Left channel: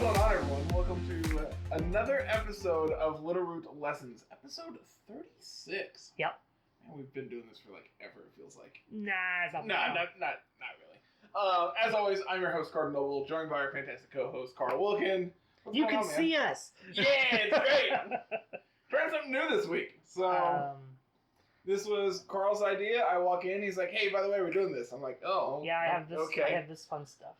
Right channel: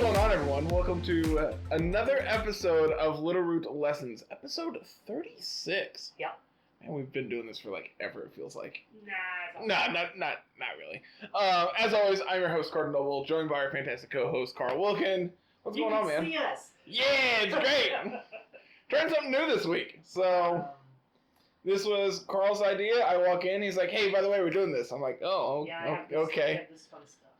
going on, everyone? Welcome to another episode of Littleroot Lessons, episode 36. Yep. Man, we've been doing this for like ever, it feels like. Nah, it's not. Not really. As always, I'm your host, Carter Noble, joined by our fantastic co-host, Carl Wilkin. What's going on, man? You can see us. Yeah, it's great. Trying something new this week. So, this was Carl's idea. I walk in, he's like, hey, by the way, we're doing this. I'm like, oh, yeah, I have this fun stuff.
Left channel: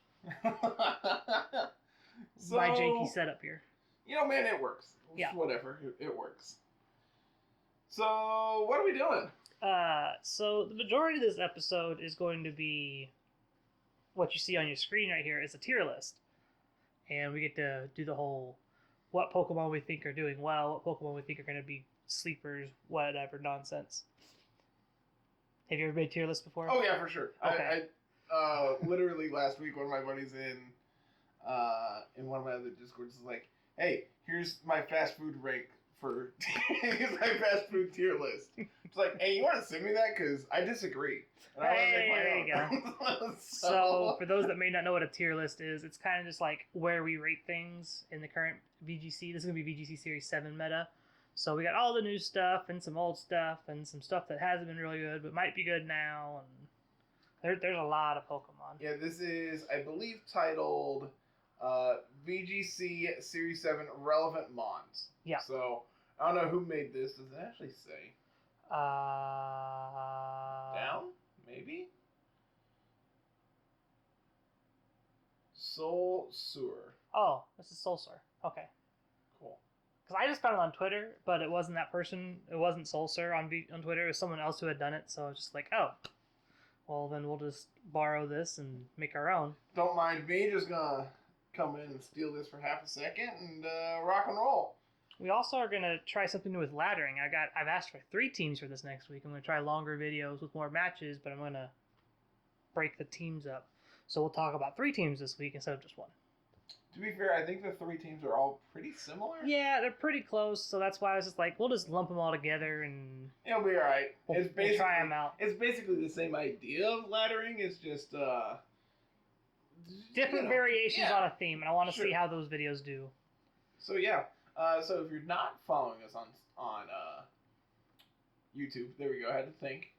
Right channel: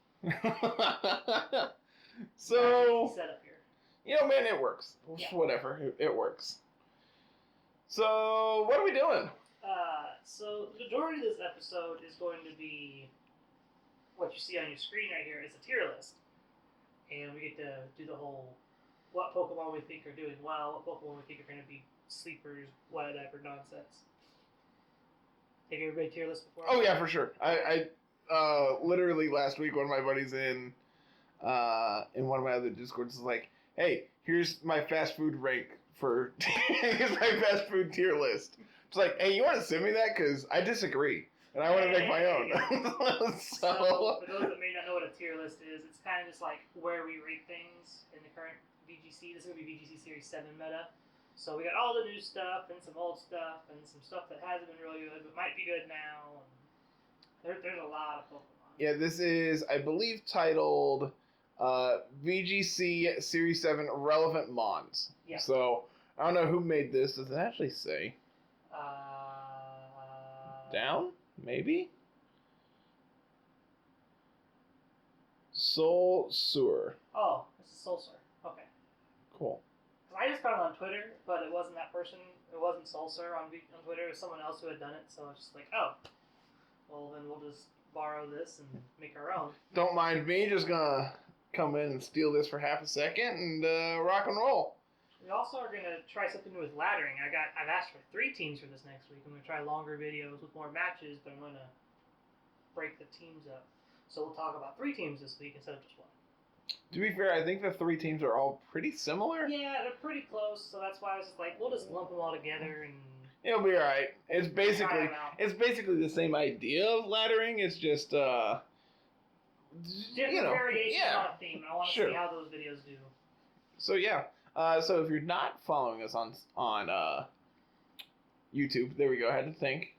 So, my janky setup here. You know, man, it works. Yeah. Whatever, it works. So, what are we doing? So the majority of this episode is going to be what you see on your screen right here is a tier list. And we get to do the whole what Pokemon we think are doing well, what Pokemon we think are going to be sleepers, whatever nonsense. Have you ever made a tier list before? Oh, yeah, for sure. Okay. I literally last week, one of my buddies in one of my other Discords is like, hey, here's my fast food rank for here's my fast food tier list. It's like, hey, you want to send me that? Because I disagree. And I want to make my own. So, for those that may not know what a tier list is, it's kind of just like where we rate things in the current VGC. This is going to be VGC Series 7 meta. So we got all the new stuff and some old stuff and some stuff that hasn't been really good but might be good now. And there's a lot of Pokemon. Yeah, this is, I believe, titled VGC Series 7 Relevant Mons. Yeah. So, I don't know who made this. Does it actually say? Down? Maybe? Soul Sewer. Oh, this is Soulsur. Okay. Cool. Because I just found it on Twitter, but it wasn't that person. It wasn't Soulsur on Twitter. It was someone else who had done it. So I was just like, oh, well, then we'll just borrow this and make our own. Don't mind me. Just gonna come in and steal this for half a second and rock and roll. We also are going to try something new with laddering. I've asked for 3 teams for this next week. I'm going to try longer videos with more matches, but I'm going to break the teams up. So we'll talk about 3 teams this week instead of just 1. To be fair, I think the 3 teams are all pretty similar. Yeah, they're pretty close, so that's why I was just like, we'll just lump them all together and it'll be alright. It's try 'em out. basically the same idea of laddering. It's just different variations on a theme, and I want to Sure. see how those videos do. So yeah. So if you're not following us on YouTube, there we go. I had to think.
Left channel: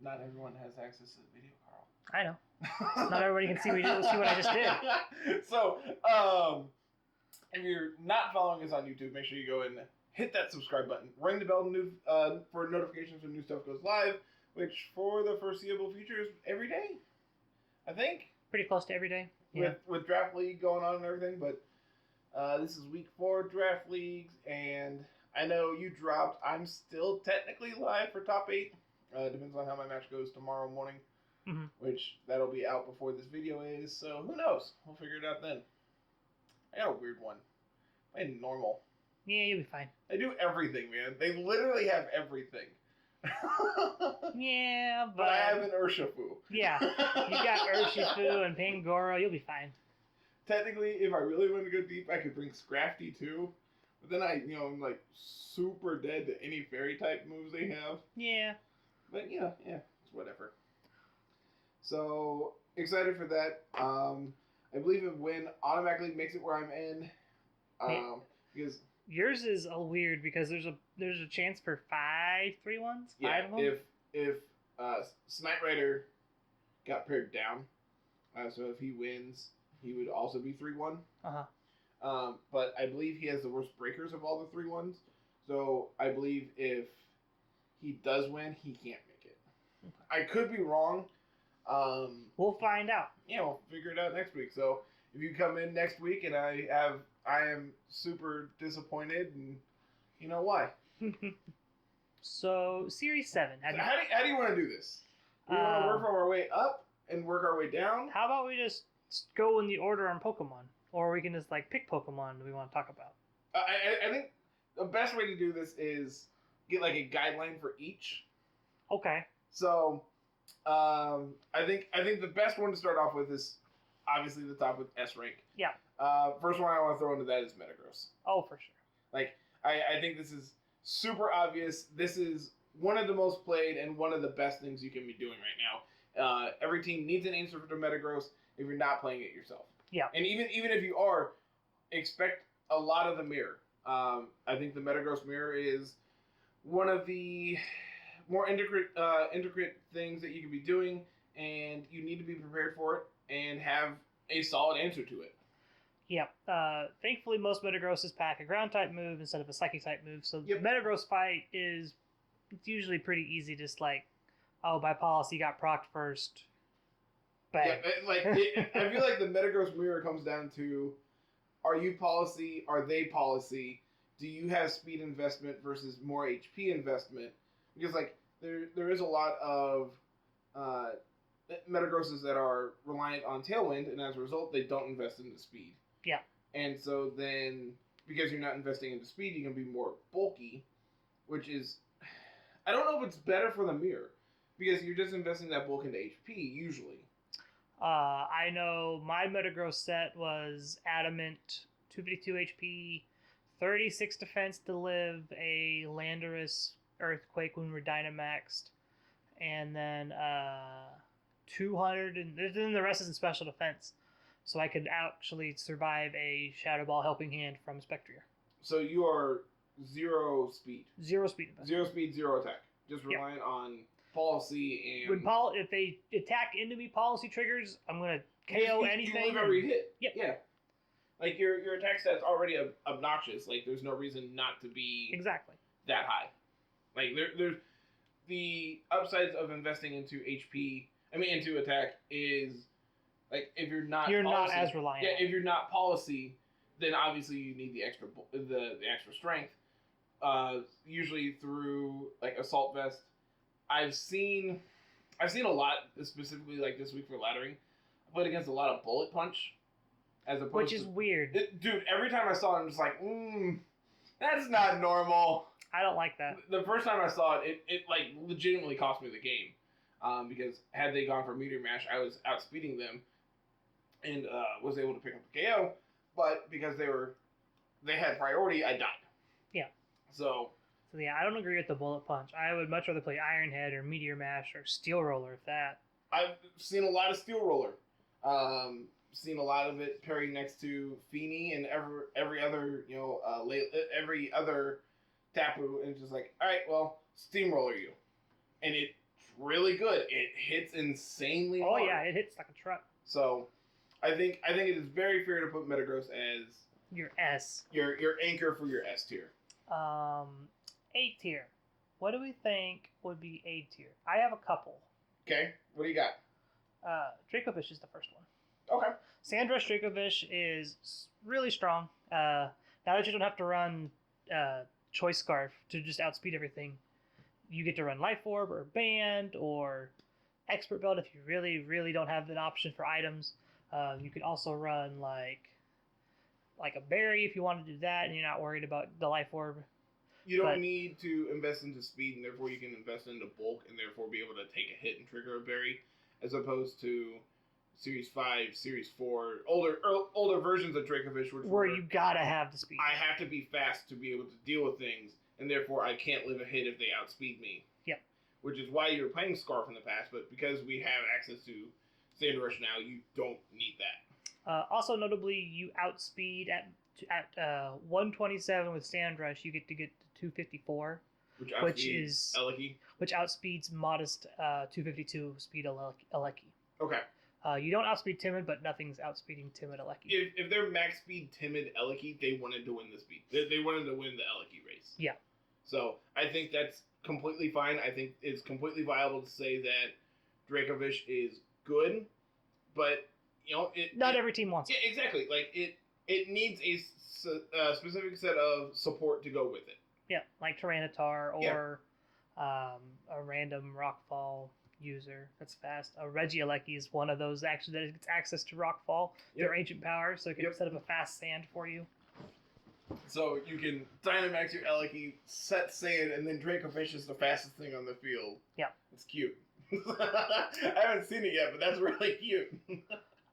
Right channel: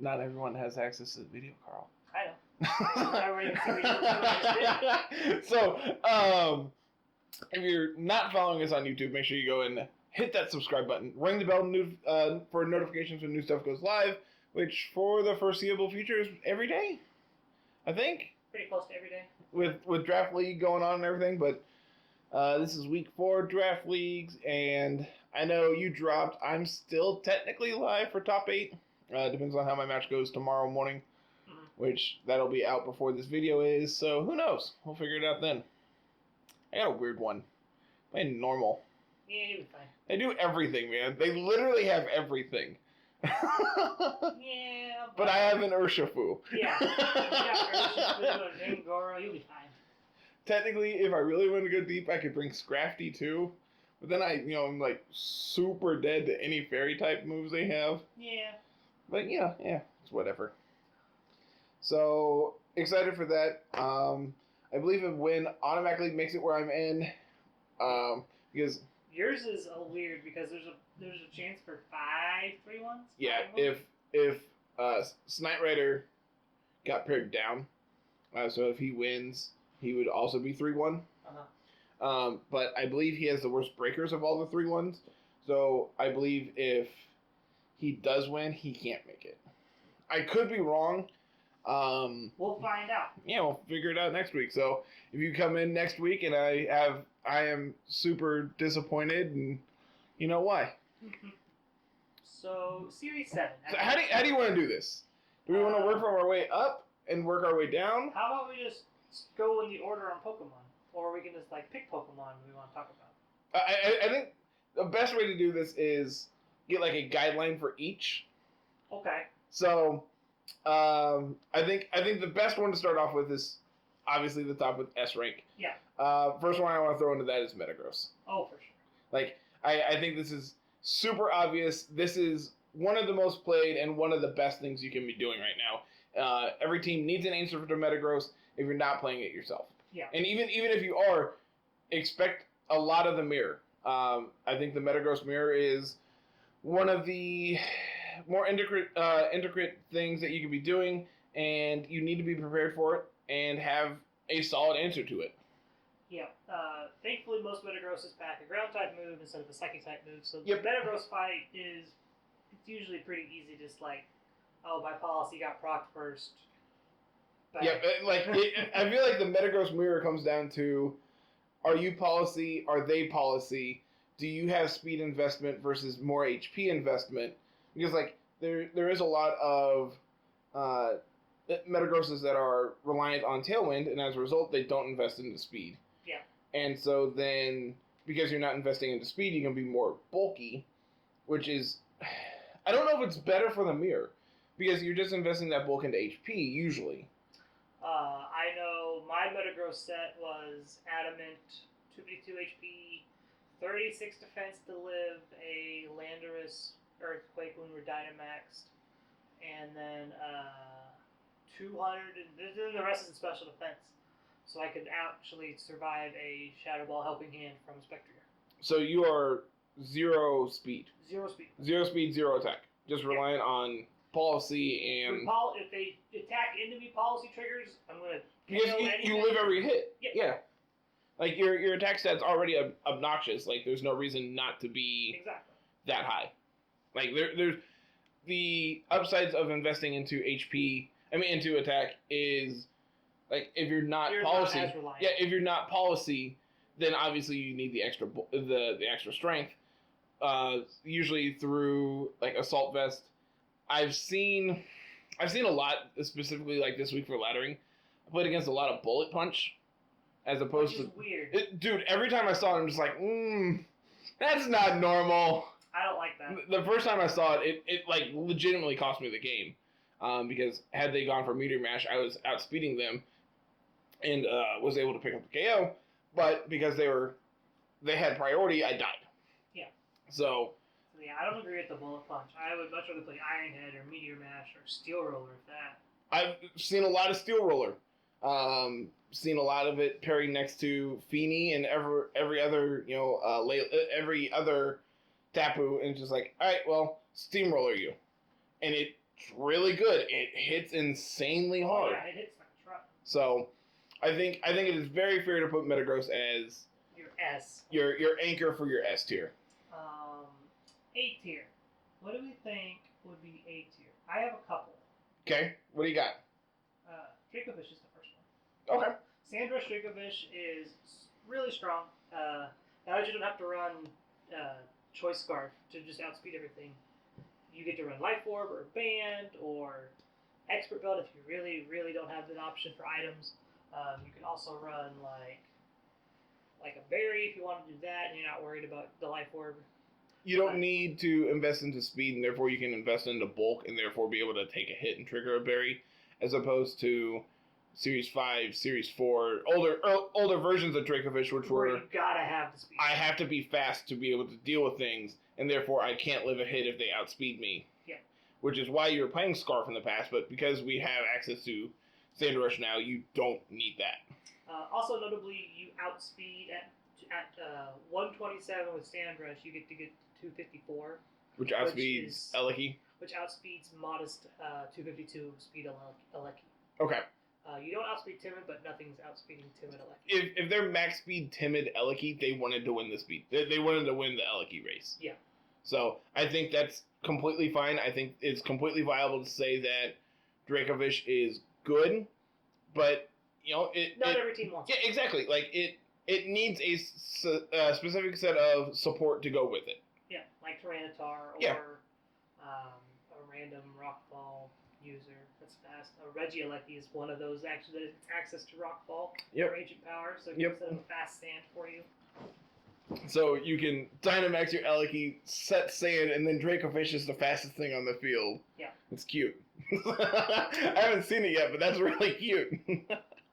Not everyone has access to the video, Carl. I know. Not everybody can see what I just did. So, if you're not following us on YouTube, make sure you go and hit that subscribe button. Ring the bell for notifications when new stuff goes live, which for the foreseeable future is every day, I think. Pretty close to every day. With Draft League going on and everything, but this is week 4 Draft Leagues, and I know you dropped. I'm still technically live for top 8. Depends on how my match goes tomorrow morning. Mm-hmm. Which, that'll be out before this video is, so who knows? We'll figure it out then. I got a weird one. Playing normal. Yeah, you'll be fine. They do everything, man. They literally have everything. Yeah, but I have an Urshifu. Yeah, you got Urshifu and Pangoro, you'll be fine. Technically, if I really want to go deep, I could bring Scrafty too. But then I'm like super dead to any fairy type moves they have. Yeah. But yeah, it's whatever. So, excited for that. I believe a win automatically makes it where I'm in. Because yours is a weird because there's a chance for 5 3-1s. Yeah, if Snight Rider got paired down, so if he wins, he would also be 3-1. But I believe he has the worst breakers of all the 3-1s. So I believe if he does win, he can't make it. I could be wrong. We'll find out. Yeah, we'll figure it out next week. So if you come in next week and I am super disappointed, and you know why. So Series 7. So how do you want to do this? Do we want to work from our way up and work our way down? How about we just go in the order on Pokemon, or we can just pick Pokemon we want to talk about. I think the best way to do this is get a guideline for each. Okay. So, I think the best one to start off with is obviously the top with S rank. Yeah. First one I want to throw into that is Metagross. Oh, for sure. I think this is super obvious. This is one of the most played and one of the best things you can be doing right now. Every team needs an answer to Metagross if you're not playing it yourself. Yeah. And even if you are, expect a lot of the mirror. I think the Metagross mirror is one of the more intricate things that you can be doing, and you need to be prepared for it and have a solid answer to it. Yeah. Thankfully, most Metagrosses pack a ground type move instead of a psychic type move, so the Metagross fight is usually pretty easy. Just like, oh, by policy, got procced first. Bang. Yeah, I feel like the Metagross mirror comes down to: are you policy? Are they policy? Do you have speed investment versus more HP investment? Because like there is a lot of Metagrosses that are reliant on Tailwind, and as a result, they don't invest into speed. Yeah. And so then, because you're not investing into speed, you can be more bulky, which is, I don't know if it's better for the mirror, because you're just investing that bulk into HP usually. I know my Metagross set was Adamant, 252 HP, 36 defense to live, a Landorus Earthquake when we're Dynamaxed, and then 200, and then the rest is in special defense. So I could actually survive a Shadow Ball Helping Hand from Spectrier. So you are 0 speed. 0 speed. 0 speed, 0 attack. Just relying on policy and... If they attack into me policy triggers, I'm going to KO anything. You live every hit. Yep. Yeah. Like, your attack stat's already obnoxious. Like, there's no reason not to be that high. Like, there's... The upsides of investing into into attack is... Like, if you're not policy... not as reliant. Yeah, if you're not policy, then obviously you need the extra strength. Usually through, like, Assault Vest. I've seen a lot, specifically, like, this week for Laddering. I played against a lot of Bullet Punch, as opposed to... Which is weird. Dude, every time I saw it, I'm just like, that's not normal. I don't like that. The first time I saw it, like, legitimately cost me the game. Because had they gone for Meteor Mash, I was outspeeding them and was able to pick up the KO. But because they had priority, I died. Yeah. So yeah, I don't agree with the Bullet Punch. I would much rather play Iron Head or Meteor Mash or Steel Roller, if that. I've seen a lot of Steel Roller. Seen a lot of it pairing next to Feeny and every other, every other Tapu, and it's just like, all right, well, Steamroller you. And it's really good. It hits insanely hard. Oh yeah, it hits like a truck. So, I think it is very fair to put Metagross as your S. Your anchor for your S tier. A tier. What do we think would be A tier? I have a couple. Okay, what do you got? Dracovish is the first one. Okay. Sandrush Dracovish is really strong. Now that you don't have to run Choice Scarf to just outspeed everything, you get to run Life Orb or Band or Expert Belt if you really, really don't have an option for items. You can also run like a Berry if you want to do that and you're not worried about the Life Orb. You don't need to invest into speed, and therefore you can invest into bulk and therefore be able to take a hit and trigger a Berry, as opposed to Series 5, Series 4, older versions of Dracovish, where you gotta have the speed. I have to be fast to be able to deal with things, and therefore I can't live a hit if they outspeed me. Yep. Which is why you're playing Scarf in the past, but because we have access to Sandrush now, you don't need that. Also notably, you outspeed at 127 with Sandrush, you get to 254. Which outspeeds Eleki. Which outspeeds modest 252 speed Eleki. Okay. You don't outspeed Timid, but nothing's outspeeding Timid Eleki. If they're max speed Timid Eleki, they wanted to win the speed. They wanted to win the Eleki race. Yeah. So I think that's completely fine. I think it's completely viable to say that Dracovish is good, but not every team wants it. Yeah, exactly. Like it needs a specific set of support to go with it. Yeah, like Tyranitar or a random Rockfall user that's fast. A Regieleki is one of those actually that gets access to Rockfall or Ancient Power, so it can set up a fast sand for you. So you can Dynamax your Eleki, set sand, and then Dracovish is the fastest thing on the field. Yeah. It's cute. I haven't seen it yet, but that's really cute.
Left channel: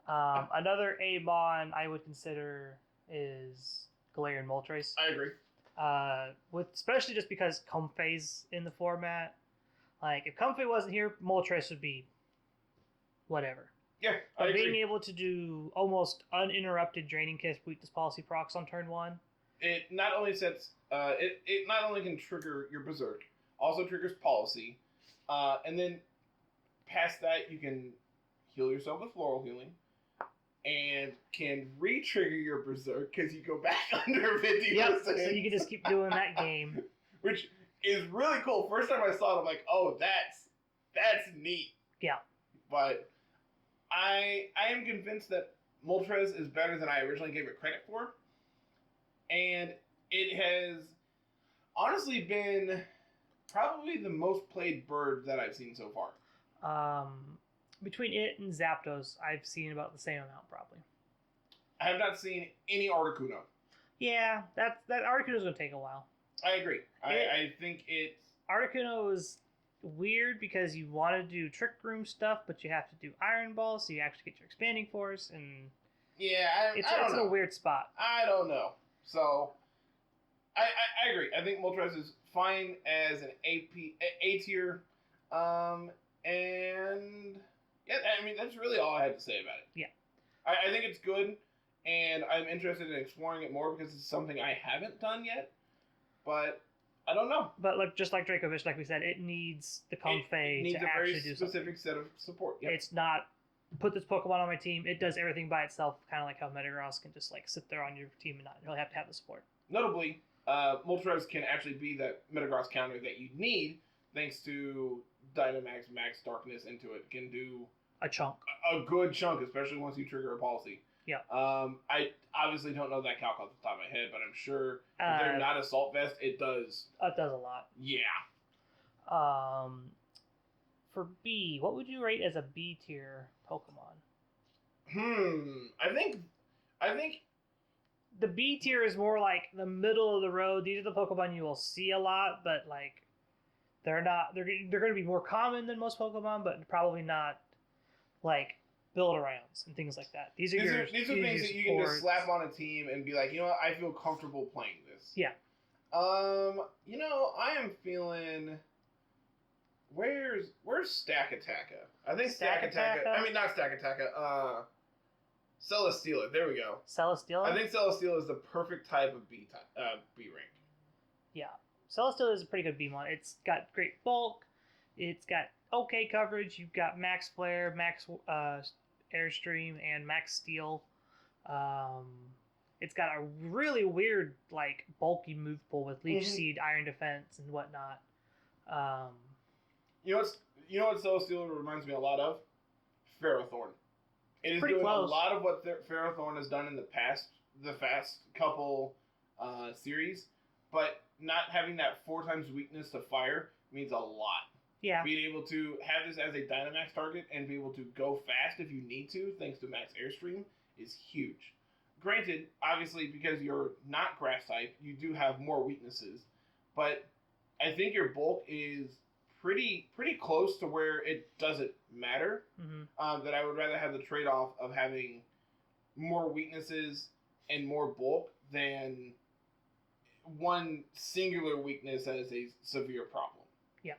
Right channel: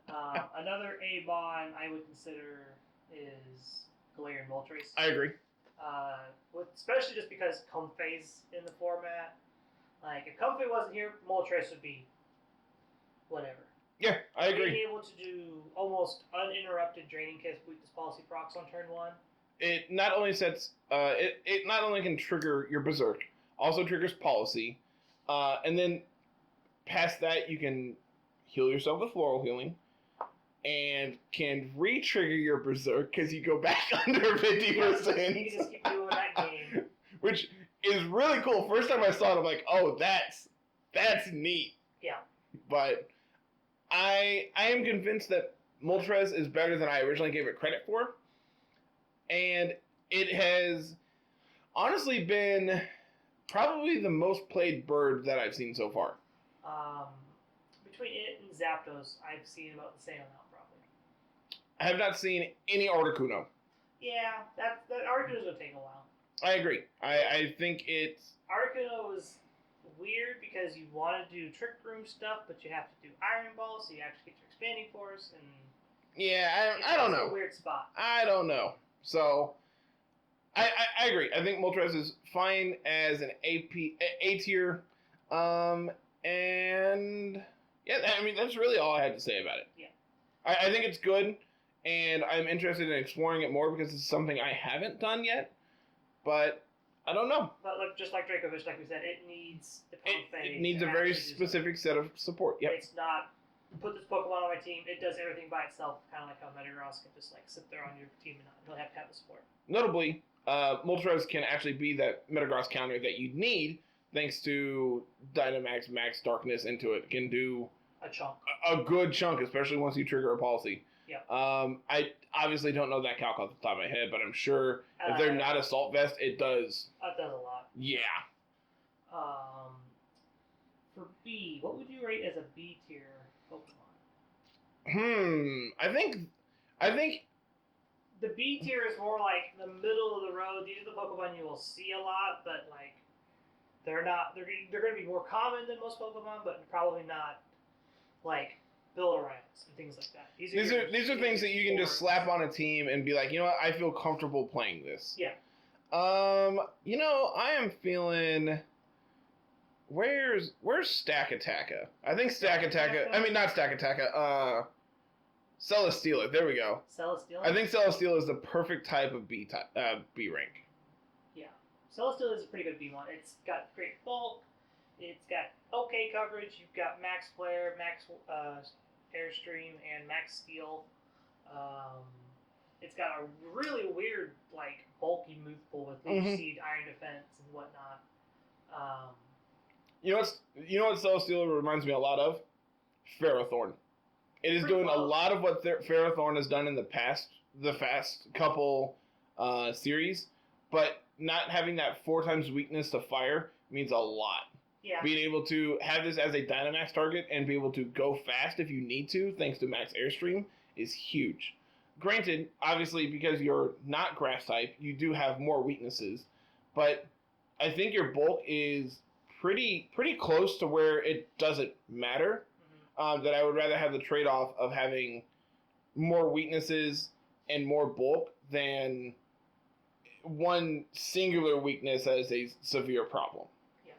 Another Amon I would consider is Galarian Moltres. I agree. Especially just because Comfey's in the format. Like, if Comfey wasn't here, Moltres would be whatever. Yeah, I agree. Being able to do almost uninterrupted draining kiss weakness policy procs on turn 1. It not only sets it not only can trigger your berserk, also triggers policy, and then past that you can heal yourself with floral healing, and can re-trigger your berserk because you go back under 50%. Yep, so you can just keep doing that game, which is really cool. First time I saw it, I'm like, oh, that's neat. Yeah. But I am convinced that Moltres is better than I originally gave it credit for. And it has honestly been probably the most played bird that I've seen so far. Between it and Zapdos, I've seen about the same amount, probably. I have not seen any Articuno. Yeah, that Articuno's going to take a while. I agree. I think it's... Articuno is weird because you want to do Trick Room stuff, but you have to do Iron Ball, so you actually get your Expanding Force, and... Yeah, I don't know. It's a weird spot. I don't know. So, I agree. I think Moltres is fine as an A tier. And yeah, I mean, that's really all I had to say about it. Yeah. I think it's good, and I'm interested in exploring it more because it's something I haven't done yet. But I don't know. But just like Dracovish, like we said, it needs the Comfey. It needs a very specific set of support. Yep. It's not, put this Pokemon on my team, it does everything by itself, kind of like how Metagross can just like sit there on your team and not really have to have the support. Notably, Moltres can actually be that Metagross counter that you need, thanks to Dynamax Max Darkness into it. Can do a chunk. A good chunk, especially once you trigger a policy. Yeah. I obviously don't know that calc off the top of my head, but I'm sure if they're not Assault Vest, it does. It does a lot. Yeah. For B, what would you rate as a B tier Pokemon? I think the B tier is more like the middle of the road. These are the Pokemon you will see a lot, but like they're going to be more common than most Pokemon, but probably not like build-arounds and things like that. These are things that you can just slap on a team and be like, you know what, I feel comfortable playing this. Yeah. You know, I am feeling. Where's Stack-Attacka? I think Stack-Attacka. I mean, not Stack-Attacka. Celesteela. There we go. Celesteela. I think Celesteela is the perfect type of B rank. Yeah, Celesteela is a pretty good B one. It's got great bulk. It's got okay coverage. You've got max flare, max airstream, and max steel. It's got a really weird, like, bulky move pool with Leech Seed, Iron Defense, and whatnot. You know what Celesteela reminds me a lot of? Ferrothorn. It is doing a lot of what Ferrothorn has done in the past couple series, but not having that 4 times weakness to fire means a lot. Yeah. Being able to have this as a Dynamax target and be able to go fast if you need to, thanks to Max Airstream, is huge. Granted, obviously, because you're not Grass type, you do have more weaknesses, but I think your bulk is pretty close to where it doesn't matter. That I would rather have the trade-off of having more weaknesses and more bulk than one singular weakness as a severe problem. Yeah.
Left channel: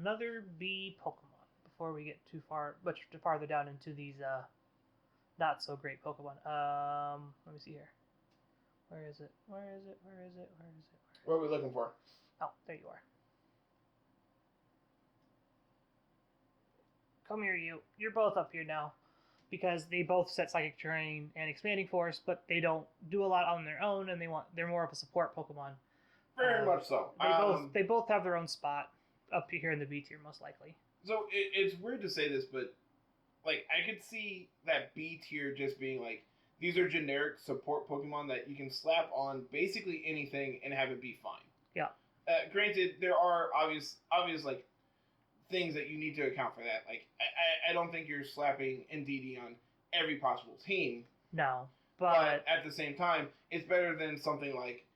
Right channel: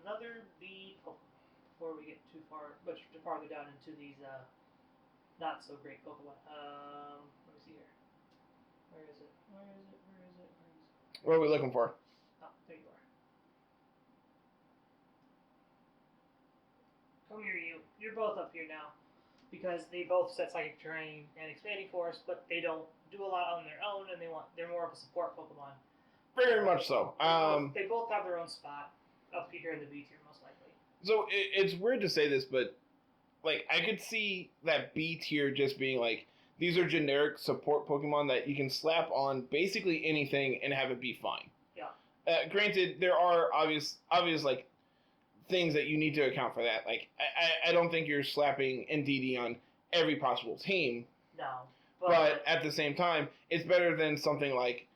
Another B Pokemon before we get much farther down into these not so great Pokemon. Let me see here. Where is it? What are we looking for? Oh, there you are. Come here, you. You're both up here now. Because they both set Psychic Terrain and Expanding Force, but they don't do a lot on their own, and they're more of a support Pokemon. Very much so. They both have their own spot up here in the B tier, most likely. So it's weird to say this, but like I could see that B tier just being like, these are generic support Pokemon that you can slap on basically anything and have it be fine. Yeah. Granted, there are obvious like things that you need to account for that. Like, I don't think you're slapping NDD on every possible team. No. But at the same time, it's better than something like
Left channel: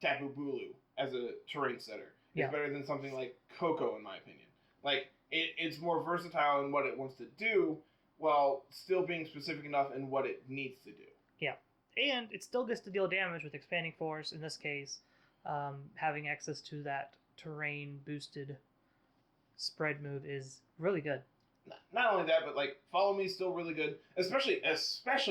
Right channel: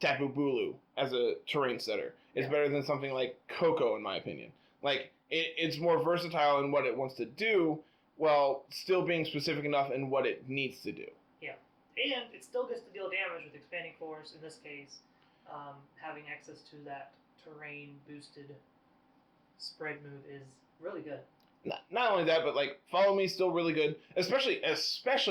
Tapu Bulu as a terrain setter. It's better than something like Coco, in my opinion. Like, it's more versatile in what it wants to do, while still being specific enough in what it needs to do. Yeah. And it still gets to deal damage with Expanding Force, in this case, having access to that terrain-boosted spread move is really good. not only that, but like Follow Me is still really good, especially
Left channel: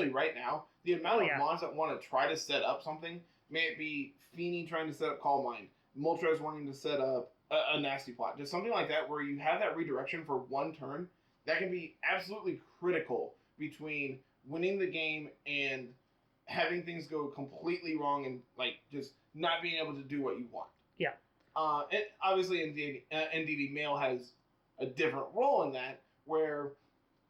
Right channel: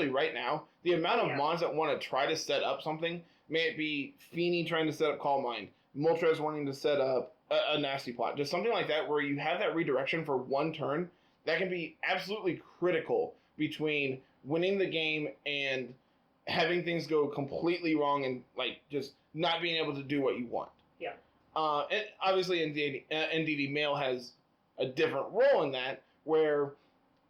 right now. The amount of Mons that want to try to set up something, may it be Feeney trying to set up Calm Mind, Moltres wanting to set up a nasty plot, just something like that where you have that redirection for one turn that can be absolutely critical between winning the game and having things go completely wrong and like just not being able to do what you want. Yeah. And obviously, NDD Mail has a different role in that, where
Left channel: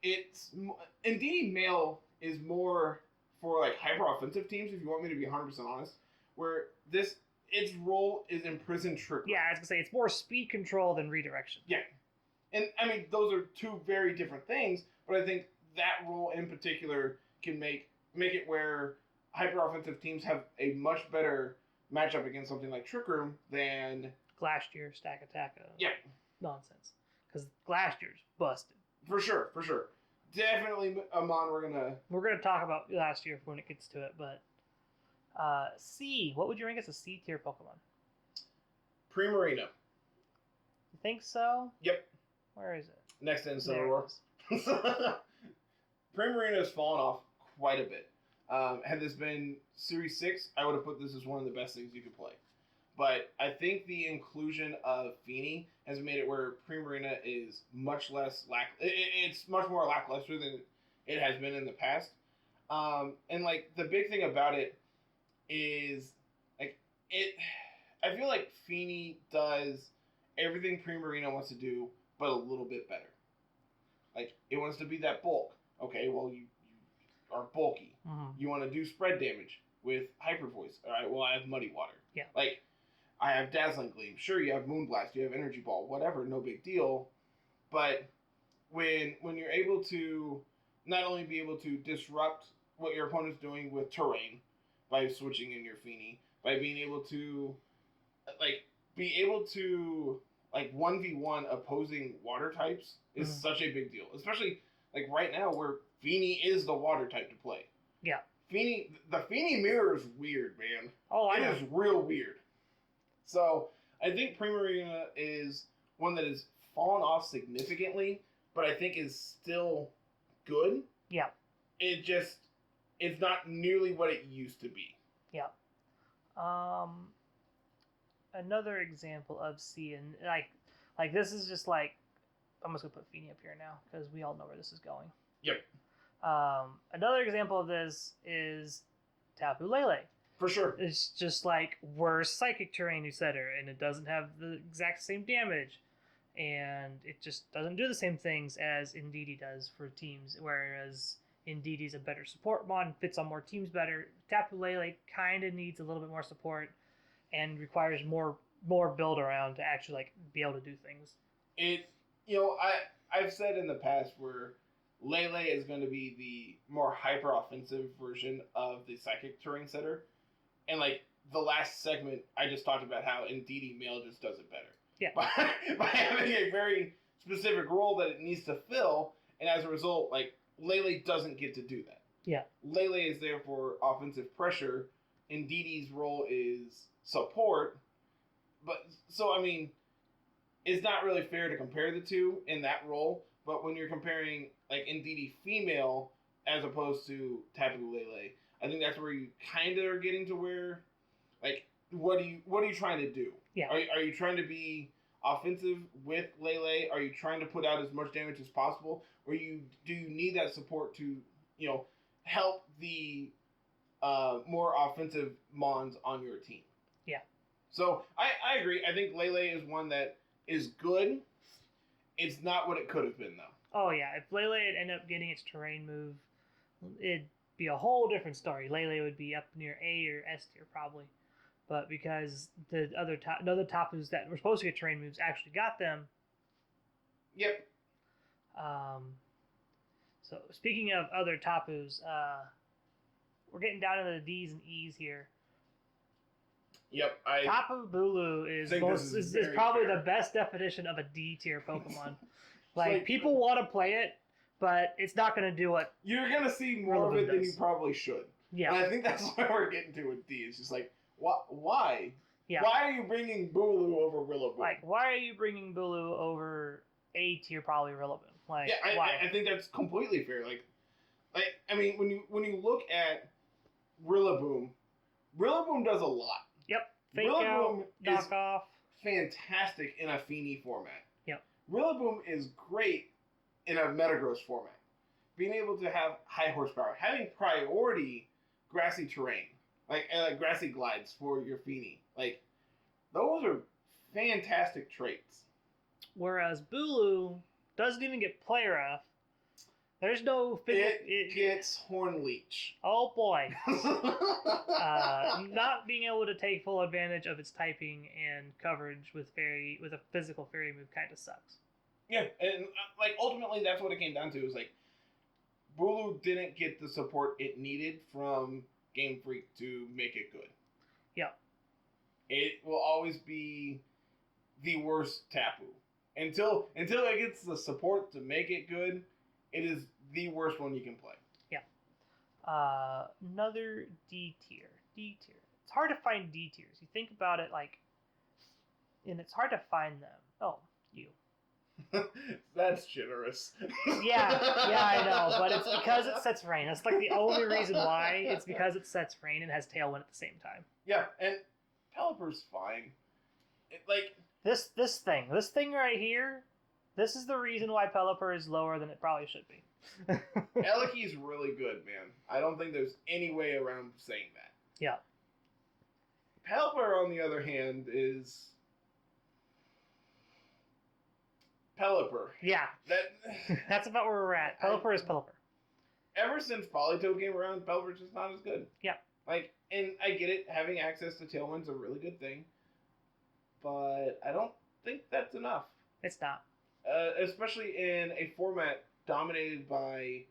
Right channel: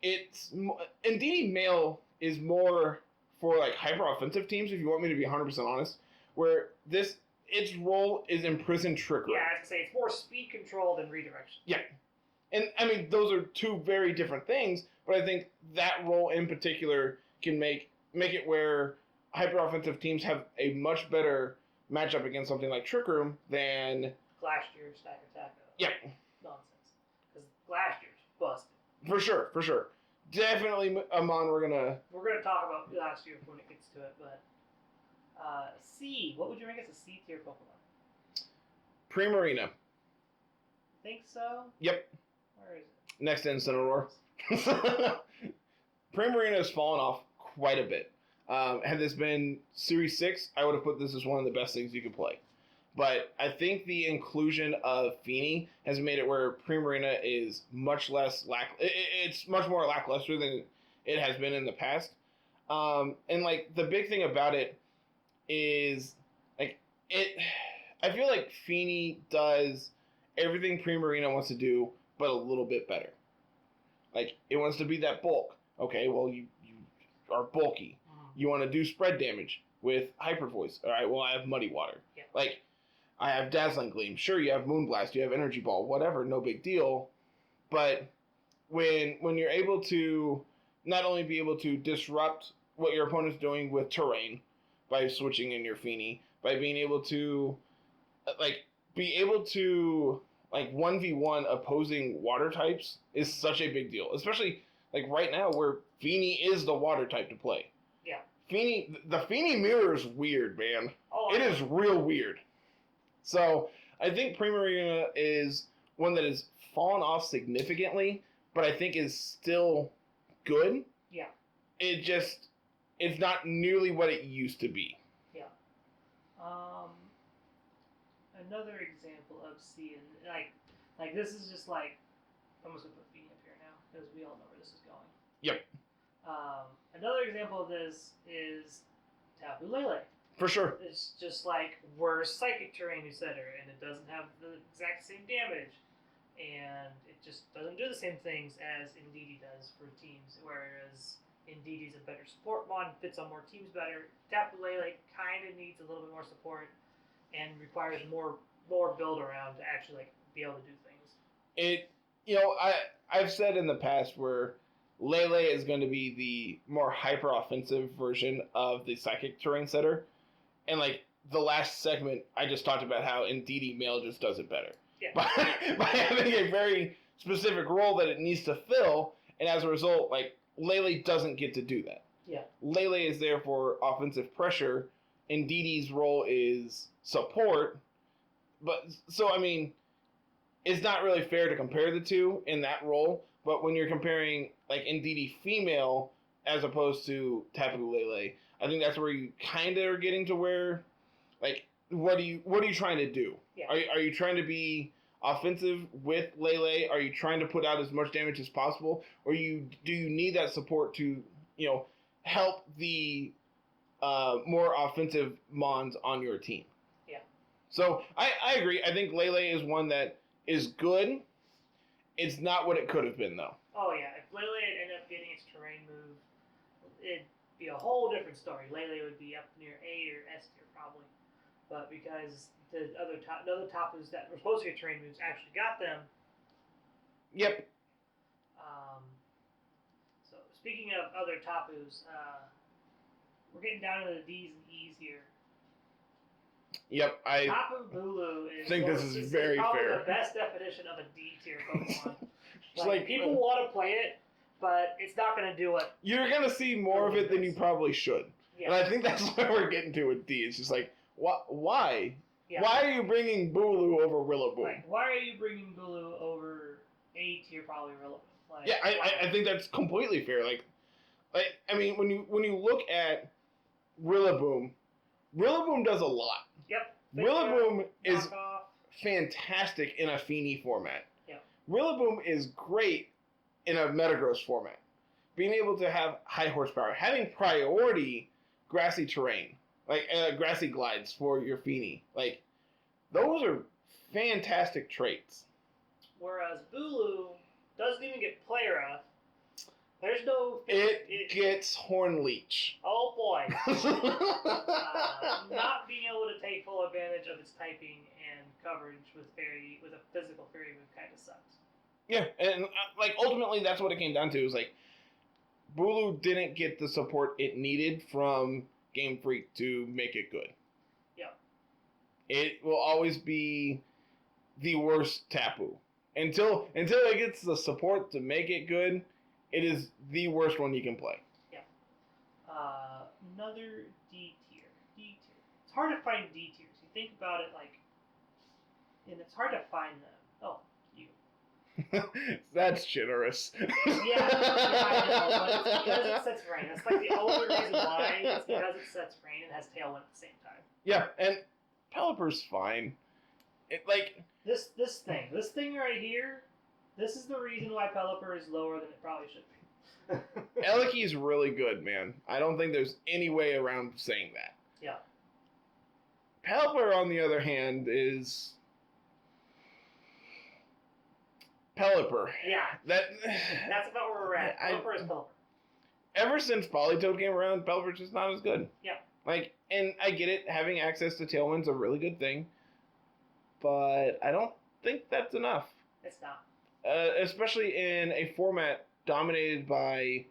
NDD Mail is more for like hyper offensive teams. If you want me to be 100% honest, where its role is imprison trickery. Yeah, I was gonna say it's more speed control than redirection. Yeah, and I mean those are two very different things, but I think that role in particular can make it where hyper offensive teams have a much better matchup against something like Trick Room than Glacier Stack Attack. Yeah. Nonsense. Because Glacier's busted. For sure. Definitely a mon we're gonna talk about Glacier when it gets to it, but C. What would you rank as a C tier Pokemon? Primarina. You think so? Yep. Where is it? Next to Incineroar. Primarina has fallen off quite a bit. Had this been Series 6, I would have put this as one of the best things you could play. But I think the inclusion of Feeney has made it where Primarina is much less it's much more lackluster than it has been in the past. And like the big thing about it is like I feel like Feeney does everything Primarina wants to do, but a little bit better. Like it wants to be that bulk. Okay, well you are bulky. Mm-hmm. You want to do spread damage with Hyper Voice. All right, well I have Muddy Water. Yeah. Like I have Dazzling Gleam. Sure, you have Moonblast, you have Energy Ball, whatever, no big deal. But when you're able to not only be able to disrupt what your opponent's doing with terrain by switching in your Feeney, by being able to be able to 1v1 opposing water types is such a big deal. Especially like right now where Feeney is the water type to play. Yeah. The Feeney mirror is weird, man. Oh, it is real weird. So I think Primarina is one that has fallen off significantly, but I think is still good. Yeah. It's not nearly what it used to be. Yeah. Another example of C, and like this is just like, I'm just gonna put Feeney up here now because we all know where this is going. Yep. Another example of this is Tapu Lele. For sure. It's just like worse psychic terrain setter, and it doesn't have the exact same damage, and it just doesn't do the same things as Indeedee does for teams, whereas Indeedee's a better support mon, fits on more teams better. Tapu Lele kind of needs a little bit more support and requires more build around to actually like be able to do things. I've said in the past where Lele is going to be the more hyper offensive version of the psychic terrain setter. And like the last segment, I just talked about how Indeedee Mail just does it better. Yeah. By having a very specific role that it needs to fill, and as a result, like Lele doesn't get to do that. Yeah. Lele is there for offensive pressure. Indeedee's role is support. But so I mean, it's not really fair to compare the two in that role. But when you're comparing like Indeedee female as opposed to Tapu Lele, I think that's where you kind of are getting to where, like, what are you trying to do? Yeah. Are you trying to be offensive with Lele? Are you trying to put out as much damage as possible, or do you need that support to help the more offensive mons on your team? Yeah. So I agree. I think Lele is one that is good. It's not what it could have been, though. Oh yeah, if Lele had ended up getting its terrain move, it'd be a whole different story. Lele would be up near A or S tier probably, but because the other Tapus that were supposed to get terrain moves actually got them. Yep. So speaking of other Tapus, we're getting down to the D's and E's here. Yep, Tapu Bulu is probably the best definition of a D tier Pokemon. like people want to play it, but it's not going to do it. You're going to see more of it than you probably should. Yeah. And I think that's where we're getting to with D. It's just like, why? Yeah. Why are you bringing Bulu over Rillaboom? Like, why are you bringing Bulu over A tier probably Rillaboom? Like, yeah, I think that's completely fair. Like, I mean, when you look at Rillaboom does a lot. Yep. Rillaboom is off. fantastic in a Feeny format. Yep. Rillaboom is great in a Metagross format. Being able to have high horsepower, having priority grassy terrain, like grassy glides for your Feeny, like those are fantastic traits. Whereas Bulu doesn't even get play rough. There's no... It gets Horn Leech. Oh boy. Not being able to take full advantage of its typing and coverage with a physical fairy move kind of sucks. Yeah, and like ultimately that's what it came down to. Is like Bulu didn't get the support it needed from Game Freak to make it good. Yeah. It will always be the worst Tapu. Until it gets the support to make it good, it is the worst one you can play. Yeah. Another D tier. It's hard to find D tiers. You think about it and it's hard to find them. Oh, you. That's generous. Yeah, I know, but it's because it sets rain. That's like the only reason why. It's because it sets rain and has Tailwind at the same time. Yeah, and Pelipper's fine. This thing right here, this is the reason why Pelipper is lower than it probably should be. Eleki's really good, man. I don't think there's any way around saying that. Yeah. Pelipper, on the other hand, is Pelipper. Yeah. That's about where we're at. Pelipper is Pelipper. Ever since Politoed came around, Pelipper's just not as good. Yeah. And I get it, having access to Tailwind's a really good thing, but I don't think that's enough. It's not. Especially in a format dominated by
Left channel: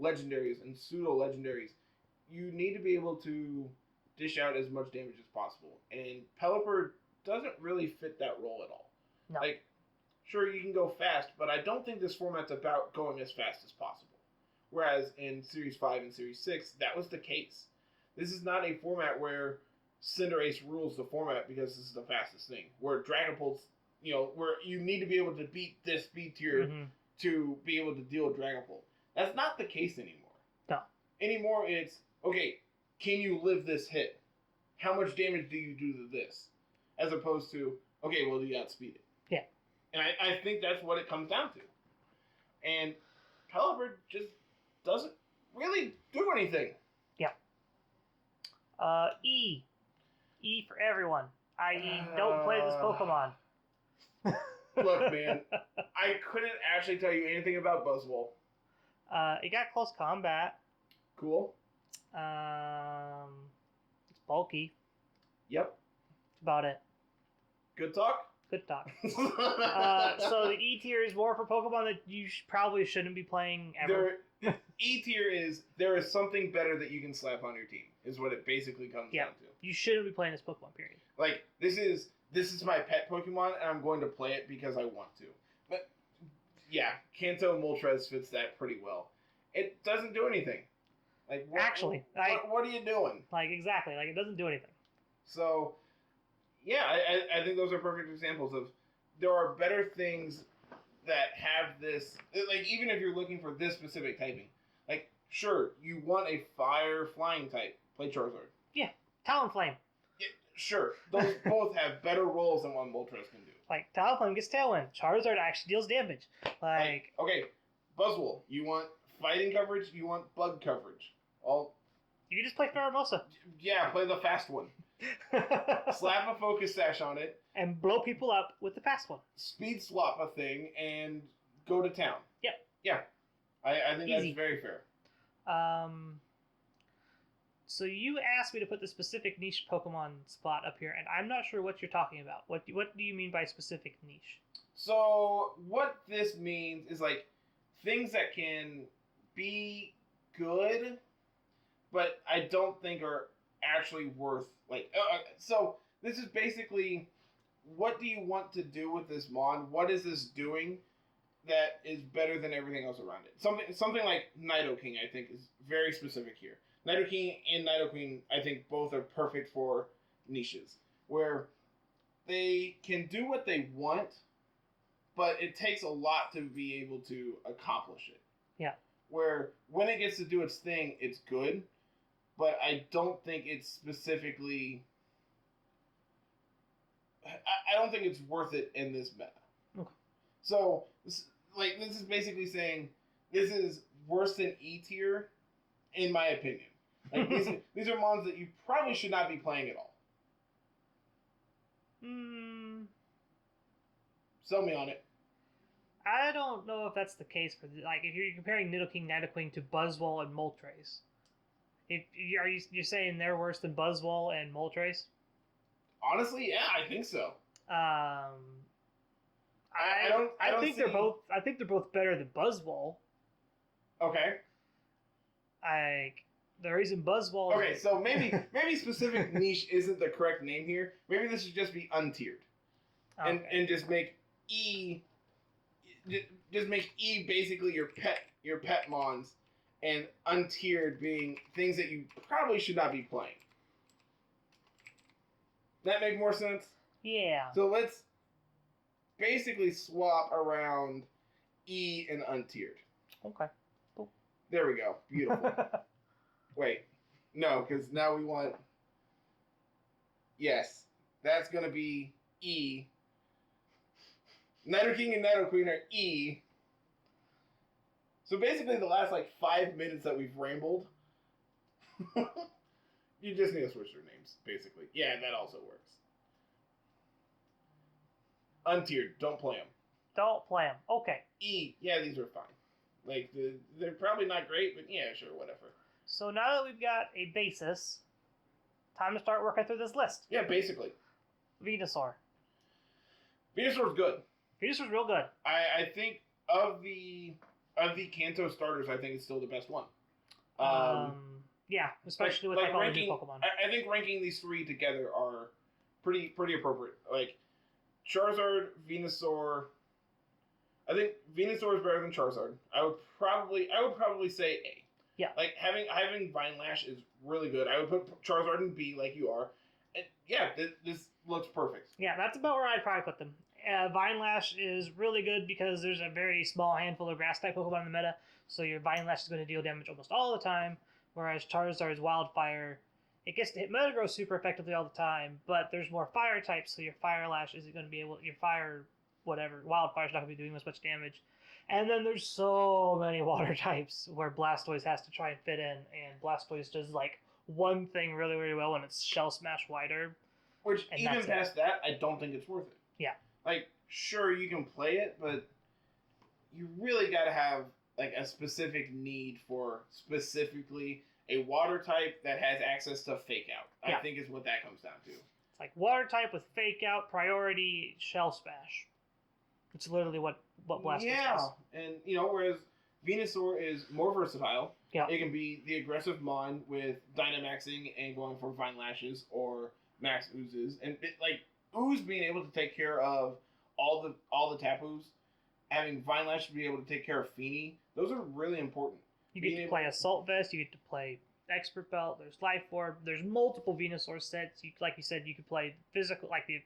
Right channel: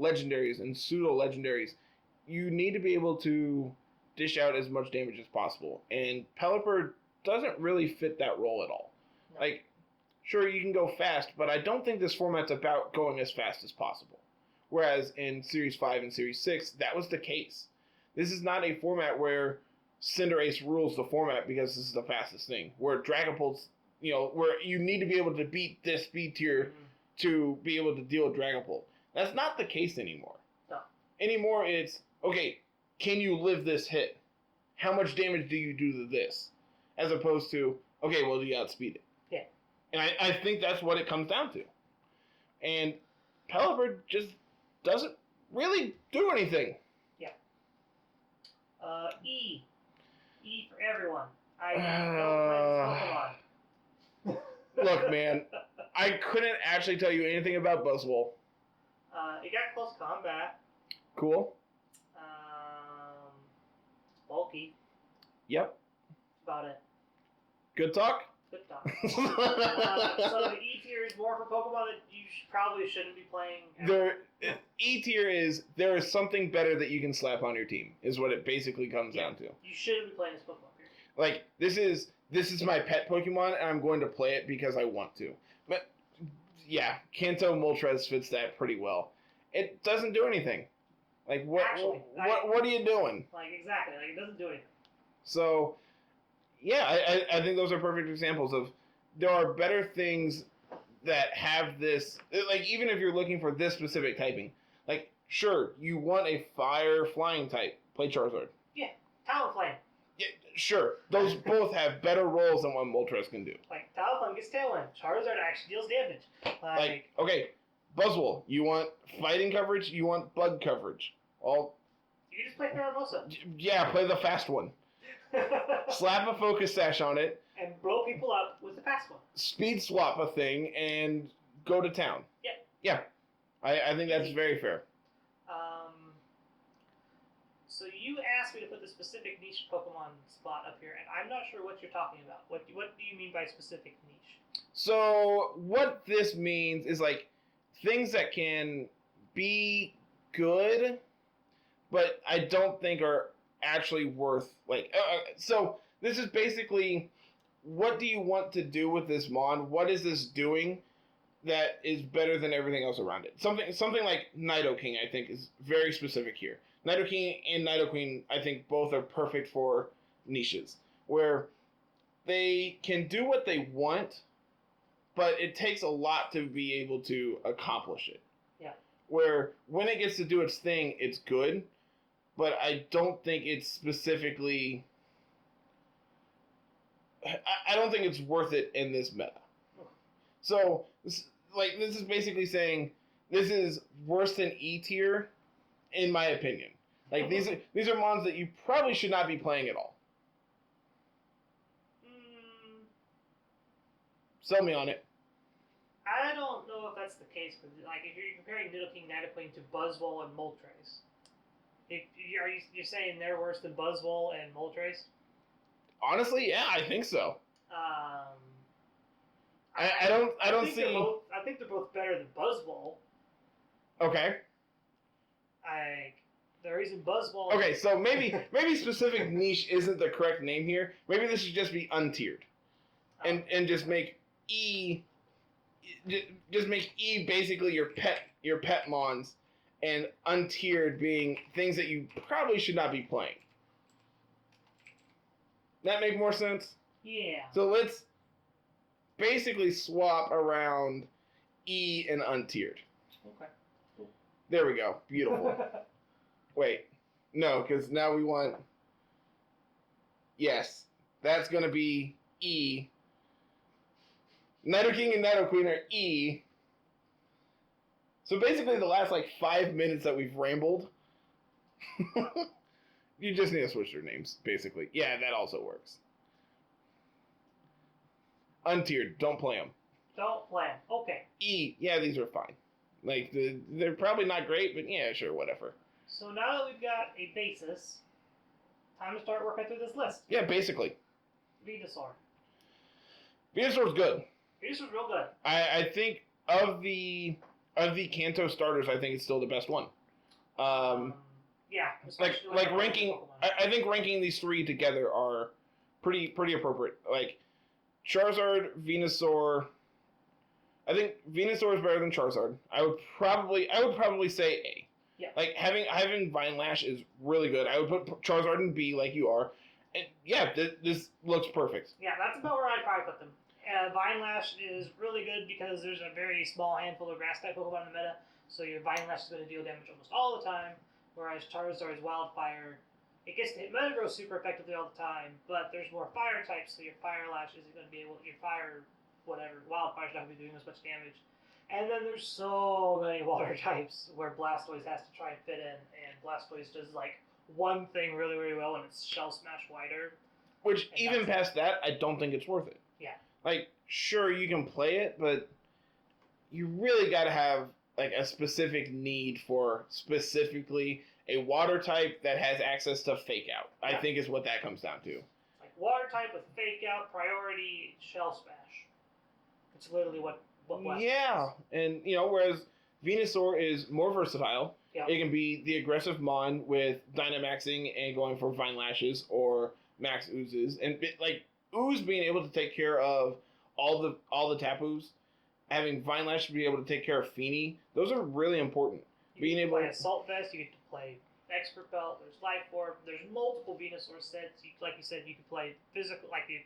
legendaries and pseudo-legendaries. You need to be able to dish out as much damage as possible. And Pelipper doesn't really fit that role at all. No. Sure, you can go fast, but I don't think this format's about going as fast as possible. Whereas in Series 5 and Series 6, that was the case. This is not a format where Cinderace rules the format because this is the fastest thing. Where Dragapult's, where you need to be able to beat this speed tier to be able to deal with Dragapult. That's not the case anymore. No. Anymore, it's, okay, can you live this hit? How much damage do you do to this? As opposed to, okay, well, do you outspeed it? Yeah. And I think that's what it comes down to. And Pelipper just doesn't really do anything. Yeah. E. E for everyone. I don't play this Pokemon. Look, man, I couldn't actually tell you anything about Buzzwole. It got close combat. Cool. It's bulky. Yep. That's about it. Good talk? Good talk. So the E tier is more for Pokemon that you probably shouldn't be playing ever. E tier is, there is something better that you can slap on your team, is what it basically comes down to. You shouldn't be playing this Pokemon, period. This is my pet Pokemon, and I'm going to play it because I want to. But, yeah, Kanto Moltres fits that pretty well. It doesn't do anything. What are you doing? Exactly. It doesn't do anything. So, yeah, I think those are perfect examples of, there are better things that have this, even if you're looking for this specific typing, sure, you want a fire flying type, play Charizard. Yeah, Talonflame. Yeah, sure, those both have better roles than what Moltres can do. Talonflame gets Tailwind, Charizard actually deals damage. Okay, Buzzwole, you want fighting coverage, you want bug coverage. You can just play Farabosa. Yeah, play the fast one. Slap a Focus Sash on it. And blow people up with the fast one. Speed swap a thing and go to town. Yep. Yeah. I think Easy. that's very fair. So you asked me to put the specific niche Pokemon spot up here, and I'm not sure what you're talking about. What do you mean by specific niche? So what this means is things that can be good, but I don't think are actually worth so this is basically, what do you want to do with this mon? What is this doing that is better than everything else around it? Something like Nidoking, I think, is very specific here. Nidoking and Nidoqueen, I think, both are perfect for niches where they can do what they want, but it takes a lot to be able to accomplish it. Yeah. Where when it gets to do its thing, it's good, but I don't think it's specifically... I don't think it's worth it in this meta. Okay. So, like, this is basically saying this is worse than E tier, in my opinion. Like, these are mons that you probably should not be playing at all. Sell me on it. I don't know if that's the case, but like if you're comparing Nidoking, Nidoqueen to Buzzwole and Moltres, you're saying they're worse than Buzzwole and Moltres? Honestly, yeah, I think so. I think see. I think they're both better than Buzzwole. Okay. The reason Buzzwole. Okay, so maybe specific niche isn't the correct name here. Maybe this should just be untiered, and just make E. Just make E basically your pet mons, and untiered being things that you probably should not be playing. That make more sense? Yeah. So let's basically swap around E and untiered. Okay. Cool. There we go. Beautiful. Wait. No, because now we want... Yes. That's going to be E. Nidoking and Nidoqueen are E. So basically the last, 5 minutes that we've rambled... You just need to switch their names, basically. Yeah, that also works. Untiered, don't play them. Don't play them. Okay. E, yeah, these are fine. They're probably not great, but yeah, sure, whatever. So now that we've got a basis, time to start working through this list. Yeah, basically. Venusaur. Venusaur's good. Venusaur's real good. I think of the Kanto starters, I think it's still the best one. Yeah, especially with ranking. Pokemon. I think ranking these three together are pretty appropriate. Like Charizard, Venusaur. I think Venusaur is better than Charizard. I would probably say A. Yeah. Like having Vine Lash is really good. I would put Charizard in B like you are. And yeah, this looks perfect. Yeah, that's about where I'd probably put them. Vine Lash is really good because there's a very small handful of grass type Pokemon in the meta, so your Vine Lash is going to deal damage almost all the time. Whereas Charizard's Wildfire, it gets to hit Metagross super effectively all the time, but there's more fire types, so your Fire Lash isn't going to be able, your Fire, whatever, Wildfire's not going to be doing as much damage. And then there's so many water types where Blastoise has to try and fit in, and Blastoise does one thing really, really well, and it's Shell Smash Wider. Which, even past that, I don't think it's worth it. Yeah. Sure, you can play it, but you really got to have a specific need for specifically a water type that has access to Fake Out. Yeah. I think is what that comes down to. Water type with Fake Out, priority, Shell Smash. It's literally what Blastoise is. And, whereas Venusaur is more versatile. Yeah. It can be the aggressive Mon with Dynamaxing and going for Vine Lashes or Max Oozes. And, Ooze being able to take care of all the Tapus, having Vine Lash to be able to take care of Feeny, those are really important. You get to play Assault Vest, you get to play Expert Belt, there's Life Orb, there's multiple Venusaur sets. Like you said, you could play physical, the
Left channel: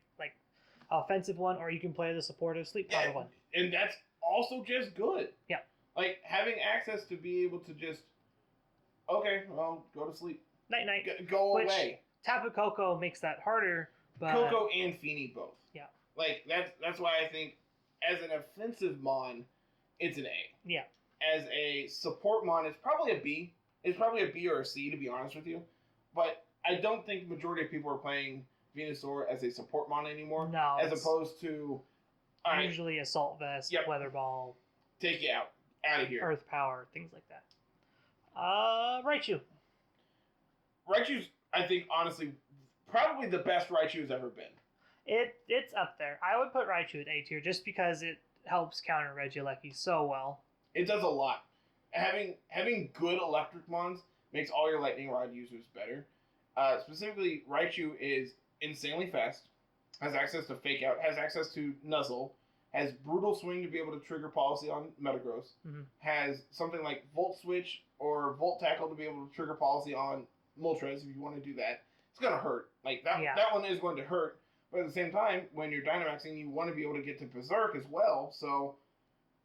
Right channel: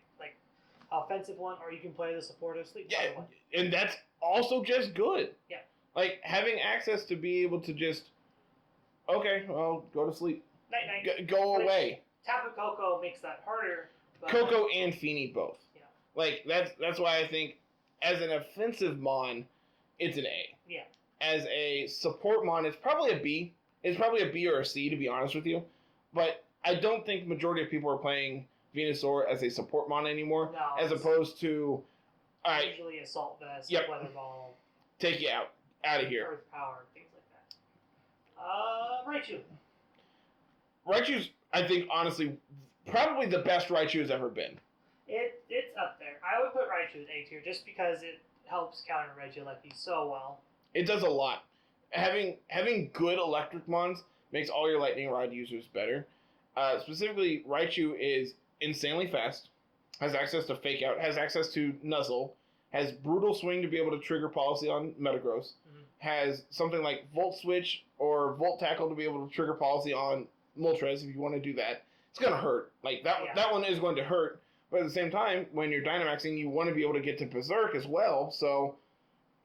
offensive one, or you can play the supportive Sleep Powder one. And that's also just good. Yeah. Having access to be able to just, okay, well, go to sleep. Night-night. Go away. Tapu Koko makes that harder. But... Koko and Feeny both. Yeah. That's why I think as an offensive Mon, it's an A. Yeah. As a support Mon, it's probably a B. It's probably a B or a C, to be honest with you. But I don't think the majority of people are playing Venusaur as a support Mon anymore. No. As opposed to... usually Assault Vest, Weather Ball. Take you out. Out of here. Earth Power, things like that. Raichu. Raichu's, I think, honestly, probably the best Raichu has ever been. It's up there. I would put Raichu at A tier just because it helps counter Regieleki so well. It does a lot. Having good electric mons makes all your Lightning Rod users better. Specifically, Raichu is insanely fast, has access to Fake Out, has access to Nuzzle, has Brutal Swing to be able to trigger Policy on Metagross, has something like Volt Switch or Volt Tackle to be able to trigger Policy on Moltres if you want to do that. It's going to hurt. That one is going to hurt, But at the same time, when you're Dynamaxing, you want to be able to get to Berserk as well. So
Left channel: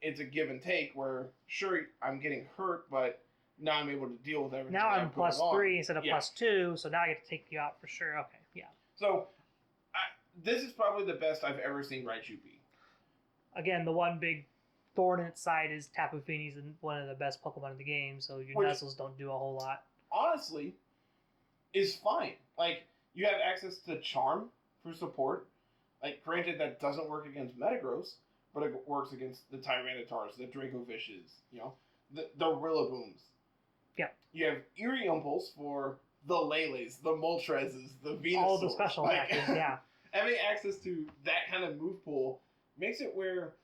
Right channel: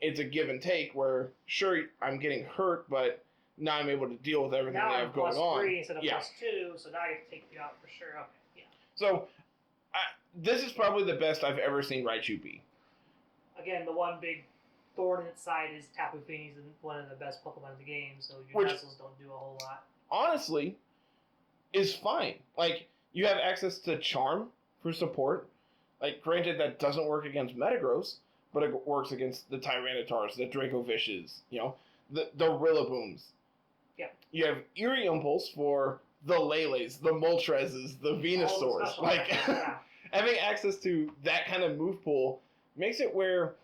it's a give and take where, sure, I'm getting hurt, but now I'm able to deal with everything now that I I'm have going on. plus 3 instead of plus 2, so now I get to take you out for sure. Okay, yeah. So this is probably the best I've ever seen Raichu be. Again, the one big thorn in its side is Tapu Fini's one of the best Pokemon in the game, so your Nuzzles don't do a whole lot. Honestly, is fine. Like, you have access to Charm for support. Like, granted, that doesn't work against Metagross, but it works against the Tyrannotars, the Dracovishes, the Rillabooms. Yeah. You have Eerie Impulse for the Lele's, the Moltres, the Venusaurs. Like, yeah. Having access to that kind of move pool makes it where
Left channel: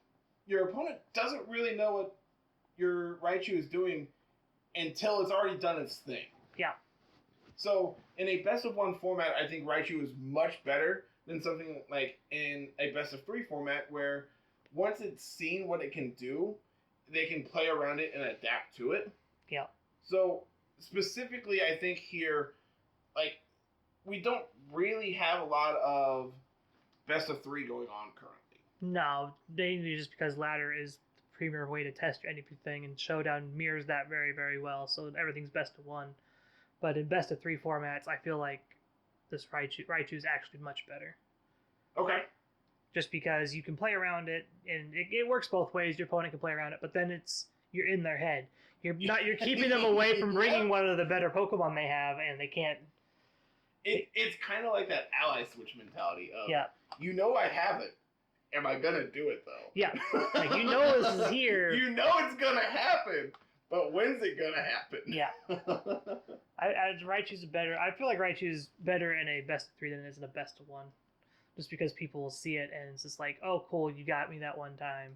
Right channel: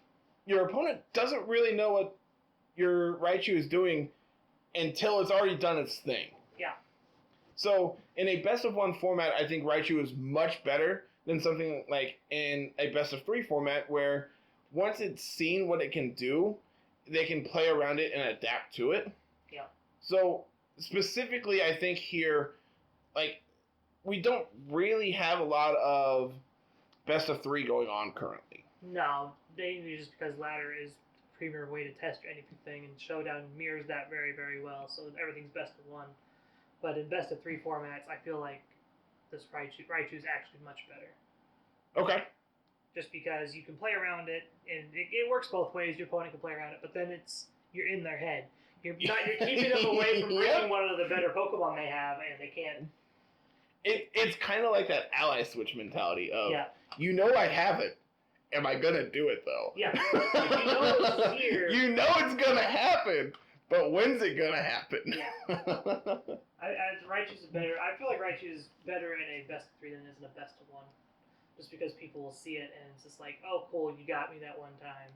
your opponent doesn't really know what your Raichu is doing until it's already done its thing. Yeah. So, in a best-of-1 format, I think Raichu is much better than something like in a best-of-3 format where once it's seen what it can do, they can play around it and adapt to it. Yeah. So, specifically, I think here, like, we don't really have a lot of best-of-3 going on currently. No, mainly just because Ladder is the premier way to test anything, and Showdown mirrors that very, very well, so everything's best-of-1. But in best-of-3 formats, I feel like this Raichu is actually much better. Okay. Just because you can play around it, and it works both ways. Your opponent can play around it, but then you're in their head. You're keeping them away from bringing one of the better Pokemon they have, and they can't. It's kind of like that ally switch mentality of, yeah. I have it. Am I gonna do it though? Yeah. Like, this is here. It's gonna happen. But when's it gonna happen? Yeah. Raichu's better. I feel like Raichu is better in a best-of-3 than it is in a best-of-1. Just because people will see it and it's just like, oh, cool, you got me that one time.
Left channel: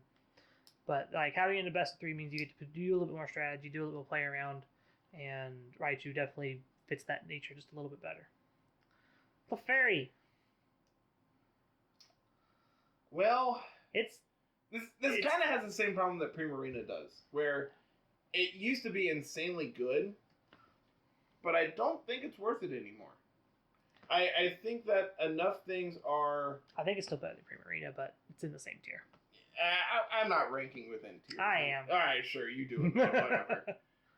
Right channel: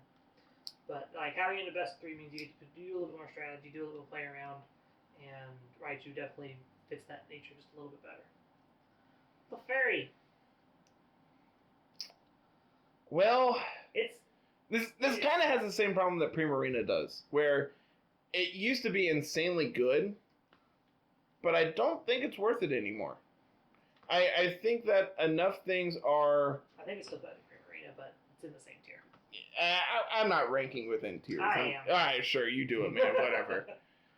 But like having it in a best-of-3 means you get to do a little bit more strategy, do a little play around, and Raichu definitely fits that nature just a little bit better. The fairy. Well, this it's kind of has the same problem that Primarina does, where it used to be insanely good, but I don't think it's worth it anymore. I think that enough things are... I think it's still better than Primarina, but it's in the same tier. I'm not ranking within tiers. I am. All right, sure, you do it, man, whatever.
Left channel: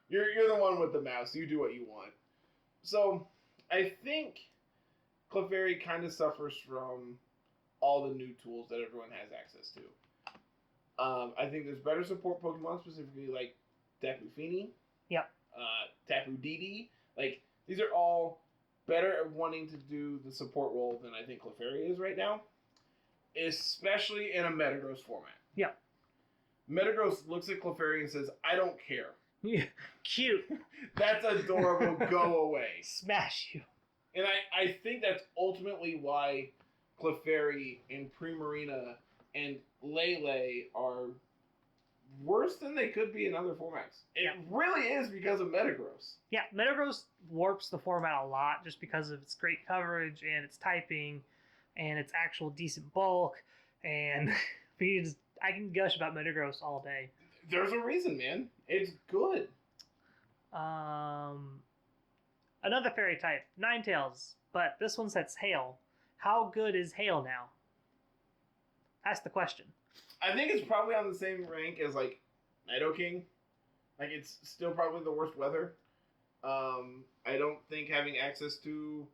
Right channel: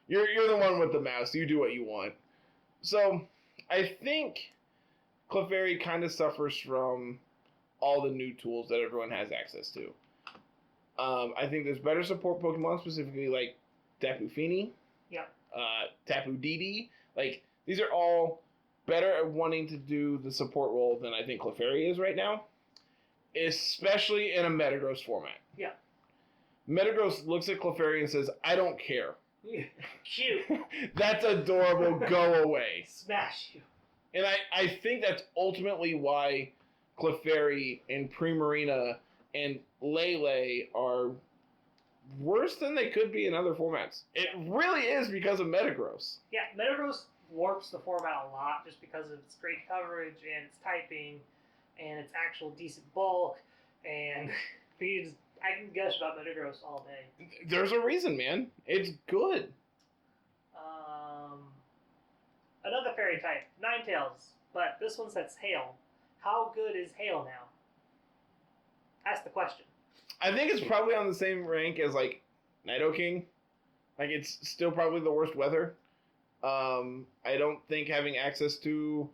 You're the one with the mouse. You do what you want. So, I think Clefairy kind of suffers from all the new tools that everyone has access to. I think there's better support Pokemon, specifically like Tapu Fini. Yeah. Tapu Didi. Like, these are all better at wanting to do the support role than I think Clefairy is right now. Especially in a Metagross format. Yeah. Metagross looks at Clefairy and says, I don't care. Yeah. Cute. That's adorable. Go away. Smash you. And I think that's ultimately why Clefairy and Primarina and Lele are worse than they could be in other formats. It really is because of Metagross. Yeah, Metagross warps the format a lot just because of its great coverage and its typing and its actual decent bulk. And I can gush about Metagross all day. There's a reason, man. It's good. Another fairy type, Ninetales, but this one sets Hail. How good is Hail now? That's the question. I think it's probably on the same rank as, like, Nidoking. Like, it's still probably the worst weather. I don't think having access to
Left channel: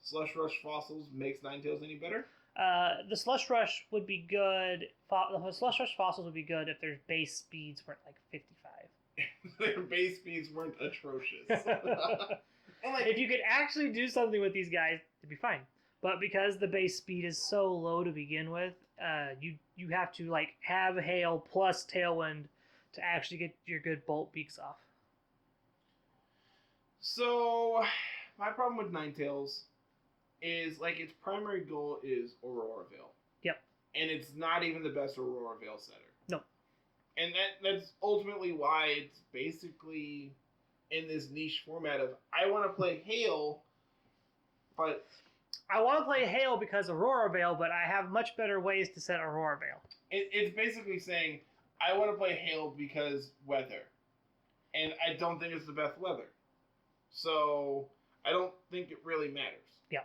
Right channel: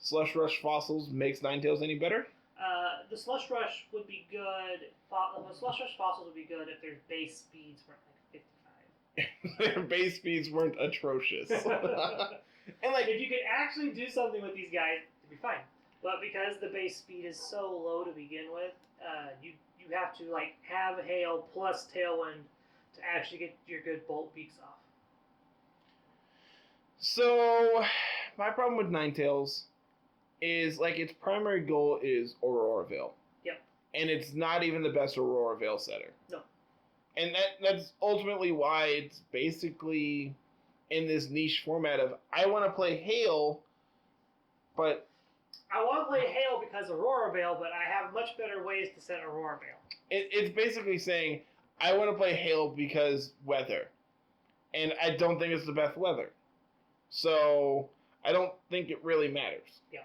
Slush Rush fossils makes Ninetales any better. The Slush Rush would be good. The Slush Rush fossils would be good if their base speeds weren't, like, 55. Their base speeds weren't atrocious. And, like, if you could actually do something with these guys, it'd be fine. But because the base speed is so low to begin with, you have to like have Hail plus Tailwind to actually get your good Bolt Beaks off. So, my problem with Ninetales is like its primary goal is Aurora Veil. Yep. And it's not even the best Aurora Veil setter. No. And that's ultimately why it's basically in this niche format of I want to play Hail, but I want to play Hail because Aurora Veil, but I have much better ways to set Aurora Veil. It's basically saying, I want to play Hail because weather. And I don't think it's the best weather. So, I don't think it really matters. Yeah.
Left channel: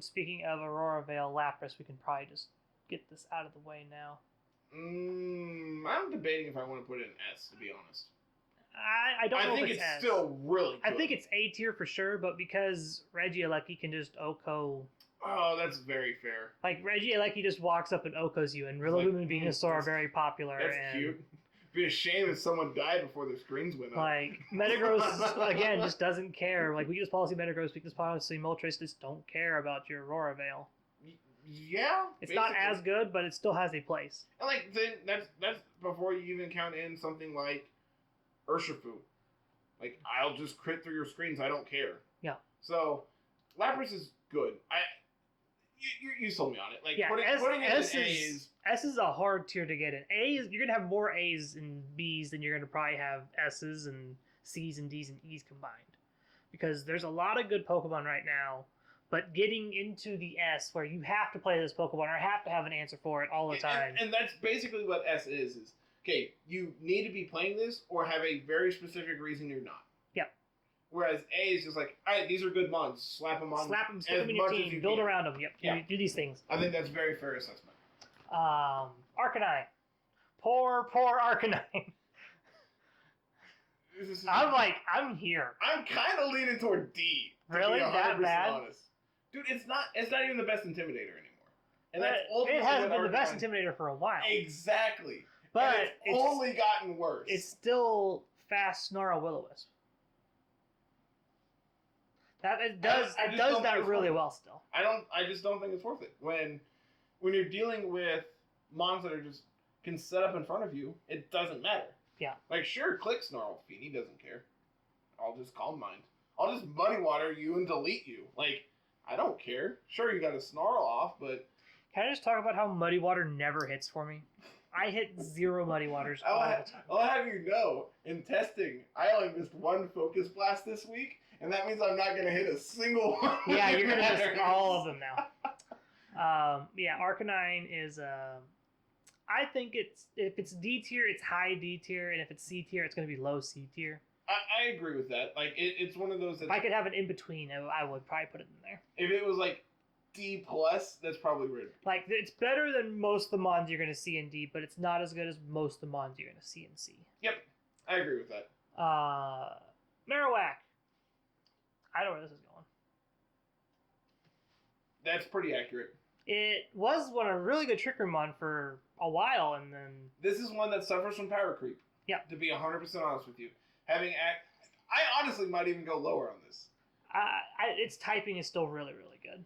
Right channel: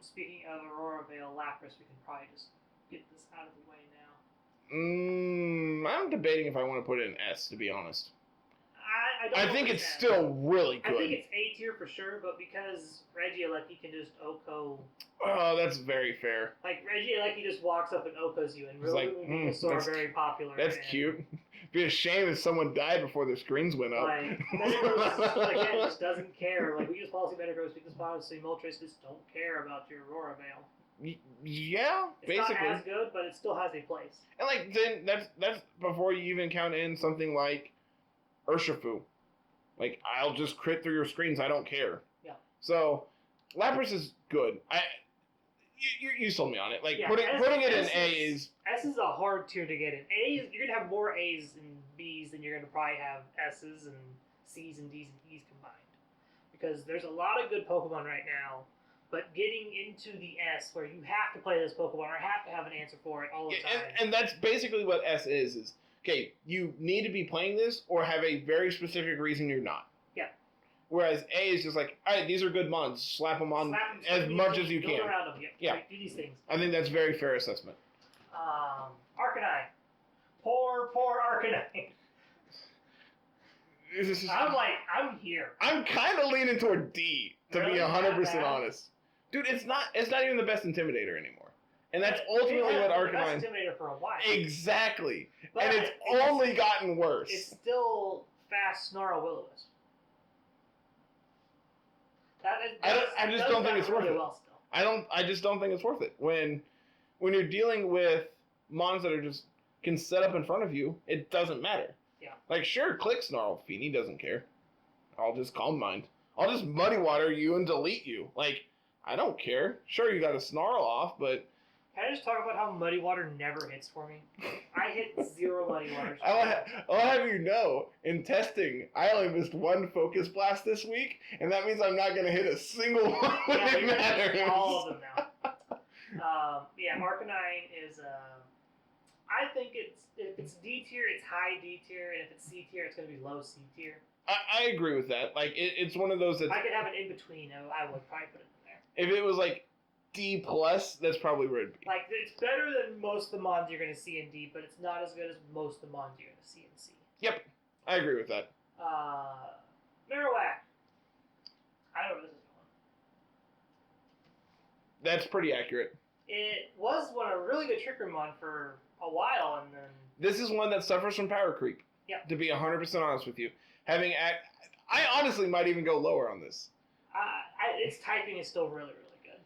Speaking of Aurora Veil Lapras, we can probably just get this out of the way now. I'm debating if I want to put it in S, to be honest. I don't know. I think it's still really good. I think it's A tier for sure, but because Regieleki can just Oko. Oh, that's very fair. Like, Regieleki just walks up and Okos you, and Rillaboom and Venusaur are very popular. That's cute. It'd be a shame if someone died before their screens went up. Like, Metagross, again, just doesn't care. Like, we use Policy Metagross, we use Policy Moltres, just don't care about your Aurora Veil. Yeah, it's basically. not as good, but it still has a place. And, like, then that's before you even count in something like Urshifu. Like, I'll just crit through your screens, I don't care. Yeah. So, Lapras is good. You sold me on it. Like, yeah, putting it in A is... S is a hard tier to get in. A is, you're going to have more A's and B's than you're going to probably have S's and C's and D's and E's combined. Because there's a lot of good Pokemon right now, but getting into the S where you have to play this Pokemon or have to have an answer for it all the time. And that's basically what S is, okay, you need to be playing this or have a very specific reason you're not. Yeah. Whereas A is just like, all right, these are good mons. Slap them on as much as you can. Build around them. Yep. Yeah. Do these things. I think that's a very fair assessment. Arcanine. Poor Arcanine. I'm here. I'm kind of leaning toward D, to be 100% honest. Dude, it's not even the best Intimidator anymore. And that's ultimately what Arcanine... It's the best Intimidator for a while. Exactly. But and it's only gotten worse. It's still fast Snarl Will-O-Wisp. I just don't think it's really well still. I just don't think it's worth it. When you're dealing with mons that are just can set up in front of you, it doesn't matter. Yeah. Like, sure, click Snarl. Feeny doesn't care. I'll just Calm Mind. I'll just Muddy Water you and delete you. Like, I don't care. Sure, you got a Snarl off, but... Can I just talk about how Muddy Water never hits for me? I hit 0 Muddy Waters. I'll have you know, in testing, I only missed 1 Focus Blast this week, and that means I'm not going to hit a single one. Yeah, you're going to hit all of them now. Yeah, Arcanine is... I think if it's D tier, it's high D tier, and if it's C tier, it's going to be low C tier. I agree with that. Like, it's one of those that... If I could have an in-between, I would probably put it in there. If it was, like, D+, that's probably where it'd be. Like, it's better than most of the mons you're going to see in D, but it's not as good as most of the mons you're going to see in C. Yep. I agree with that. Marowak. I don't know where this is going. That's pretty accurate. It was a really good Trick Room mon for a while, and then... This is one that suffers from power creep. Yeah. To be 100% honest with you. I honestly might even go lower on this. Its typing is still really, really good.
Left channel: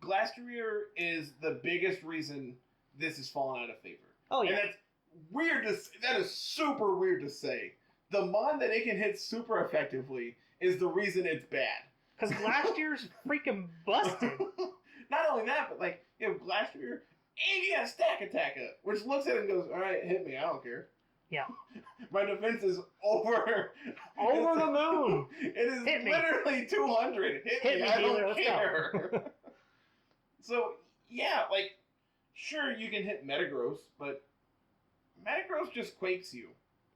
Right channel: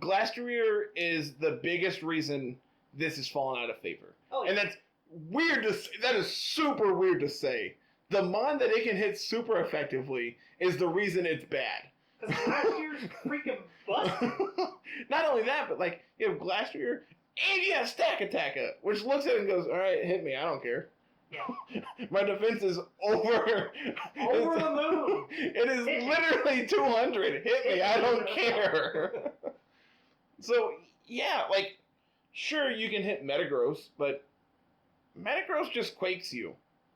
Glastrier is the biggest reason this has fallen out of favor. Oh, yeah. And that's weird to say. That is super weird to say. The mon that it can hit super effectively is the reason it's bad. Because Glastier's freaking busted. Not only that, but like, you have Glastrier and you have Stack Attacker, which looks at it and goes, alright, hit me, I don't care. Yeah. My defense is over the moon. It is literally 200. Hit me, I don't care. So, yeah, like, sure, you can hit Metagross, but Metagross just quakes you.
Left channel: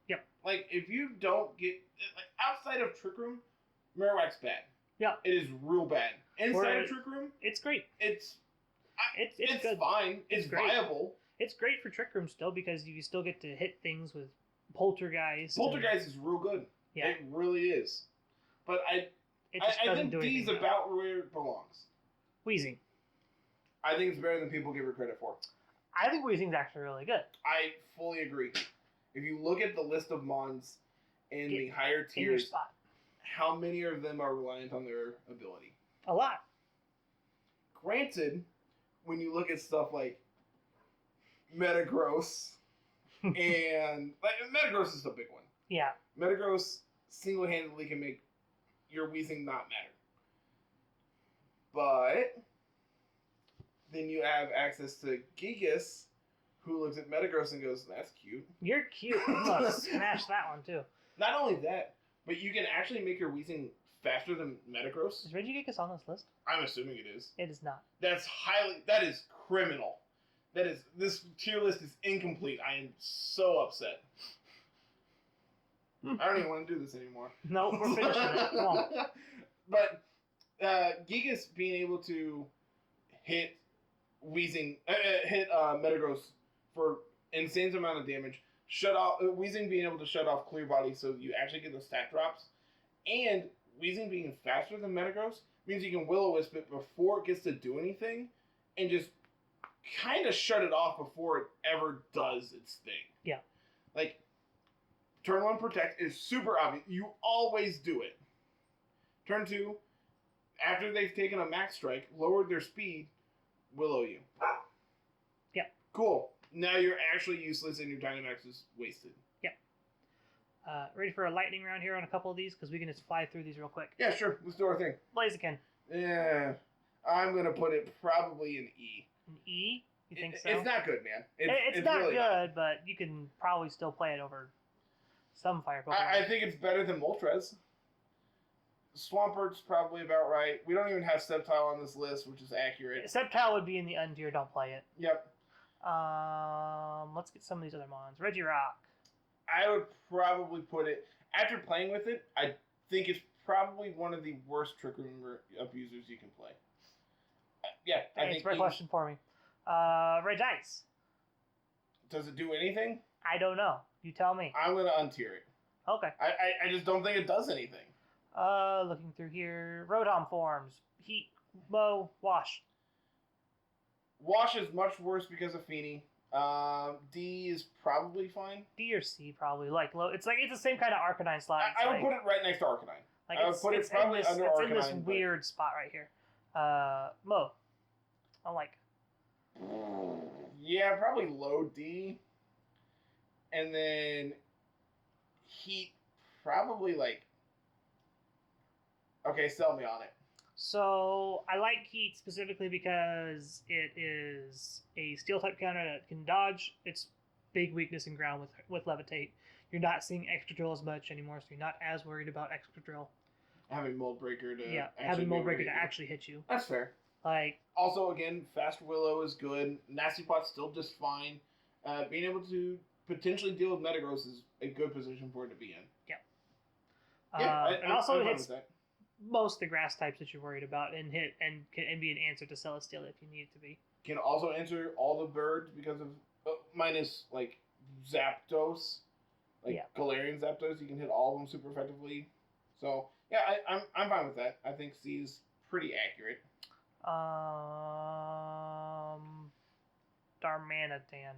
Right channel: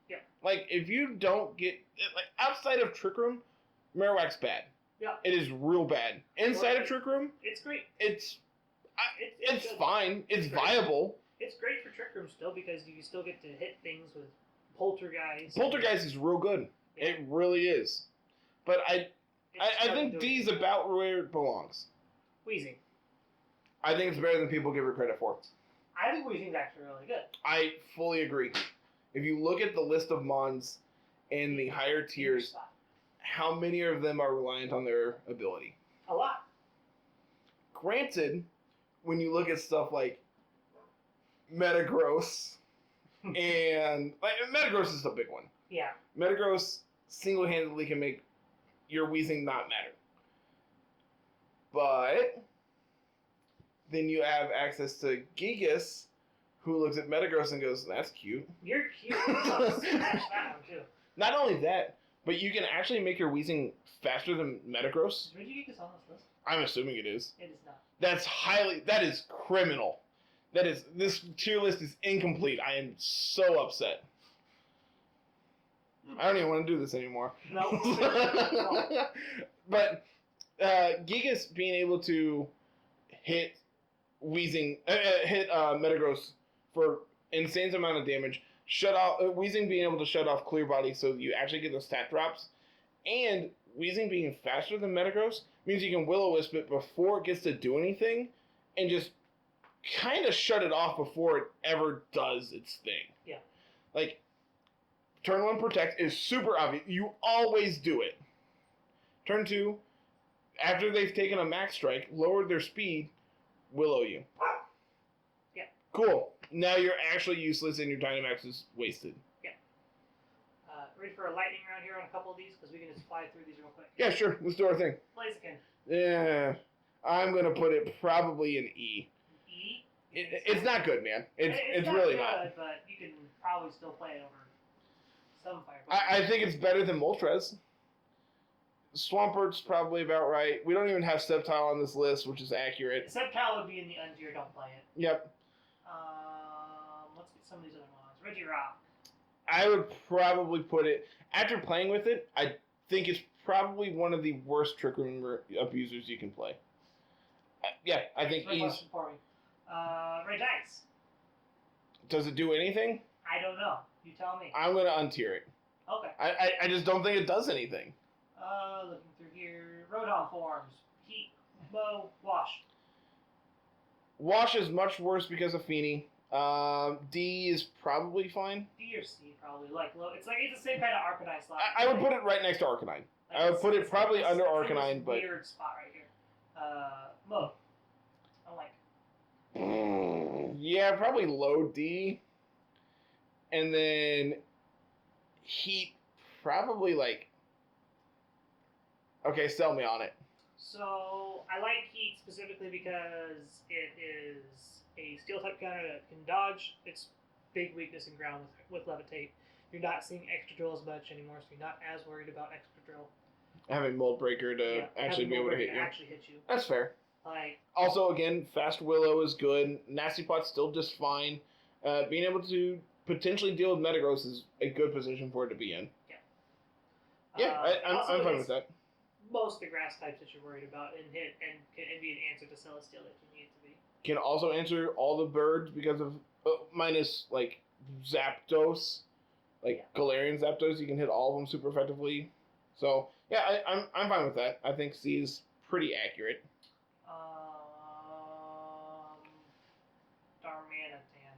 Yep. Like, if you don't get... Like, outside of Trick Room, Marowak's bad. Yeah. It is real bad. Inside of Trick Room... It's great. It's good. fine. It's viable. It's great for Trick Room still, because you still get to hit things with Poltergeist. Poltergeist is real good. Yeah. It really is. But I think D's about where it belongs. Weezing. I think it's better than people give her credit for. I think Weezing's actually really good. I fully agree. If you look at the list of mons in the higher tiers, how many of them are reliant on their ability? A lot. Granted, when you look at stuff like Metagross, and like, Metagross is the big one. Yeah. Metagross single-handedly can make your Weezing not matter. But then you have access to Gigas, who looks at Metagross and goes, that's cute. You're cute. I'm gonna smash that one, too. Not only that, but you can actually make your Weezing faster than Metagross. Is Regigigas on this list? I'm assuming it is. It is not. That is criminal. This tier list is incomplete. I am so upset. I don't even want to do this anymore. No, we're finished. But Gigas being able to hit Metagross for insane amount of damage, shut off Weezing being able to shut off Clear Body so you actually get those stat drops, and Weezing being faster than Metagross means you can Will-O-Wisp it before it gets to do anything, and just kind of shut it off before it ever does its thing. Yeah. Like, turn 1 Protect is super obvious. You always do it. Turn 2, after they've taken a Max Strike, lowered their speed, Willow you. Yeah. Cool. Now you're actually useless and your Dynamax is wasted. Yeah. Ready for a lightning round here on a couple of these? Because we can just fly through these real quick. Yeah, sure. Let's do our thing. Blaziken. Yeah. I'm going to put it probably in E. An E? It's not good, man. It's not really good, not. But you can probably still play it over some fire Pokemon. I think it's better than Moltres. Swampert's probably about right. We don't even have Sceptile on this list, which is accurate. Sceptile would be in the N tier. Don't play it. Yep. Let's get some of these other mons. Regirock. I would probably put it, after playing with it, I think it's probably one of the worst Trick Room abusers you can play. I think Great question for me. Regice. Does it do anything? I don't know. You tell me. I'm going to untier it. Okay. I just don't think it does anything. Looking through here. Rotom forms. Heat, Blow, Wash. Wash is much worse because of Feeny. D is probably fine. D or C probably. It's the same kind of Arcanine slot. I would put it right next to Arcanine. I would put it probably under Arcanine. It's weird spot right here. Mo. I'm like. Yeah, probably low D. And then Heat, probably like. Okay, sell me on it. So, I like Heat specifically because it is a Steel-type counter that can dodge. Its big weakness in ground with Levitate. You're not seeing Extra Drill as much anymore, so you're not as worried about Extra Drill. Having Mold Breaker to actually be able to hit you. actually hit you. That's fair. Like, also, again, Fast Willow is good. Nasty Pot's still just fine. Being able to potentially deal with Metagross is a good position for it to be in. Yeah. Yeah, I'm fine with that. Most of the grass types that you're worried about and hit and be an answer to Celesteela if you need it to be. Can also answer all the birds because of minus like Zapdos, Galarian Zapdos. You can hit all of them super effectively. So yeah, I'm fine with that. I think C is pretty accurate. Darmanitan.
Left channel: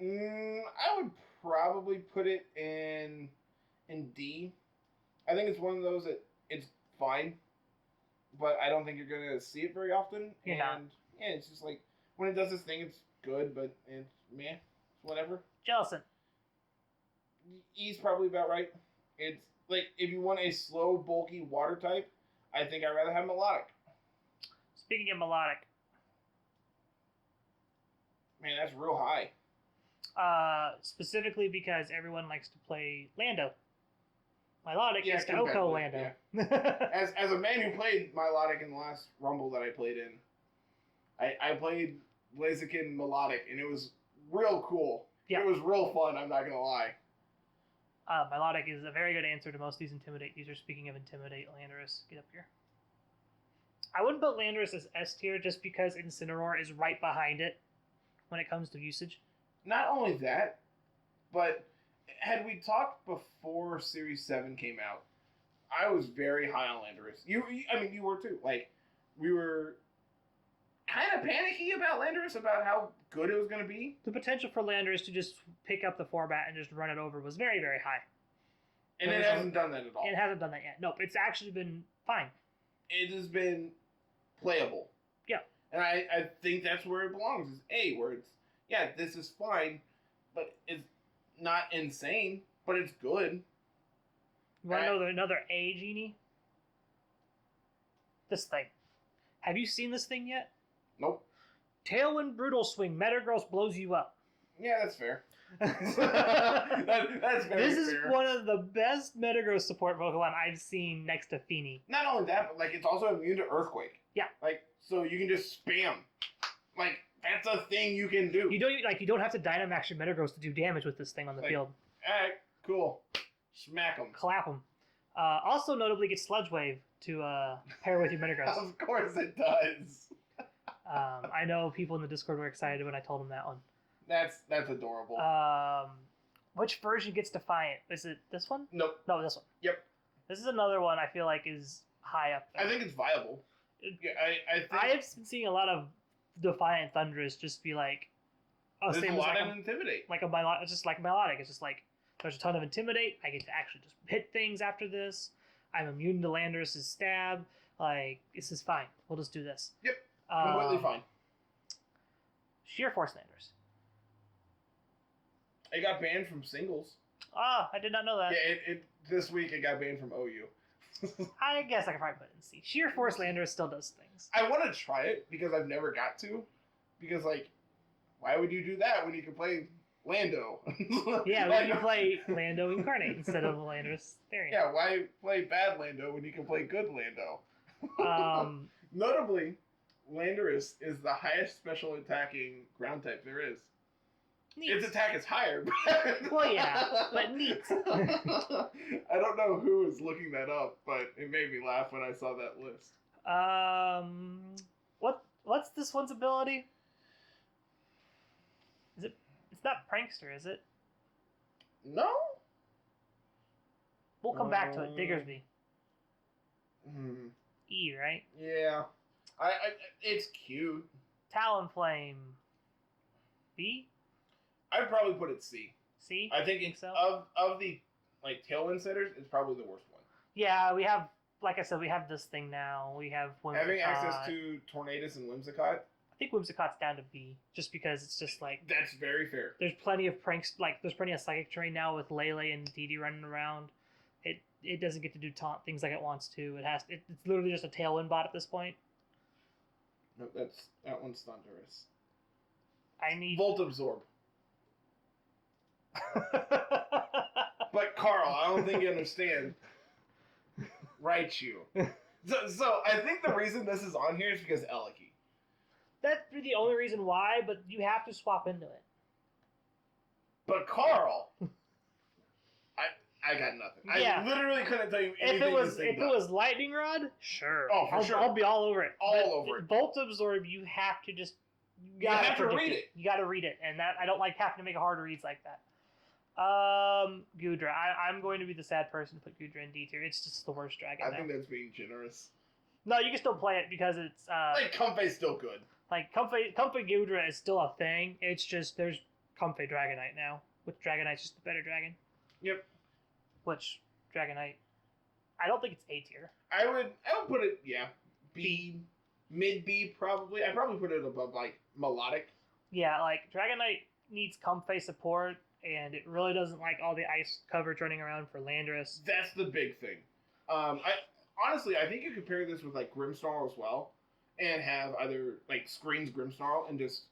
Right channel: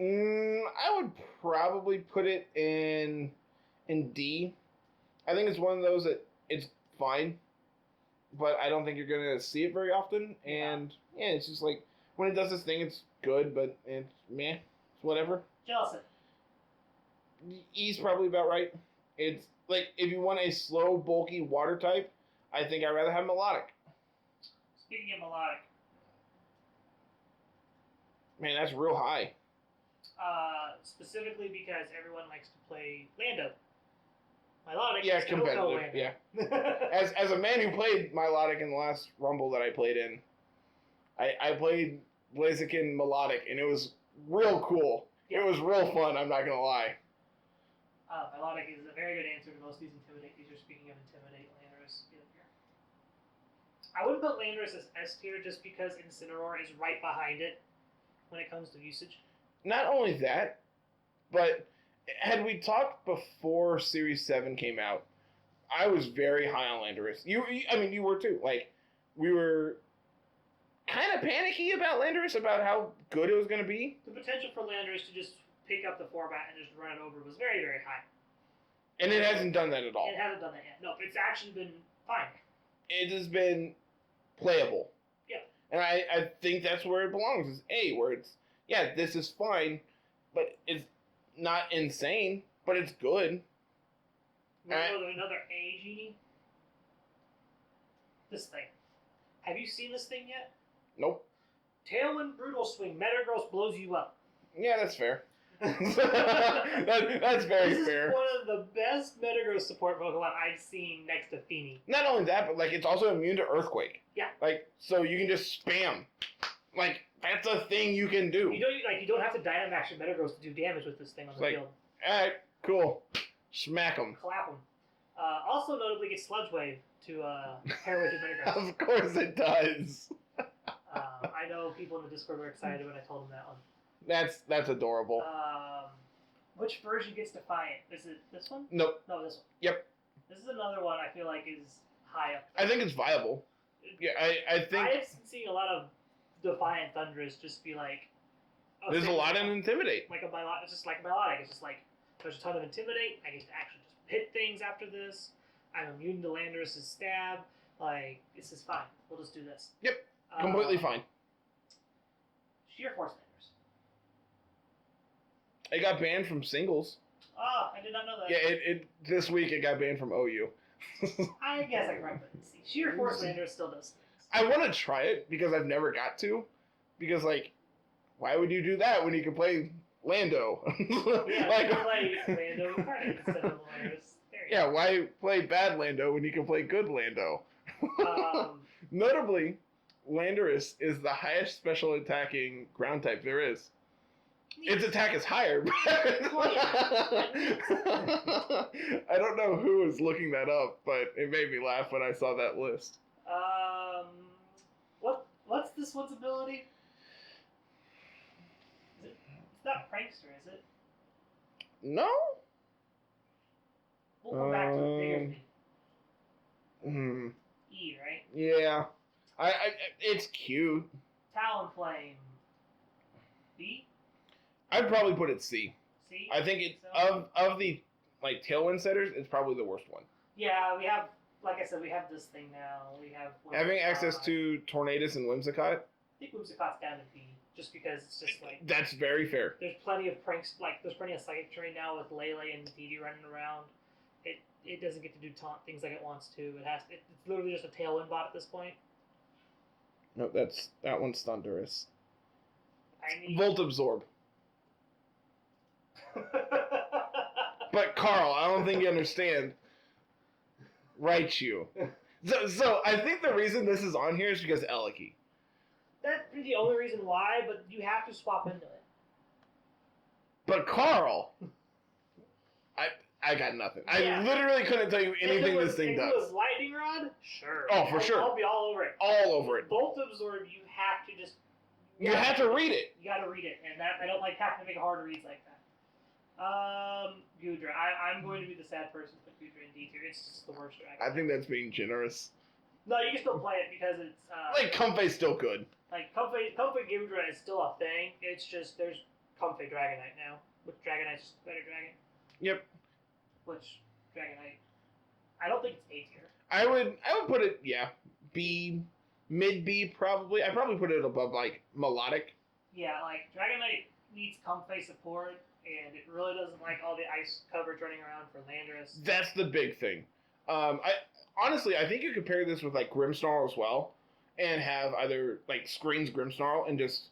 I would probably put it in D. I think it's one of those that it's fine, but I don't think you're going to see it very often. Yeah. And yeah, it's just like when it does this thing, it's good, but it's meh. It's whatever. Jellicent. E's probably about right. It's like if you want a slow, bulky water type, I think I'd rather have Melodic. Speaking of Melodic. Man, that's real high. Specifically because everyone likes to play Lando. Milotic is competitive. Lando. Yeah. As a man who played Milotic in the last Rumble that I played in, I played Blaziken Melodic, and it was real cool. Yeah. It was real fun, I'm not going to lie. Milotic is a very good answer to most of these Intimidate users. Speaking of Intimidate, Landorus, get up here. I wouldn't put Landorus as S tier just because Incineroar is right behind it when it comes to usage. Not only that, but had we talked before Series 7 came out, I was very high on Landorus. You were too. Like, we were kind of panicky about Landorus, about how good it was going to be. The potential for Landorus to just pick up the 4-bat and just run it over was very, very high. And it hasn't done that at all. It hasn't done that yet. No, it's actually been fine. It has been playable. Yeah. And I think that's where it belongs, is A, where it's, yeah, this is fine, but it's not insane, but it's good. You want to know another A, Genie? This thing. Have you seen this thing yet? Nope. Tailwind Brutal Swing. Metagross blows you up. Yeah, that's fair. That's very fair. This is one of the best Metagross support Pokemon I've seen next to Feeny. Not only that, but like it's also immune to Earthquake. Yeah. Like, so you can just spam. Like, that's a thing you can do. You don't have to Dynamax your Metagross to do damage with this thing on the field. Alright, cool. Smack them. Clap them. Also notably gets Sludge Wave to pair with your Metagross. Of course it does. I know people in the Discord were excited when I told them that one. That's adorable. Which version gets Defiant? Is it this one? Nope. No, this one. Yep. This is another one I feel like is high up there. I think it's viable. Yeah, I think... I have been seeing a lot of Defiant Thundurus just be like... Oh, there's a lot in Intimidate. It's just like Melodic. It's just like, there's a ton of Intimidate. I get to actually just hit things after this. I'm immune to Landorus' stab. Like, this is fine. We'll just do this. Yep. Completely fine. Sheer Force Landorus. It got banned from singles. Oh, I did not know that. Yeah, it this week it got banned from OU. I guess I can probably put it in C. Sheer Force Landorus still does things. I want to try it because I've never got to. Because, like, why would you do that when you can play Lando? Yeah, like, you can play Lando Incarnate instead of the Landorus variant. Yeah, why play bad Lando when you can play good Lando? Notably, Landorus is the highest special attacking ground type there is. Neat. Its attack is higher. Well, yeah, but neat. I don't know who was looking that up, but it made me laugh when I saw that list. What's this one's ability? It's not Prankster, is it? No. We'll come back to it. Diggersby. Hmm. E, right? Yeah. I it's cute. Talonflame. B? I'd probably put it C. C? I think it's of the like Tailwind setters, it's probably the worst one. Yeah, we have, like I said, we have this thing now. We have Whimsicott. Having access to Tornadus and Whimsicott. I think Whimsicott's down to B, just because it's just like... That's very fair. There's plenty of pranks, like, there's plenty of Psychic Terrain now with Lele and Didi running around. It doesn't get to do taunt things like it wants to. It's literally just a Tailwind bot at this point. No, that one's Thundurus. I need... Volt Absorb. But Carl, I don't think you understand. Raichu. So I think the reason this is on here is because Eliki. That's the only reason why, but you have to swap into it. But Carl, I got nothing. Yeah. I literally couldn't tell you anything this thing does. If it was Lightning Rod, sure. Oh, for sure. I'll be all over it. All over it. Volt Absorb, you have to just... You have to read it. You got to read it, and that I don't like having to make it hard to read like that. Gudra. I'm going to be the sad person to put Gudra in D tier. It's just the worst dragon. I think that's being generous. No, you can still play it because it's... like, Comfey's still good. Like, Comfey Gudra is still a thing. It's just, there's Comfey Dragonite now. Which Dragonite's just a better dragon. Yep. Which Dragonite... I don't think it's A tier. I would put it, yeah, B, mid-B probably. I'd probably put it above, like, Melodic. Yeah, like, Dragonite needs Comfey support, and it really doesn't like all the ice coverage running around for Landorus. That's the big thing. Honestly, I think you could pair this with, like, Grimmsnarl as well, and have either, like, Screens Grimmsnarl and just,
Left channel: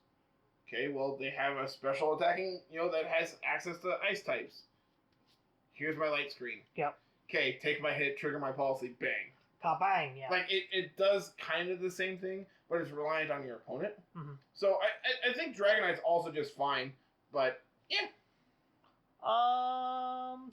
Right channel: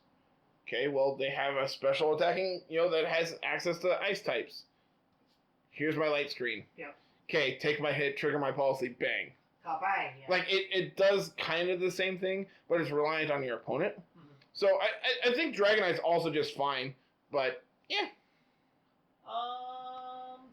okay, well, they have a special attacking, that has access to ice types. Here's my light screen. Yep. Okay, take my hit, trigger my policy, bang. Bang, yeah. Like, it does kind of the same thing, but it's reliant on your opponent. Mm-hmm. So I think Dragonite's also just fine, but, yeah.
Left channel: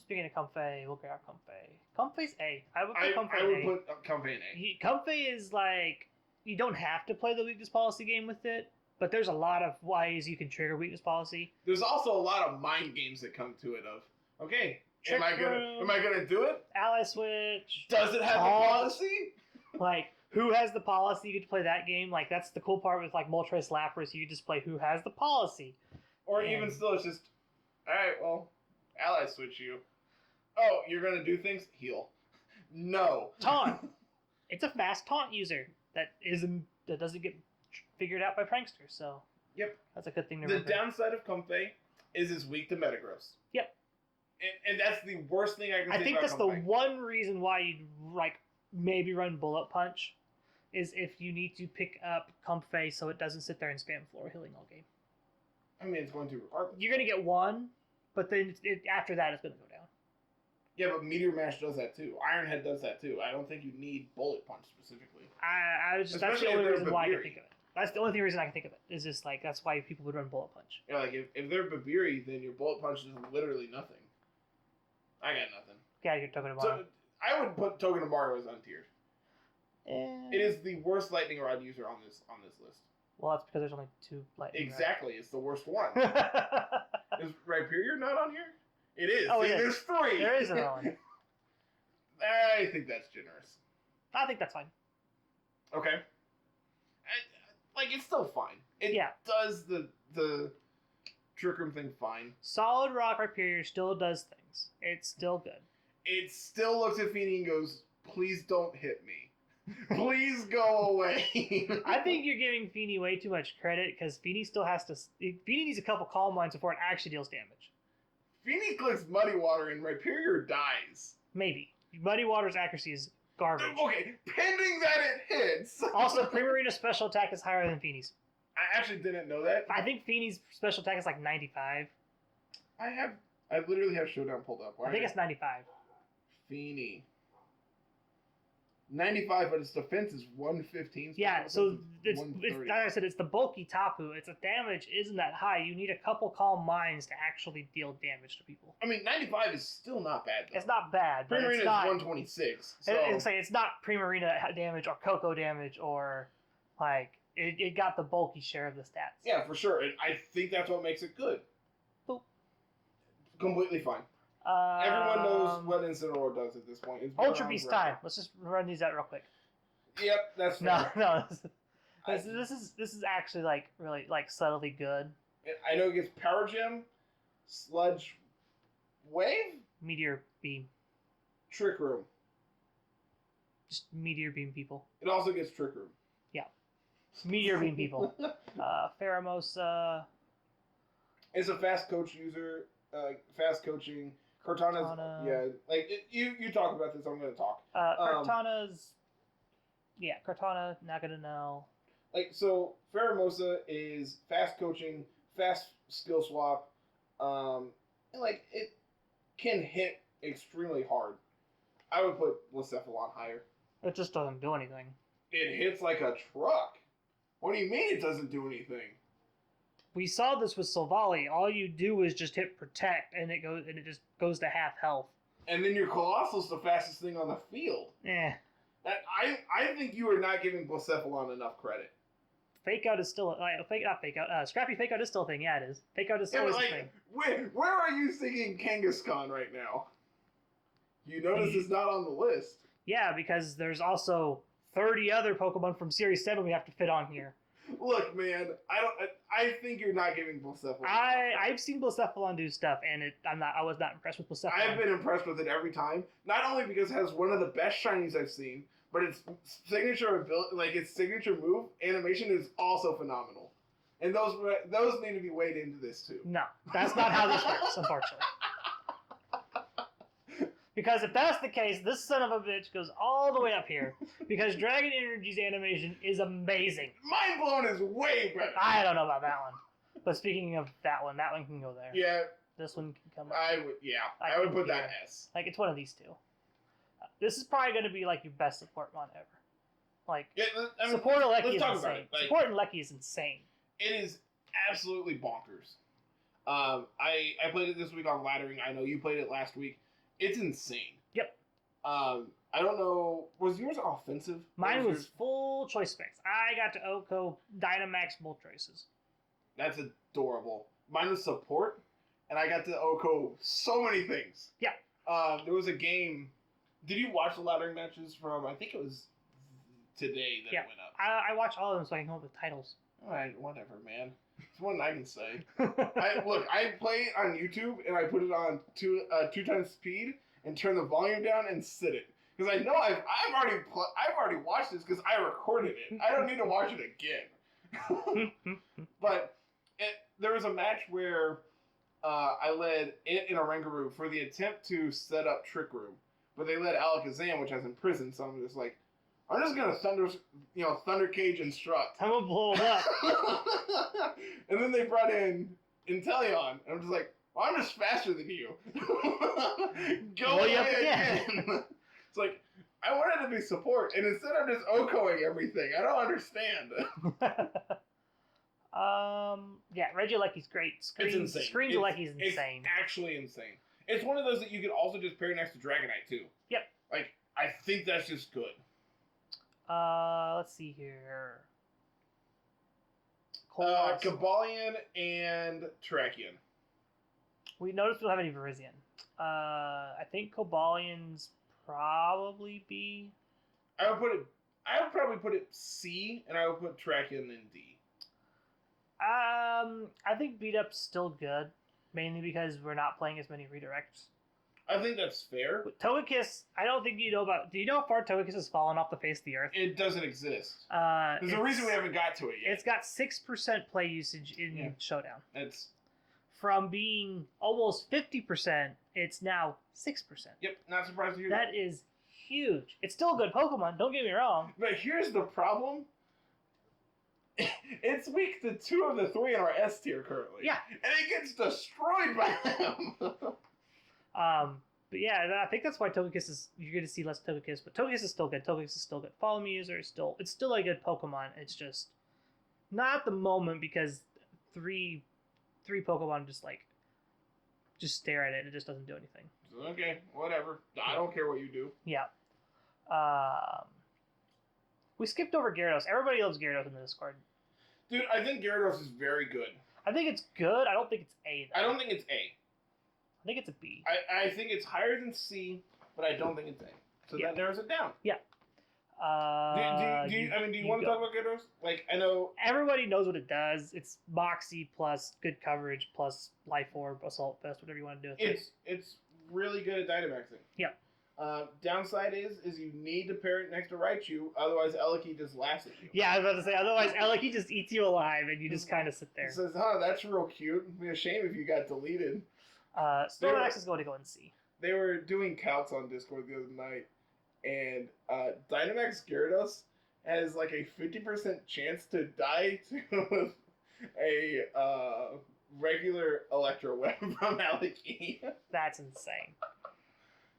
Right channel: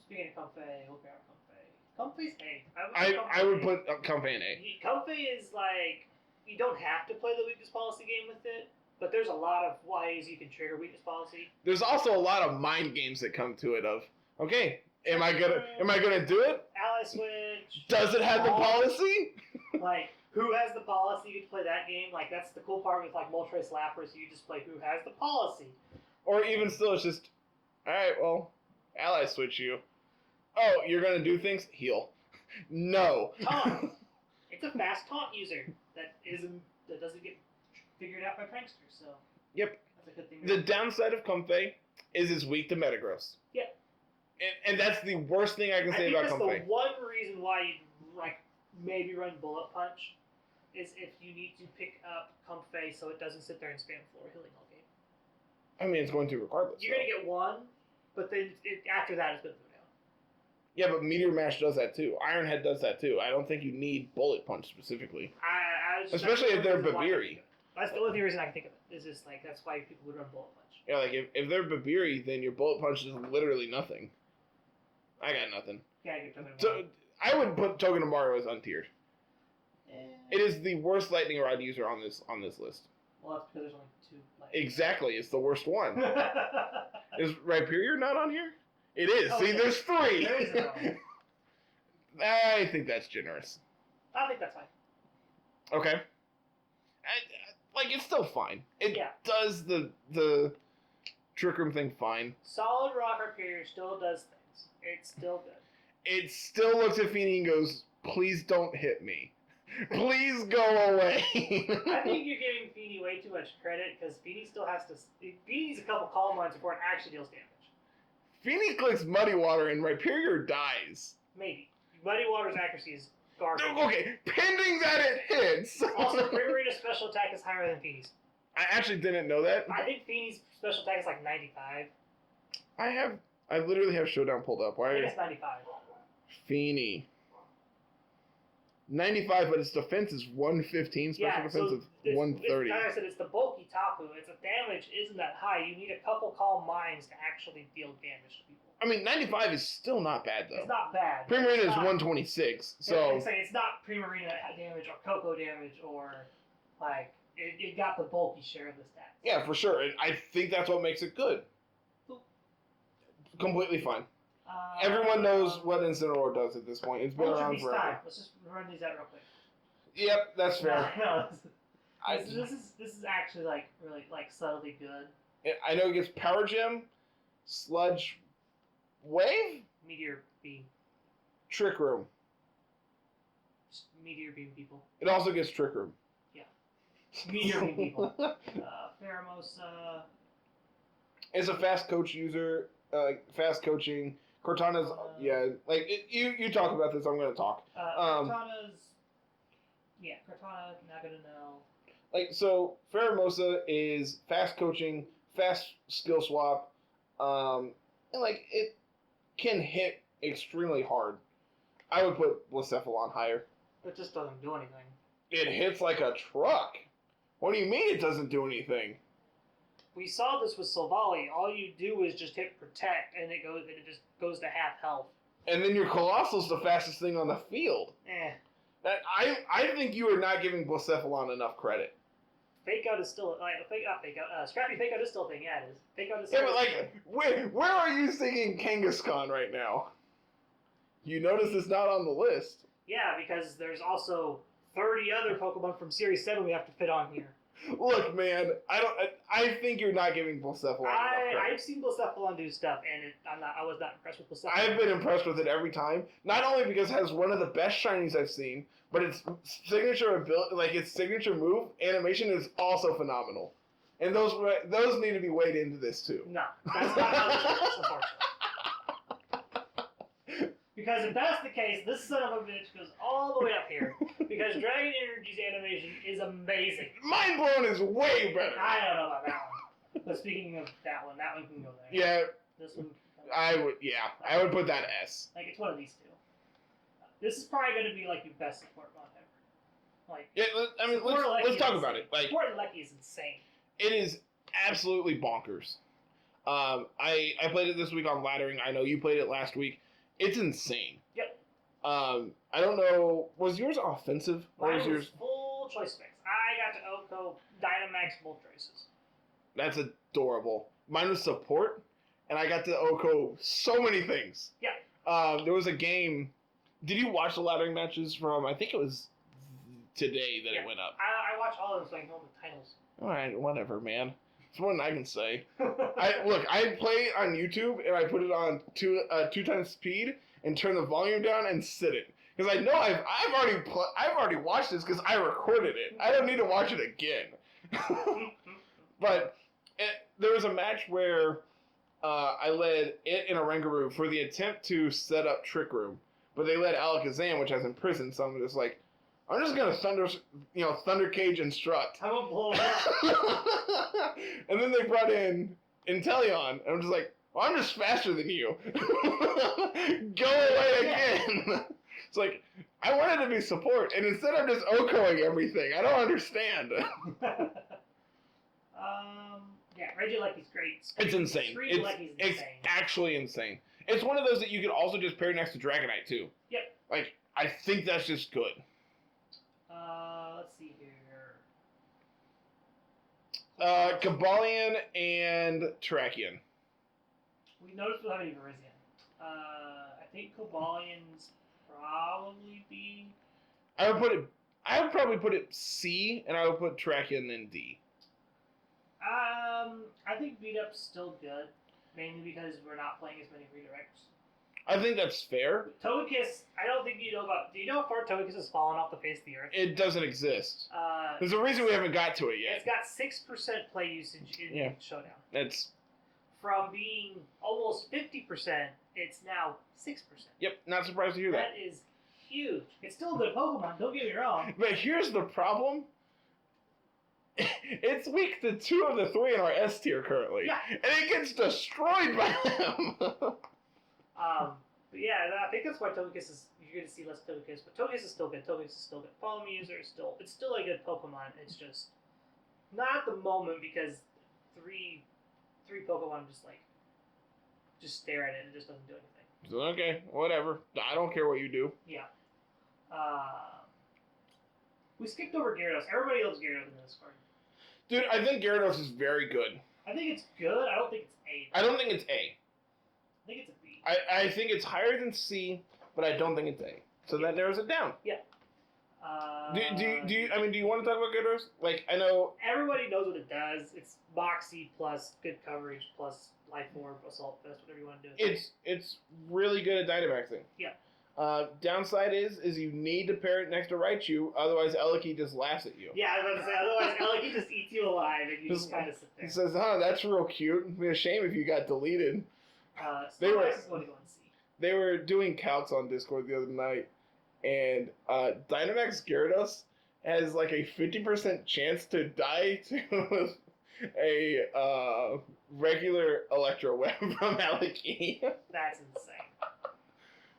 Speaking of Comfey, we'll grab Comfey. Comfey's A. I would put Comfey in A. Comfey is like, you don't have to play the weakness policy game with it, but there's a lot of ways you can trigger weakness policy. There's also a lot of mind games that come to it of, okay, am I gonna do it? Ally switch. Does it have the policy? Like, who has the policy? You get to play that game. Like, that's the cool part with like Moltres Lapras. You just play who has the policy. Or even still, it's just, all right, well, ally switch you. Oh, you're gonna do things? Heal. No. Taunt. It's a fast taunt user that doesn't get figured out by pranksters. So yep, that's a good thing. The downside of Comfey is it's weak to Metagross. Yep. And that's the worst thing I can say about Comfey. I think that's the one reason why you'd like maybe run Bullet Punch is if you need to pick up Comfey so it doesn't sit there and spam floor healing all game. I mean, it's going to regardless. You're going to get one, but then after that it's going to go down. Yeah, but Meteor Mash does that too. Ironhead does that too. I don't think you need Bullet Punch specifically. Especially if they're Babiri. That's the only reason I can think of it. Is just like, that's why people would run Bullet Punch. Yeah, like if they're Babiri, then your Bullet Punch is literally nothing. I got nothing. Yeah, you're talking about. So I would put Togedemaru as untiered. It is the worst lightning rod user on this list. Well, that's because there's only 2 lightning Exactly, rods. It's the worst one. Is Rhyperior not on here? It is. Oh, See, there's 3. There is another one. I think that's generous. I think that's fine. Okay. It's still fine. It does the Trick Room thing fine. Solid Rock Rhyperior still does things. It's still good. It still looks at Feeny and goes, please don't hit me. Please go away. I think you're giving Feeny way too much credit because Feeny still has to. Feeny needs a couple calm lines before it actually deals damage. Feeny clicks Muddy Water and Rhyperior dies. Maybe. Muddy Water's accuracy is garbage. Okay, pending that it hits. Also, Primarina's special attack is higher than Feeny's. I actually didn't know that. I think Feeny's special attack is like 95. I literally have Showdown pulled up. I think it's 95. Feeny. 95, but its defense is 115. Special defense is 130. Like I said, it's the bulky Tapu. Its damage isn't that high. You need a couple calm minds to actually deal damage to people. I mean, 95 is still not bad, though. It's not bad. Primarina is 126. So it's not Primarina damage or Coco damage or, it got the bulky share of the stats. Yeah, for sure. And I think that's what makes it good. Boop. Completely fine. Everyone knows what Incineroar does at this point. It's been Ultra around Beast forever. time. Let's just run these out real quick. Yep, that's fair. No, this is actually really subtly good. I know it gets Power Gem, Sludge, Wave, Meteor Beam. Trick Room. Just Meteor Beam people. It also gets Trick Room. Yeah. Meteor Beam people. Pheromosa. It's a fast coach user. Fast coaching. Cortana's, you talk about this, I'm going to talk. Cortana's, Cortana, not going to know. So, Pheromosa is fast coaching, fast skill swap, and, it can hit extremely hard. I would put Blacephalon higher. It just doesn't do anything. It hits like a truck. What do you mean it doesn't do anything? We saw this with Silvally. All you do is just hit Protect, and it just goes to half health. And then your Colossal's the fastest thing on the field. I think you are not giving Blacephalon enough credit. Fake Out is still Scrappy Fake Out is still a thing. Yeah, it is. Fake Out is still a thing. Where are you thinking Kangaskhan right now? You notice it's not on the list. Yeah, because there's also 30 other Pokemon from Series 7 we have to fit on here. Look, man, I think you're not giving Blacephalon. I've seen Blacephalon do stuff, and I was not impressed with Blacephalon. I've been impressed with it every time. Not only because it has one of the best shinies I've seen, but its signature ability, its signature move animation is also phenomenal. And those need to be weighed into this too. No, that's not how this works, unfortunately. Because if that's the case, this son of a bitch goes all the way up here. Because Dragon Energy's animation is amazing. Mind Blown is way better. I don't know about that one. But speaking of that one can go there. Yeah. This one can come I would put that S. It's one of these two. This is probably going to be your best support one ever. Let's talk about it. Support in Lecky is insane. It is absolutely bonkers. I played it this week on Laddering. I know you played it last week. It's insane. Yep. I don't know. Was yours offensive? Mine was full choice specs. I got to Oko Dynamax both choices. That's adorable. Mine was support, and I got to Oko so many things. Yeah. There was a game. Did you watch the Laddering matches from? I think it was today that it went up. I watched all of them so I can know the titles. All right, whatever, man. It's more than I can say. I play on YouTube and I put it on 2 times speed and turn the volume down and sit it because I know I've already watched this because I recorded it. I don't need to watch it again. But there was a match where I led it in a Rangaroo for the attempt to set up Trick Room, but they led Alakazam, which has imprisoned. So I'm just like, I'm just gonna Thunder Cage Instruct. I'm gonna blow it up. And then they brought in Inteleon, and I'm just like, well, I'm just faster than you. Go away again. It's like, I wanted to be support, and instead I'm just Okoing everything. I don't understand. Regieleki's great. It's insane. Scream Lecky's insane. It's actually insane. It's one of those that you could also just pair next to Dragonite, too. Yep. Like, I think that's just good. Let's see here. Kabalion and Terrakion. We noticed we don't have any Virizion. I think Cobalion's probably B. I would probably put it C, and I would put Terrakion in D. I think Beat Up's still good, mainly because we're not playing as many redirects. I think that's fair. Togekiss, I don't think you know about. Do you know how far Togekiss has fallen off the face of the earth? It doesn't exist. There's a reason we haven't got to it yet. It's got 6% play usage in Showdown. That's from being almost 50%. It's now 6%. Yep, not surprised to hear that. That is huge. It's still a good Pokemon. Don't get me wrong. But here's the problem. It's weak to 2 of the 3 in our S tier currently. Yeah. And it gets destroyed by them. But yeah, I think that's why Togekiss is. You're going to see less Togekiss, but Togekiss is still good. Togekiss is still good. Follow Me user is still. It's still a good Pokemon. It's just not at the moment because three Pokemon just stare at it and it just doesn't do anything. So, okay, whatever. I don't care what you do. Yeah. We skipped over Gyarados. Everybody loves Gyarados in the Discord. Dude, I think Gyarados is very good. I think it's good. I don't think it's A. I don't think it's A. I think it's a B. I think it's higher than C, but I don't think it's A. So that narrows it down. Yeah. Do you want to talk about Gyarados? Like, I know everybody knows what it does. It's Moxie plus good coverage plus Life Orb, Assault Vest, whatever you want to do. It's really good at Dynamaxing. Yeah. Downside is you need to pair it next to Raichu, otherwise Eliki just laughs at you. Yeah, I was about to say, otherwise Eliki just eats you alive and you just kind of sit there. It says, that's real cute. It'd be a shame if you got deleted. Snorlax is going to go and see. They were doing counts on Discord the other night, and Dynamax Gyarados has like a 50% chance to die to a regular Electro Web from Eliki. That's insane.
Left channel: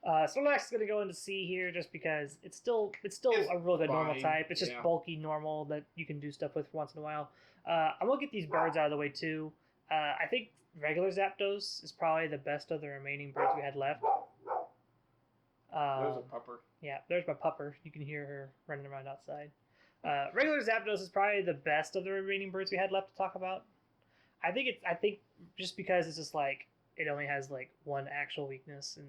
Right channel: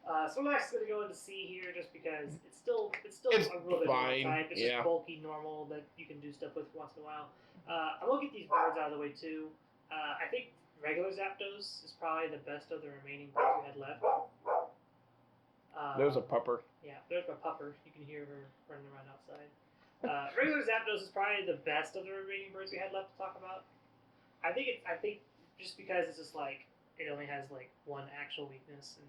Snorlax is going to go into C here just because it's still a real good normal type. It's just bulky normal that you can do stuff with once in a while. I'm going to get these birds out of the way too. I think regular Zapdos is probably the best of the remaining birds we had left. There's a pupper. Yeah, there's my pupper. You can hear her running around outside. Regular Zapdos is probably the best of the remaining birds we had left to talk about. I think just because it's just like it only has like one actual weakness and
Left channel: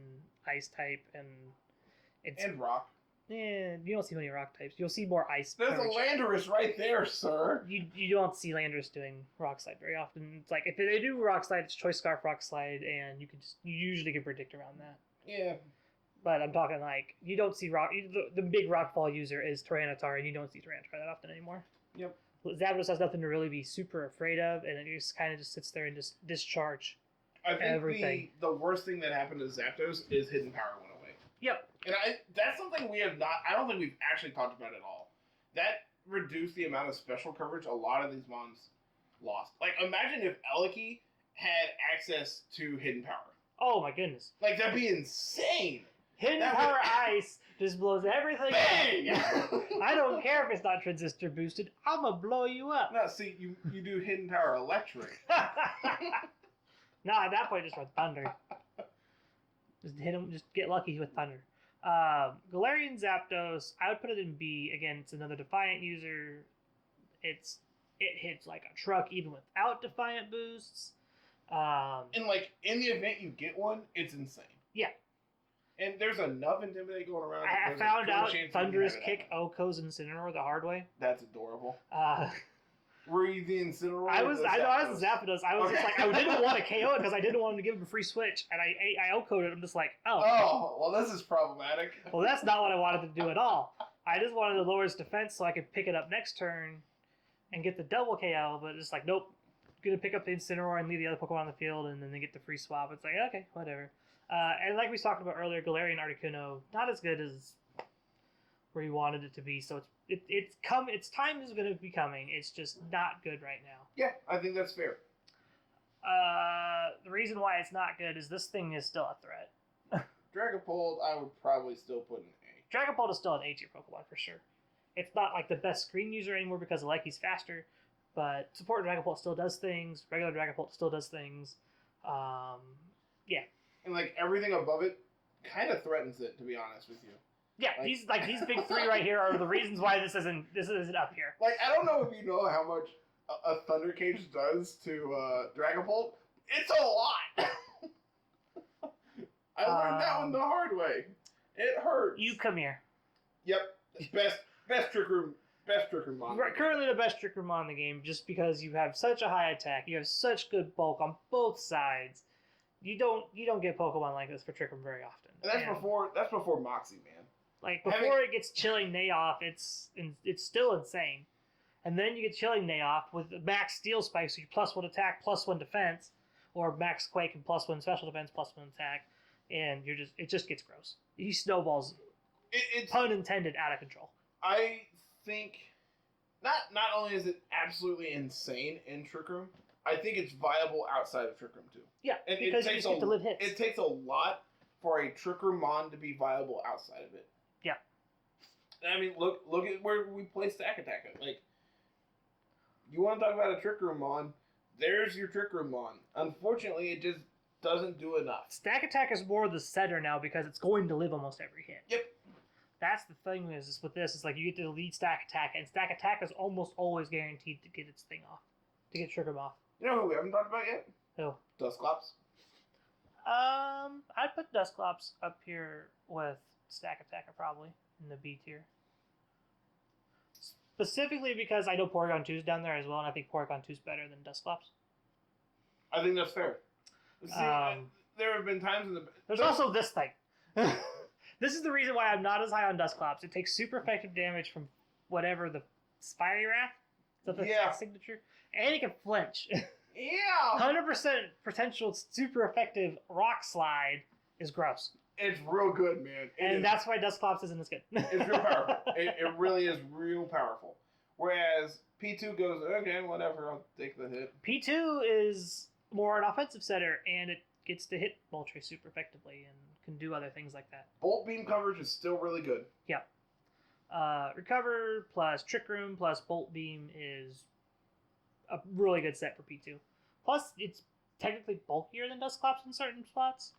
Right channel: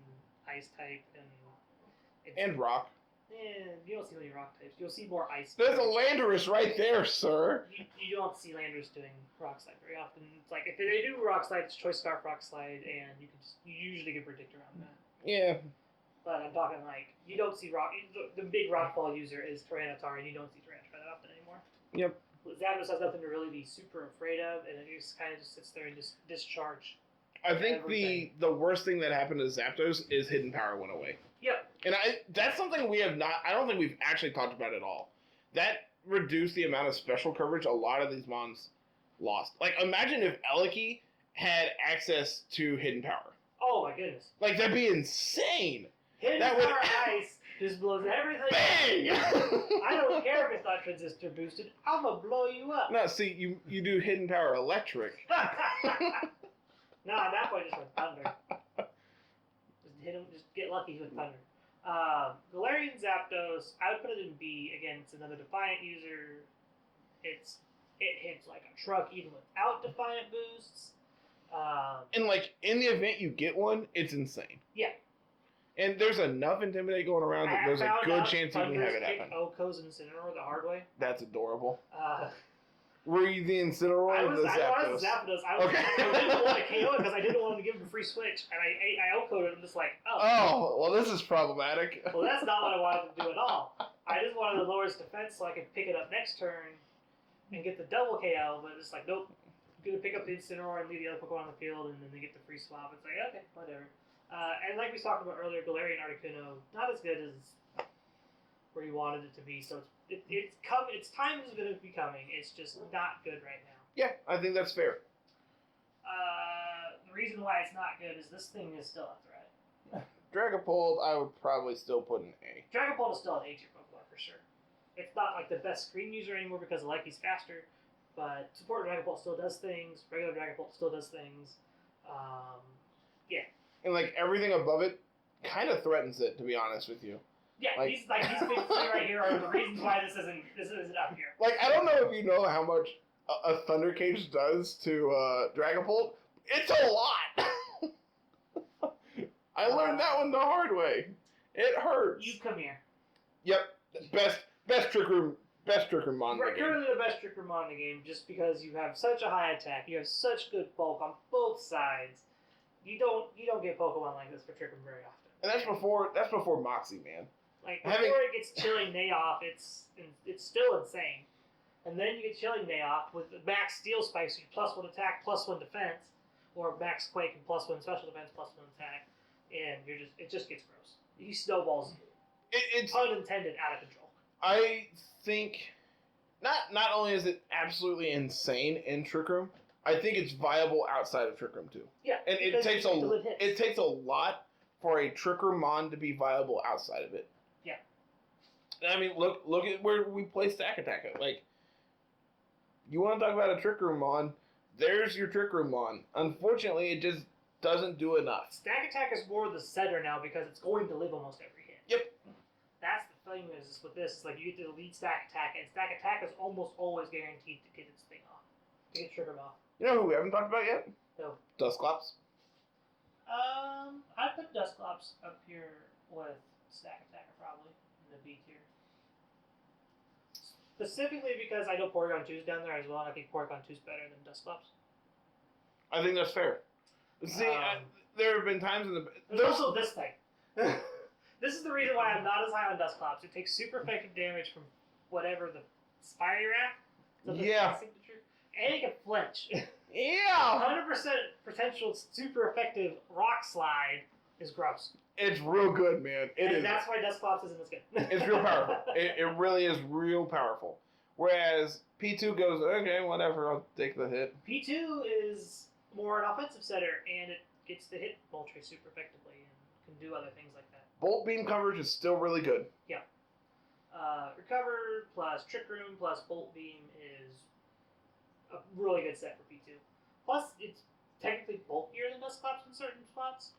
Ice type and rock. Yeah, you don't see many rock types. You'll see more ice. There's a Landorus right there, sir. You don't see Landorus doing Rock Slide very often. It's like if they do Rock Slide, it's Choice Scarf Rock Slide, and you usually can predict around that. Yeah. But I'm talking like you don't see rock. The big Rockfall user is Tyranitar, and you don't see Tyranitar that often anymore. Yep. Zapdos has nothing to really be super afraid of, and it just kind of just sits there and just discharge. I think the worst thing that happened to Zapdos is Hidden Power went away. Yep. And that's something I don't think we've actually talked about at all. That reduced the amount of special coverage a lot of these mons lost. Like, imagine if Eliki had access to Hidden Power. Oh my goodness. Like, that'd be insane. Hidden Power Ice just blows everything Bang! up. I don't care if it's not transistor boosted. I'm gonna blow you up. No, see, you do Hidden Power Electric. No, at that point, just with Thunder. Just hit him. Just get lucky with Thunder. Galarian Zapdos, I would put it in B. Again, it's another Defiant user. It hits like a truck even without Defiant boosts. And like in the event you get one, it's insane. Yeah. And there's enough Intimidate going around that there's a good chance you can have it kick happen. Oko's Incineroar the hard way. That's adorable. Were you the Incineroar? I was the Zapdos. I was okay. just like, I didn't want to KO it because I didn't want him to give him a free switch, and I Oko'd it. I'm just like, oh, well, this is problematic. Well, that's not what I wanted to do at all. I just wanted to lower his defense so I could pick it up next turn and get the double KO, but it's like, nope, I'm gonna pick up the Incineroar and leave the other Pokemon on the field, and then they get the free swap. It's like, okay, whatever. And like we talked about earlier, Galarian Articuno, not as good as where you wanted it to be, so its time is going to be coming. It's just not good right now. Yeah, I think that's fair. The reason why it's not good is this thing is still a threat. Dragapult, I would probably still put an A. Dragapult is still an A-tier Pokemon for sure. It's not like the best screen user anymore because Leki's faster, but support Dragapult still does things. Regular Dragapult still does things. Yeah. And like everything above it kind of threatens it, to be honest with you. Yeah, these big three right here are the reasons why this isn't up here. Like, I don't know if you know how much a Thunder Cage does to Dragapult. It's a lot. I learned that one the hard way. It hurts. You come here. Yep, best Trick Room mon. Currently the best Trick Room mon in the game, just because you have such a high attack, you have such good bulk on both sides. You don't get Pokemon like this for Trick Room very often. And that's before Moxie, man. Like before it gets Chilling Nayoff, it's still insane. And then you get Chilling Nayoff with max Steel Spike, so you +1 attack, +1 defense, or max Quake and +1 special defense, +1 attack, and it just gets gross. He snowballs. It's pun intended out of control. I think not only is it absolutely insane in Trick Room, I think it's viable outside of Trick Room too. Yeah, and it takes a lot for a Trick Room mon to be viable outside of it. Yeah. I mean, look at where we play Stack Attack. Like, you want to talk about a Trick Room mon? There's your Trick Room mon. Unfortunately, it just doesn't do enough. Stack Attack is more the setter now because it's going to live almost every hit. Yep. That's the thing is with this. It's like you get to lead Stack Attack, and Stack Attack is almost always guaranteed to get its thing off, to get Trick Room off. You know who we haven't talked about yet? Who? Dusclops. I'd put Dusclops up here with Stack Attacker probably in the B tier. Specifically because I know Porygon 2's down there as well, and I think Porygon 2's better than Dusclops. I think that's fair. See, there have been times in the... There's also this thing. This is the reason why I'm not as high on Dusclops. It takes super effective damage from whatever the Spiny Wrath. Yeah. Signature. And it can flinch. Yeah. 100% potential super effective Rock Slide is gross. It's real good, man. That's why Dusclops isn't as good. It's real powerful. It really is real powerful. Whereas P2 goes, okay, whatever, I'll take the hit. P2 is more an offensive setter, and it gets to hit Moltres super effectively and can do other things like that. Bolt Beam coverage is still really good. Yeah. Recover plus Trick Room plus Bolt Beam is a really good set for P2. Plus, it's technically bulkier than Dusclops in certain spots,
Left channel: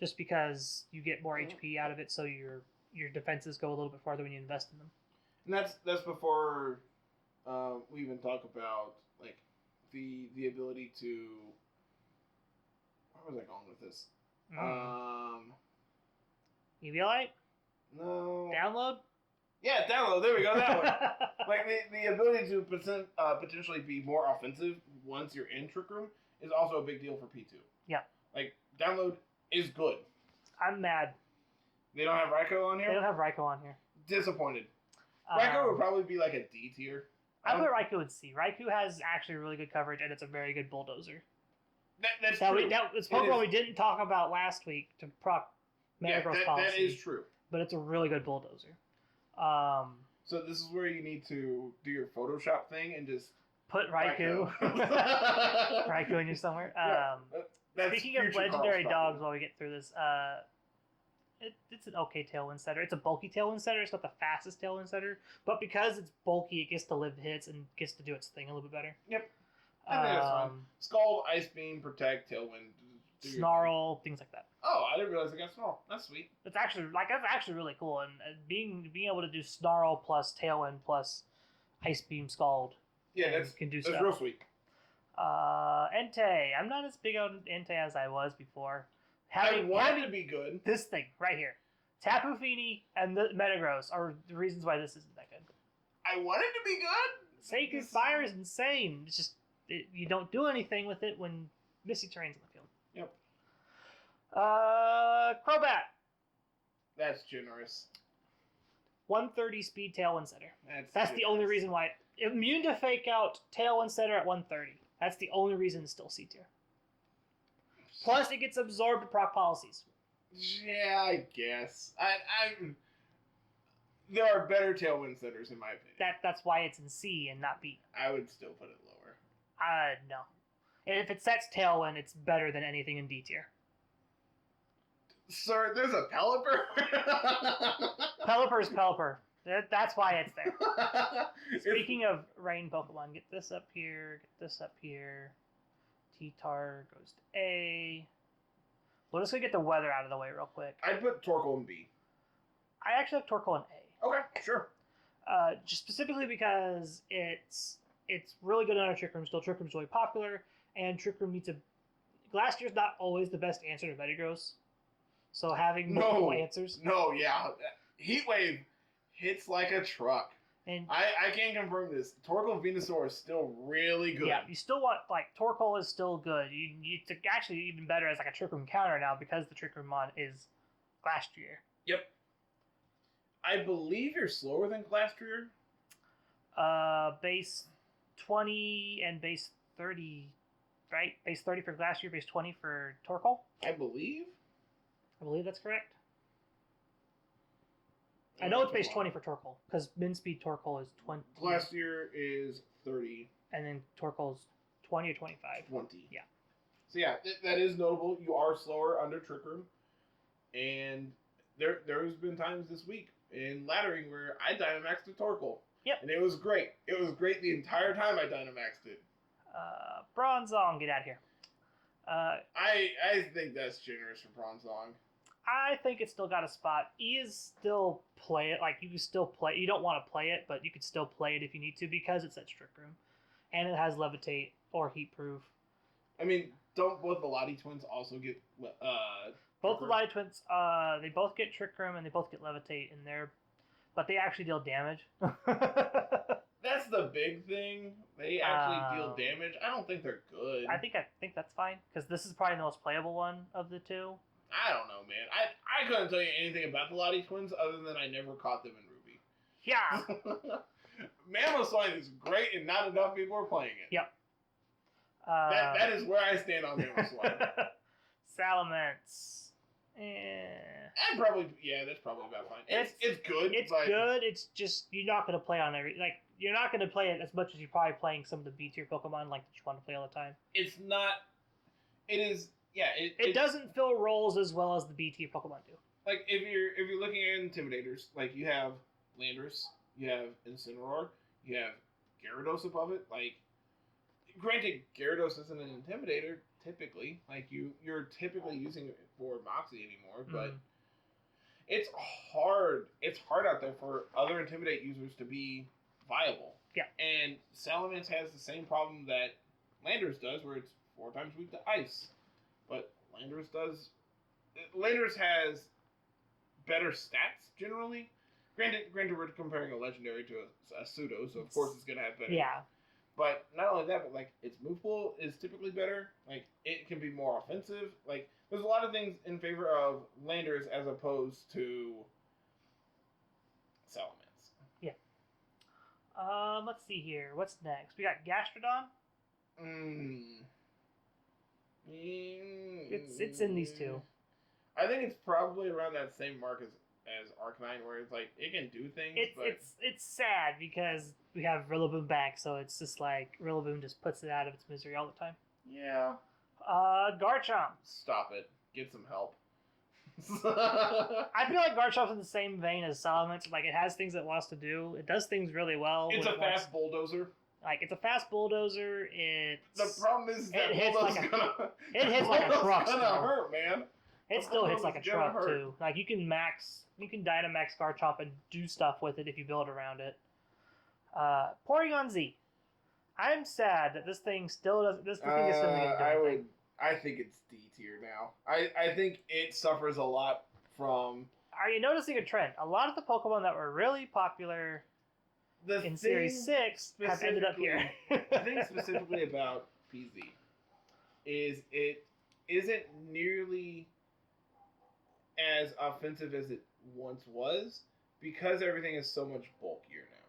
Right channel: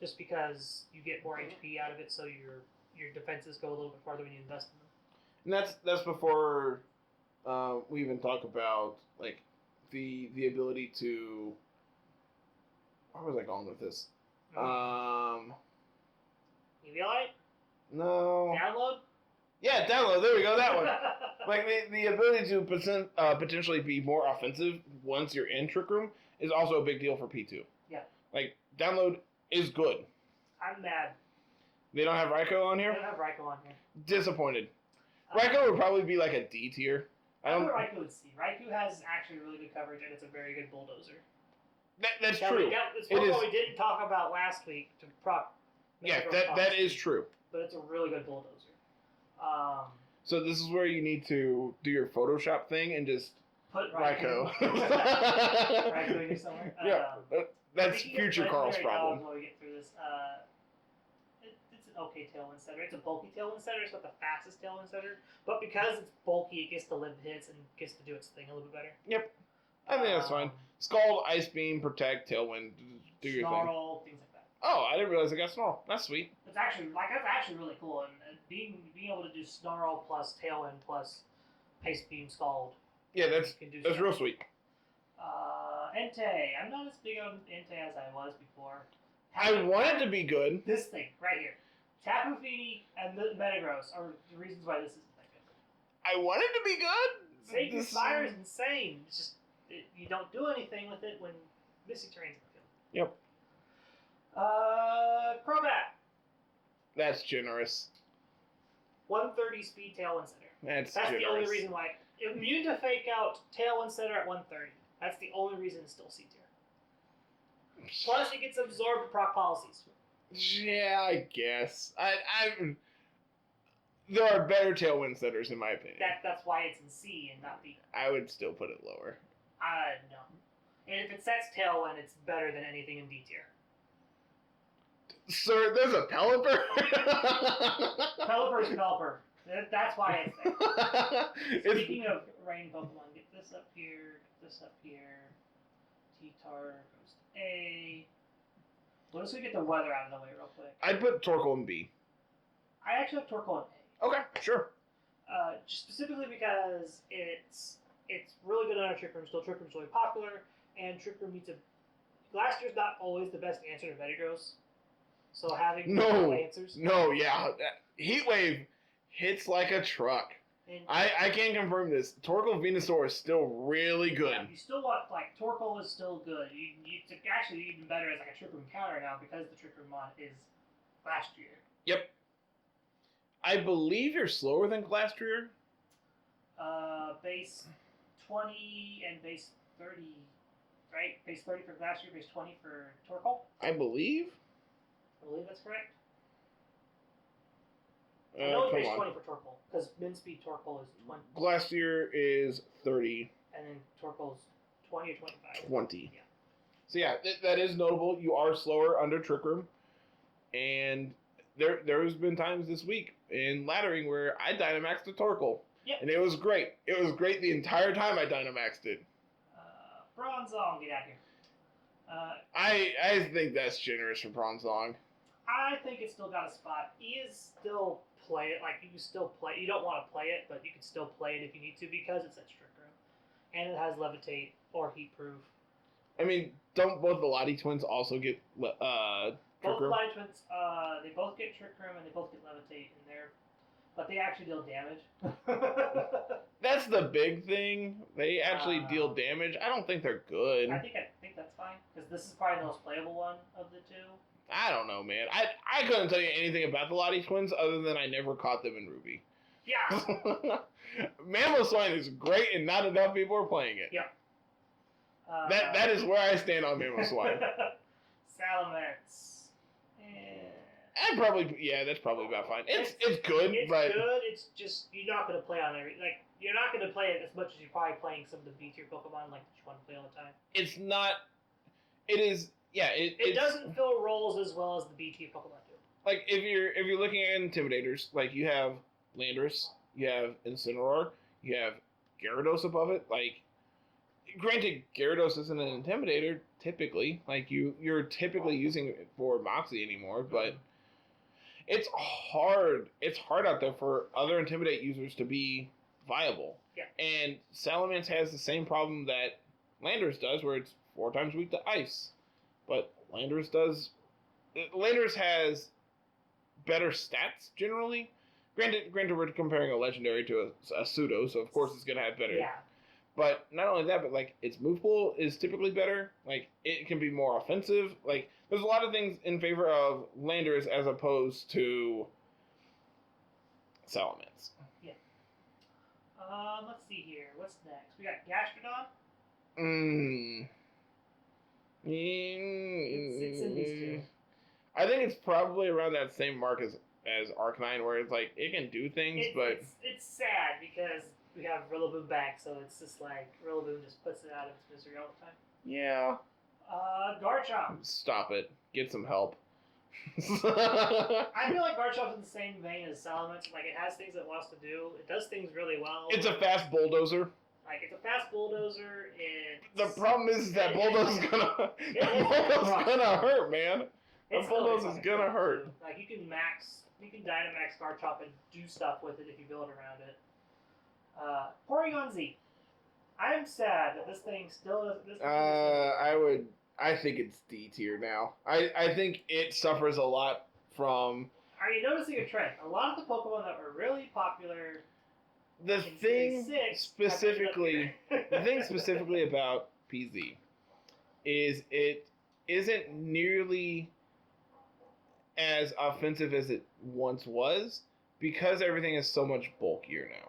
just because you get more HP out of it, so your defenses go a little bit farther when you invest in them. And that's before we even talk about like the ability to. Where was I going with this? Eviolite? No. Download? Yeah, download. There we go. That one. Like the ability to potentially be more offensive once you're in Trick Room is also a big deal for P2. Yeah. Like download is good. I'm mad. They don't have Raikou on here? They don't have Raikou on here. Disappointed. Raikou would probably be like a D tier. I put Raikou in C. Raikou has actually really good coverage, and it's a very good bulldozer. That's true. It's Pokemon we didn't talk about last week to proc. Yeah, that is true. But it's a really good bulldozer. So this is where you need to do your Photoshop thing and just put Raikou. Raikou in here somewhere. That's future Carl's problem. Dogs while we get through this. It's an okay Tailwind setter. It's a bulky Tailwind setter. It's not the fastest Tailwind setter, but because it's bulky, it gets to live hits and gets to do its thing a little bit better. Yep. I think that's fine. Scald, Ice Beam, Protect, Tailwind, do your Snarl, things like that. Oh, I didn't realize it got Snarl. That's sweet. That's actually really cool, and being able to do Snarl plus Tailwind plus Ice Beam, Scald. Yeah, that's real sweet. Entei. I'm not as big on Entei as I was before. I wanted to be good. This thing right here, Tapu Fini and the Metagross are the reasons why this isn't that good. I wanted to be good. Sacred Spire is insane. It's just you don't do anything with it when Mystic Terrain's in the field. Yep. Crobat. That's generous. 130 speed Tailwind setter. That's generous. The only reason why. Immune to Fake Out Tailwind setter at 130. That's the only reason it's still C tier. Plus, it gets absorbed to proc policies. Yeah, I guess. There are better Tailwind setters in my opinion. That's why it's in C and not B. I would still put it lower. No. And if it sets Tailwind, it's better than anything in D tier. Sir, there's a Pelipper? Pelipper is Pelipper. That's why it's there. Speaking of rain Pokemon, get this up here, get this up here. T-Tar goes to A. We're just going to get the weather out of the way real quick. I'd put Torkoal in B. I actually have Torkoal in A. Okay, sure. Just specifically because it's really good on a Trick Room still. Trick Room's really popular, and Trick Room needs a... Glassier's not always the best answer to Metagross. So having multiple answers... No, yeah. Heatwave hits like a truck. And I can confirm this. Torkoal Venusaur is still really good. Yeah, you still want, like, Torkoal is still good. It's actually even better as, like, a Trick Room counter now because the Trick Room mod is Glastrier. Yep. I believe you're slower than Glastrier. Base 20 and base 30, right? Base 30 for Glastrier, base 20 for Torkoal? I believe that's correct. I know it's base 20 for Torkoal, because min speed Torkoal is 20. Glastrier is 30. And then Torkoal's 20 or 25? 20. Yeah. So yeah, that is notable. You are slower under Trick Room. And there's been times this week in Laddering where I Dynamaxed a Torkoal. Yep. And it was great. It was great the entire time I Dynamaxed it. Bronzong, get out of here. I think that's generous for Bronzong. I think it's still got a spot. E is still play it. Like, you can still play. You don't want to play it, but you can still play it if you need to because it's at Trick Room. And it has Levitate or Heat Proof. I mean, don't both the Lottie twins also get both the Lottie twins, they both get Trick Room and they both get Levitate in there. But they actually deal damage. That's the big thing. They actually deal damage. I don't think they're good. I think that's fine because this is probably the most playable one of the two. I don't know, man. I couldn't tell you anything about the Lottie twins other than I never caught them in Ruby. Yeah. Mamoswine is great and not enough people are playing it. Yeah. That is where I stand on Mamoswine. Salamence. That's probably about fine. It's good. It's good. It's just you're not going to play on every you're not going to play it as much as you're probably playing some of the B tier Pokemon that you want to play all the time. It's not. It is. Yeah. It doesn't fill roles as well as the B tier Pokemon do. Like if you're looking at Intimidators, like you have Landorus, you have Incineroar, you have Gyarados above it. Like, granted, Gyarados isn't an Intimidator typically. Like you're typically using it for Moxie anymore, but. It's hard. It's hard out there for other Intimidate users to be viable. Yeah. And Salamence has the same problem that Landorus does, where it's 4 times weak to ice. But Landorus has better stats generally. Granted, we're comparing a legendary to a pseudo, so of course it's gonna have better. Yeah. But not only that, but like its move pool is typically better. Like it can be more offensive. Like there's a lot of things in favor of Landorus as opposed to Salamence. Yeah. Let's see here. What's next? We got Gastrodon. It's in these two. I think it's probably around that same mark as Arcanine, where it's like it can do things, but it's sad because we have Rillaboom back, so it's just like Rillaboom just puts it out of its misery all the time. Yeah. Garchomp. Stop it. Get some help. I feel like Garchomp's in the same vein as Salamence. Like, it has things it wants to do. It does things really well. It's a fast bulldozer. Like, it's a fast bulldozer. The problem is that bulldozer's gonna hurt, man. It still hits like a truck, too. Like, you can Dynamax Garchomp and do stuff with it if you build around it. Porygon Z. I'm sad that this thing still doesn't. I think it's D tier now. I think it suffers a lot from. Are you noticing a trend? A lot of the Pokemon that were really popular in Series 6 specifically, the thing specifically about PZ is it isn't nearly as offensive as it once was because everything is so much bulkier now.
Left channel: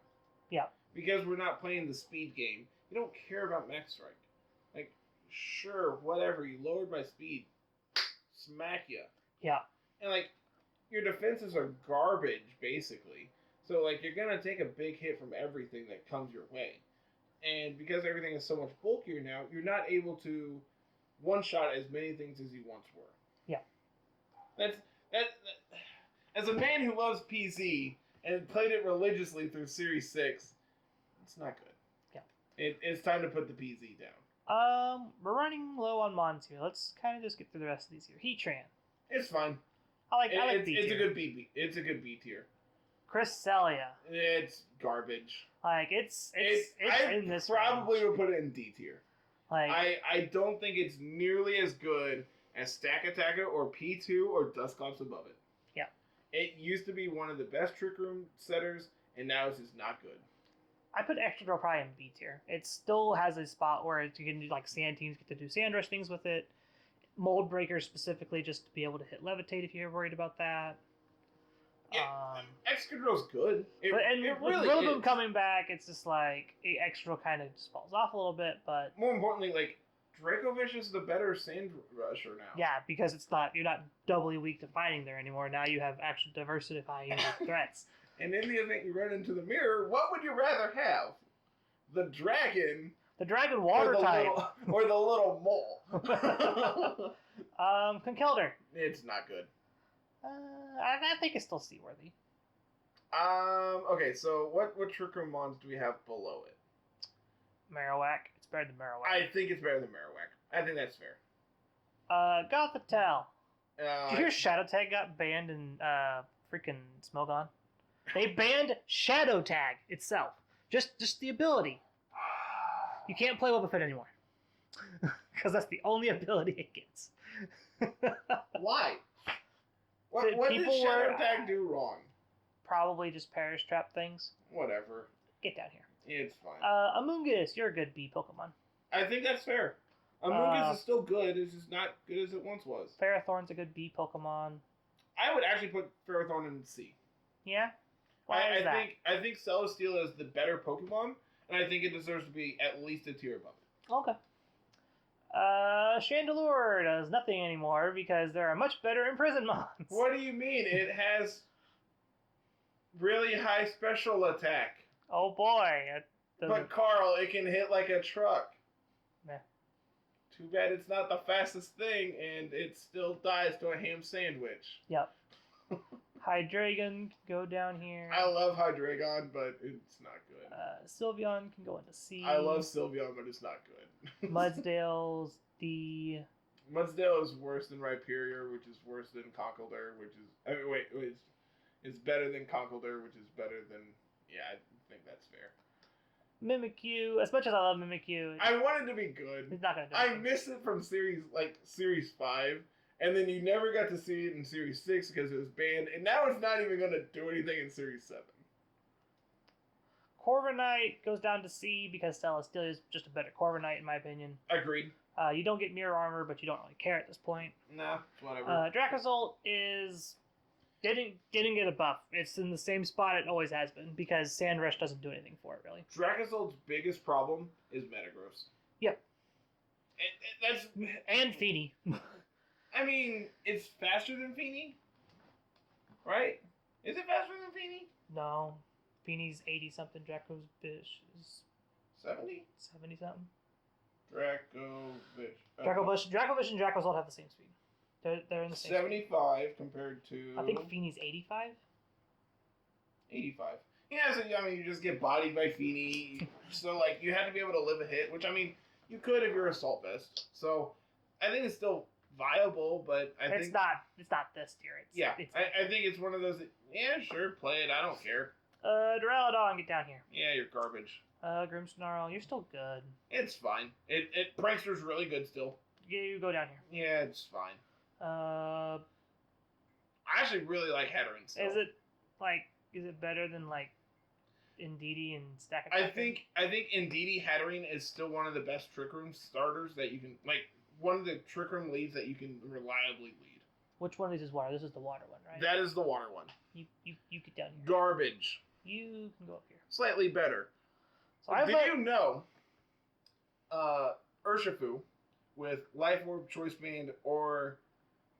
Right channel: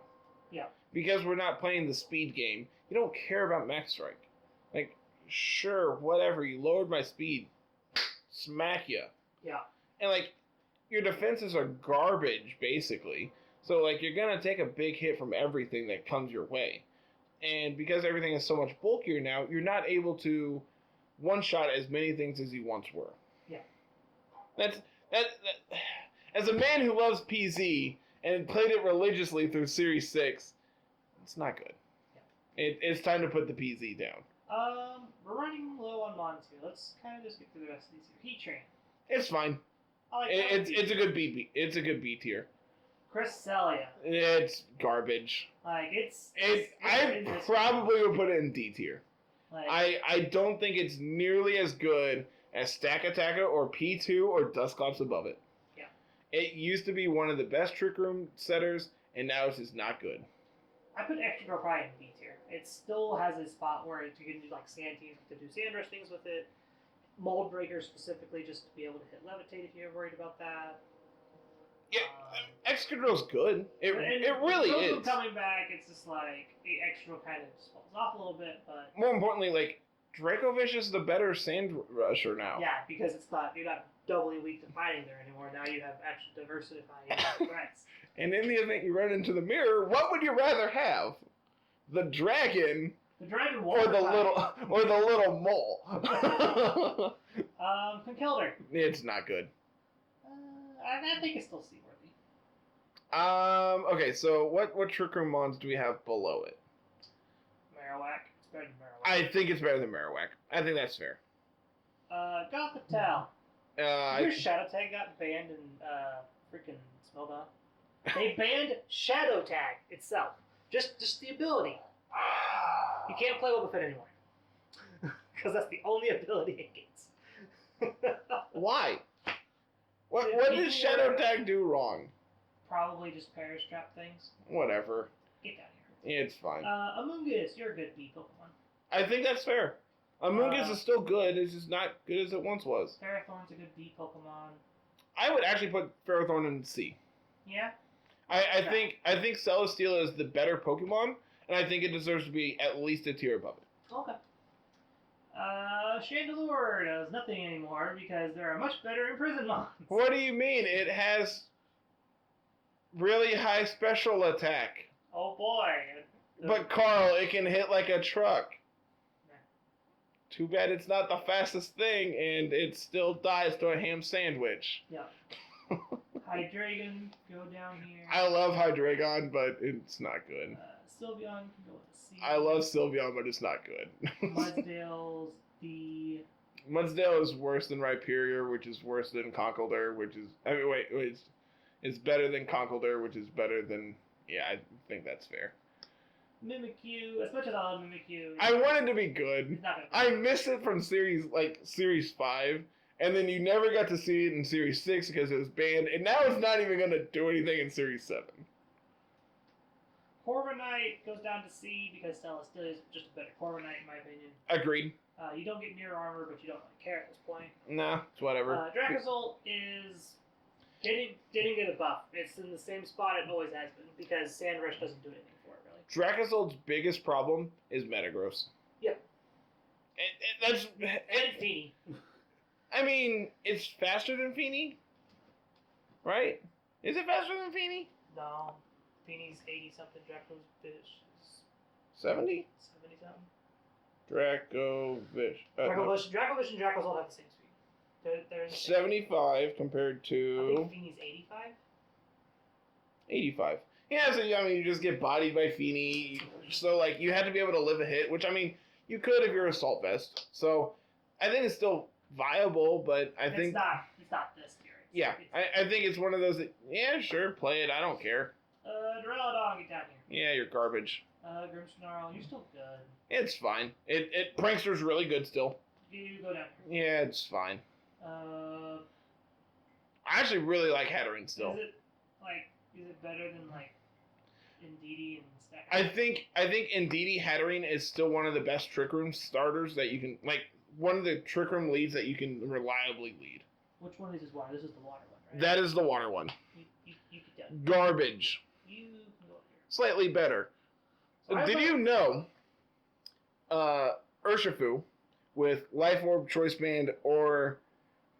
Yeah. Because we're not playing the speed game. You don't care about Max Strike. Like, sure, whatever. You lowered my speed. Smack ya. Yeah. And, like, your defenses are garbage, basically. So, like, you're going to take a big hit from everything that comes your way. And because everything is so much bulkier now, you're not able to one-shot as many things as you once were. Yeah. That as a man who loves PZ and played it religiously through Series 6, it's not good. Yeah. It's time to put the PZ down. We're running low on Mons here. Let's kind of just get through the rest of these here. Heatran. It's fine. It's a good B. It's a good B tier. Cresselia. It's garbage. Like I probably would put it in D tier. Like I don't think it's nearly as good as Stack Attacker or P2 or Dusclops above it. Yeah. It used to be one of the best Trick Room setters, and now it's just not good. I put Extra Girl probably in B tier. It still has a spot where you can do like sand teams, get to do sand rush things with it. Mold breakers specifically, just to be able to hit levitate if you're worried about that. Yeah, Excadrill's good. It really is. Coming back, it's just like Excadrill kind of just falls off a little bit, but more importantly, like Dracovish is the better sand rusher now. Yeah, because you're not doubly weak to fighting there anymore. Now you have actual diversifying threats. And in the event you run into the mirror, what would you rather have? The dragon. The dragon water or the little mole. Conkeldurr. It's not good. I think it's still seaworthy. Okay, so what Trick Room mons do we have below it? Marowak. It's better than Marowak. I think it's better than Marowak. I think that's fair. Gothitelle. Did you hear Shadow Tag got banned in freaking Smogon? They banned Shadow Tag itself. Just the ability. You can't play Wobbuffet anymore. Because that's the only ability it gets. Why? What did Shadow Tag do wrong? Probably just Perish Trap things. Whatever. Get down here. It's fine. Amoonguss, you're a good B Pokemon. I think that's fair. Amoonguss is still good. It's just not good as it once was. Ferrothorn's a good B Pokemon. I would actually put Ferrothorn in C. Yeah? I think Celesteela is the better Pokemon, and I think it deserves to be at least a tier above it. Okay. Chandelure does nothing anymore because there are much better Imprison mons. What do you mean? It has really high special attack. Oh boy. But Carl, it can hit like a truck. Meh. Too bad it's not the fastest thing, and it still dies to a ham sandwich. Yep. Hydreigon, go down here. I love Hydreigon, but it's not good. Sylveon can go into C. I love Sylveon, but it's not good. Mudsdale's D. Mudsdale is worse than Rhyperior, which is worse than Conkeldurr, which is... I mean, wait, it's better than Conkeldurr, which is better than... Yeah, I think that's fair. Mimikyu, as much as I love Mimikyu... I want it to be good. It's not gonna be I good. miss it from Series 5, and then you never got to see it in Series 6 because it was banned, and now it's not even going to do anything in Series 7. Corviknight goes down to C because Celesteela is just a better Corviknight in my opinion. Agreed. You don't get Mirror Armor, but you don't really care at this point. Nah, it's whatever. Dracozolt is didn't get a buff. It's in the same spot it always has been because Sand Rush doesn't do anything for it really. Dracozolt's biggest problem is Metagross. Yep. And Feeny. I mean, it's faster than Feeny, right? Is it faster than Feeny? No. Feeny's 80-something, Draco's Bish is 70? 70-something. Dracovish. Dracovish and Dracozolt have the same speed. They're in the same 75 compared to... I think Feeny's 85? 85. Yeah, so I mean, you just get bodied by Feeny. So, like, you have to be able to live a hit, which, I mean, you could if you're Assault Vest. So, I think it's still viable, but I think... It's not this tier. I think it's one of those that, yeah, sure, play it. I don't care. Duraludon, get down here. Yeah, you're garbage. Grimmsnarl, you're still good. It's fine. Prankster's really good still. You go down here. Yeah, it's fine. I actually really like Hatterene still. Is it better than like Indeedee and Stack? I think Indeedee Hatterene is still one of the best Trick Room starters that you can, like, one of the Trick Room leads that you can reliably lead. Which one of these is water? This is the water one, right? That is the water one. You get down. Garbage. You can go up here. Slightly better. So Did you know Urshifu with Life Orb, Choice Band, or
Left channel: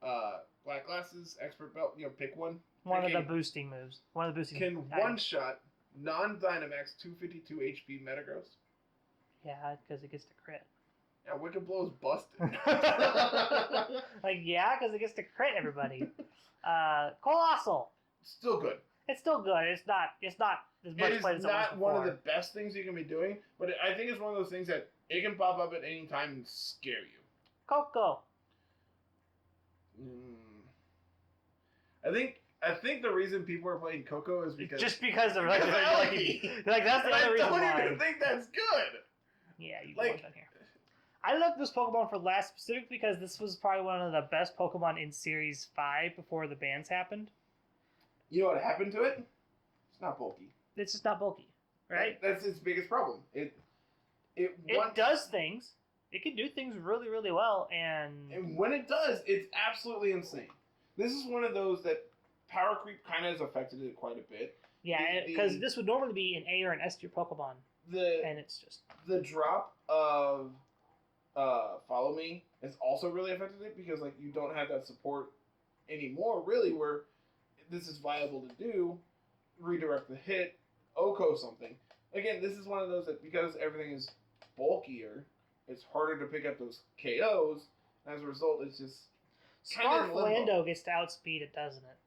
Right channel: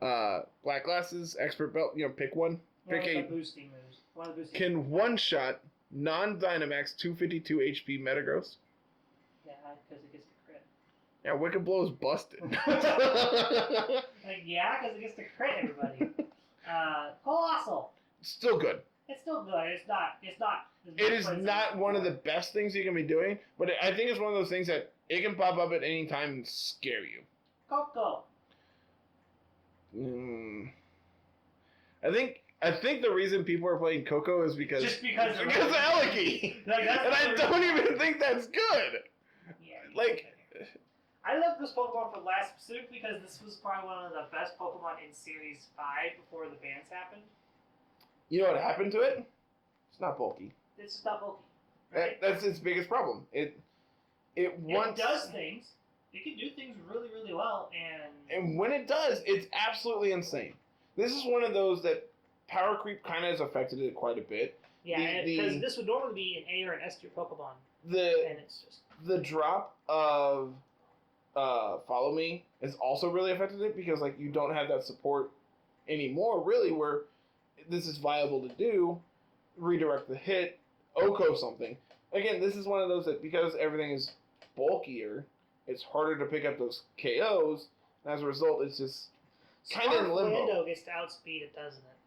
Black Glasses, Expert Belt, pick one. One of the boosting moves. Can one-shot non-Dynamax 252 HP Metagross? Yeah, because it gets to crit. Yeah, Wicked Blow's busted. Because it gets to crit everybody. Colossal. Still good. It's still good. It's not. It is not one of the best things you can be doing, but I think it's one of those things that it can pop up at any time and scare you. Coco. I think the reason people are playing Coco is because just because of Eliki. Like, that's and I don't even think that's good. Yeah, like. I love this Pokemon for last specifically because this was probably one of the best Pokemon in Series 5 before the bans happened. You know what happened to it? It's not bulky. It's just not bulky, right? That's its biggest problem. It does things. It can do things really, really well, and when it does, it's absolutely insane. This is one of those that power creep kind of has affected it quite a bit. Yeah, because this would normally be an A or an S tier Pokemon, and it's just the drop of Follow Me has also really affected it because like you don't have that support anymore, really, where this is viable to do. Redirect the hit, Oko something. Again, this is one of those that because everything is bulkier, it's harder to pick up those KOs, and as a result, it's just kind of in limbo. Lando gets to outspeed it, doesn't it?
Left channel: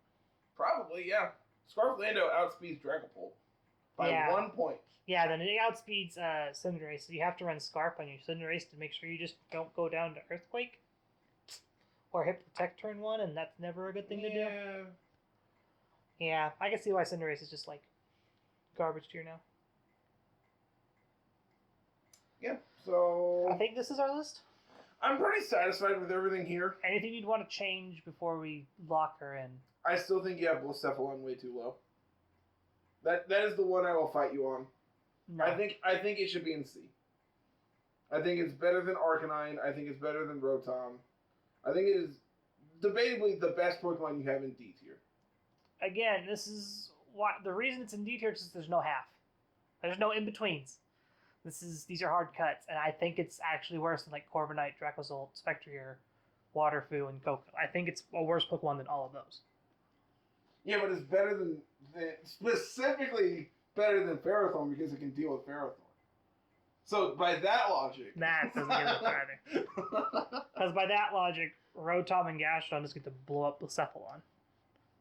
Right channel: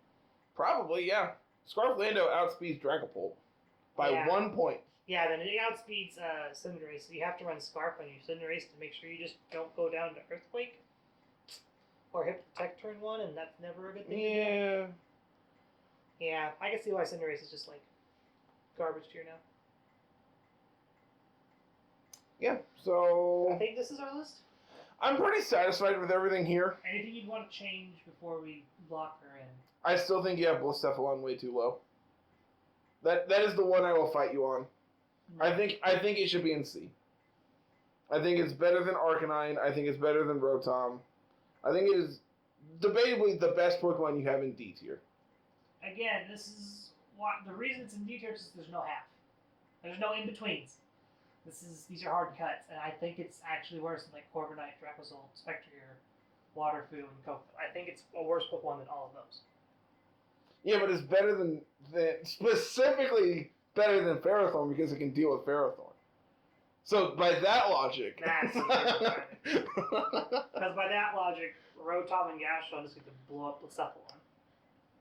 Probably, yeah. Scarf Lando outspeeds Dragapult by 1 point. Yeah, then it outspeeds Cinderace, so you have to run Scarf on your Cinderace to make sure you just don't go down to Earthquake. Or hit Protect turn 1, and that's never a good thing to do. Yeah, I can see why Cinderace is just like garbage tier now. Yeah, so I think this is our list. I'm pretty satisfied with everything here. Anything you'd want to change before we lock her in? I still think you have Blacephalon way too low. That is the one I will fight you on. No. I think it should be in C. I think it's better than Arcanine. I think it's better than Rotom. I think it is debatably the best Pokemon you have in D tier. Again, this is why the reason it's in D tier is there's no half. There's no in betweens. These are hard cuts, and I think it's actually worse than like Corviknight, Dracozolt, Spectrier, Waterfoo, and Coco. I think it's a worse Pokemon than all of those. Yeah, but it's better than specifically better than Ferrothorn because it can deal with Ferrothorn. So by that logic, that's because by that logic, Rotom and Gastron just get to blow up Blacephalon.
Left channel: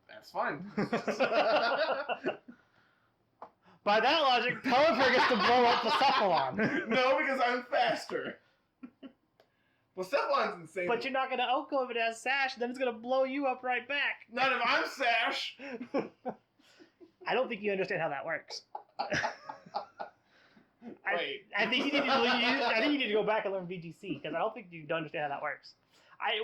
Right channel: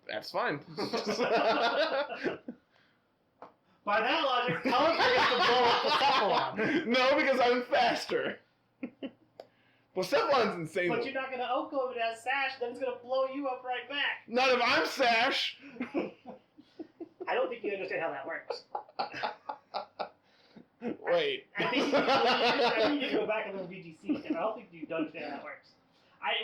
That's fine. By that logic, Pelipper gets to blow up Blacephalon. No, because I'm faster. Blacephalon's insane. But you're not going to Oko if it has Sash, then it's going to blow you up right back. Not if I'm Sash. I don't think you understand how that works. Wait. I think you need to go back and learn VGC, because I don't think you understand how that works.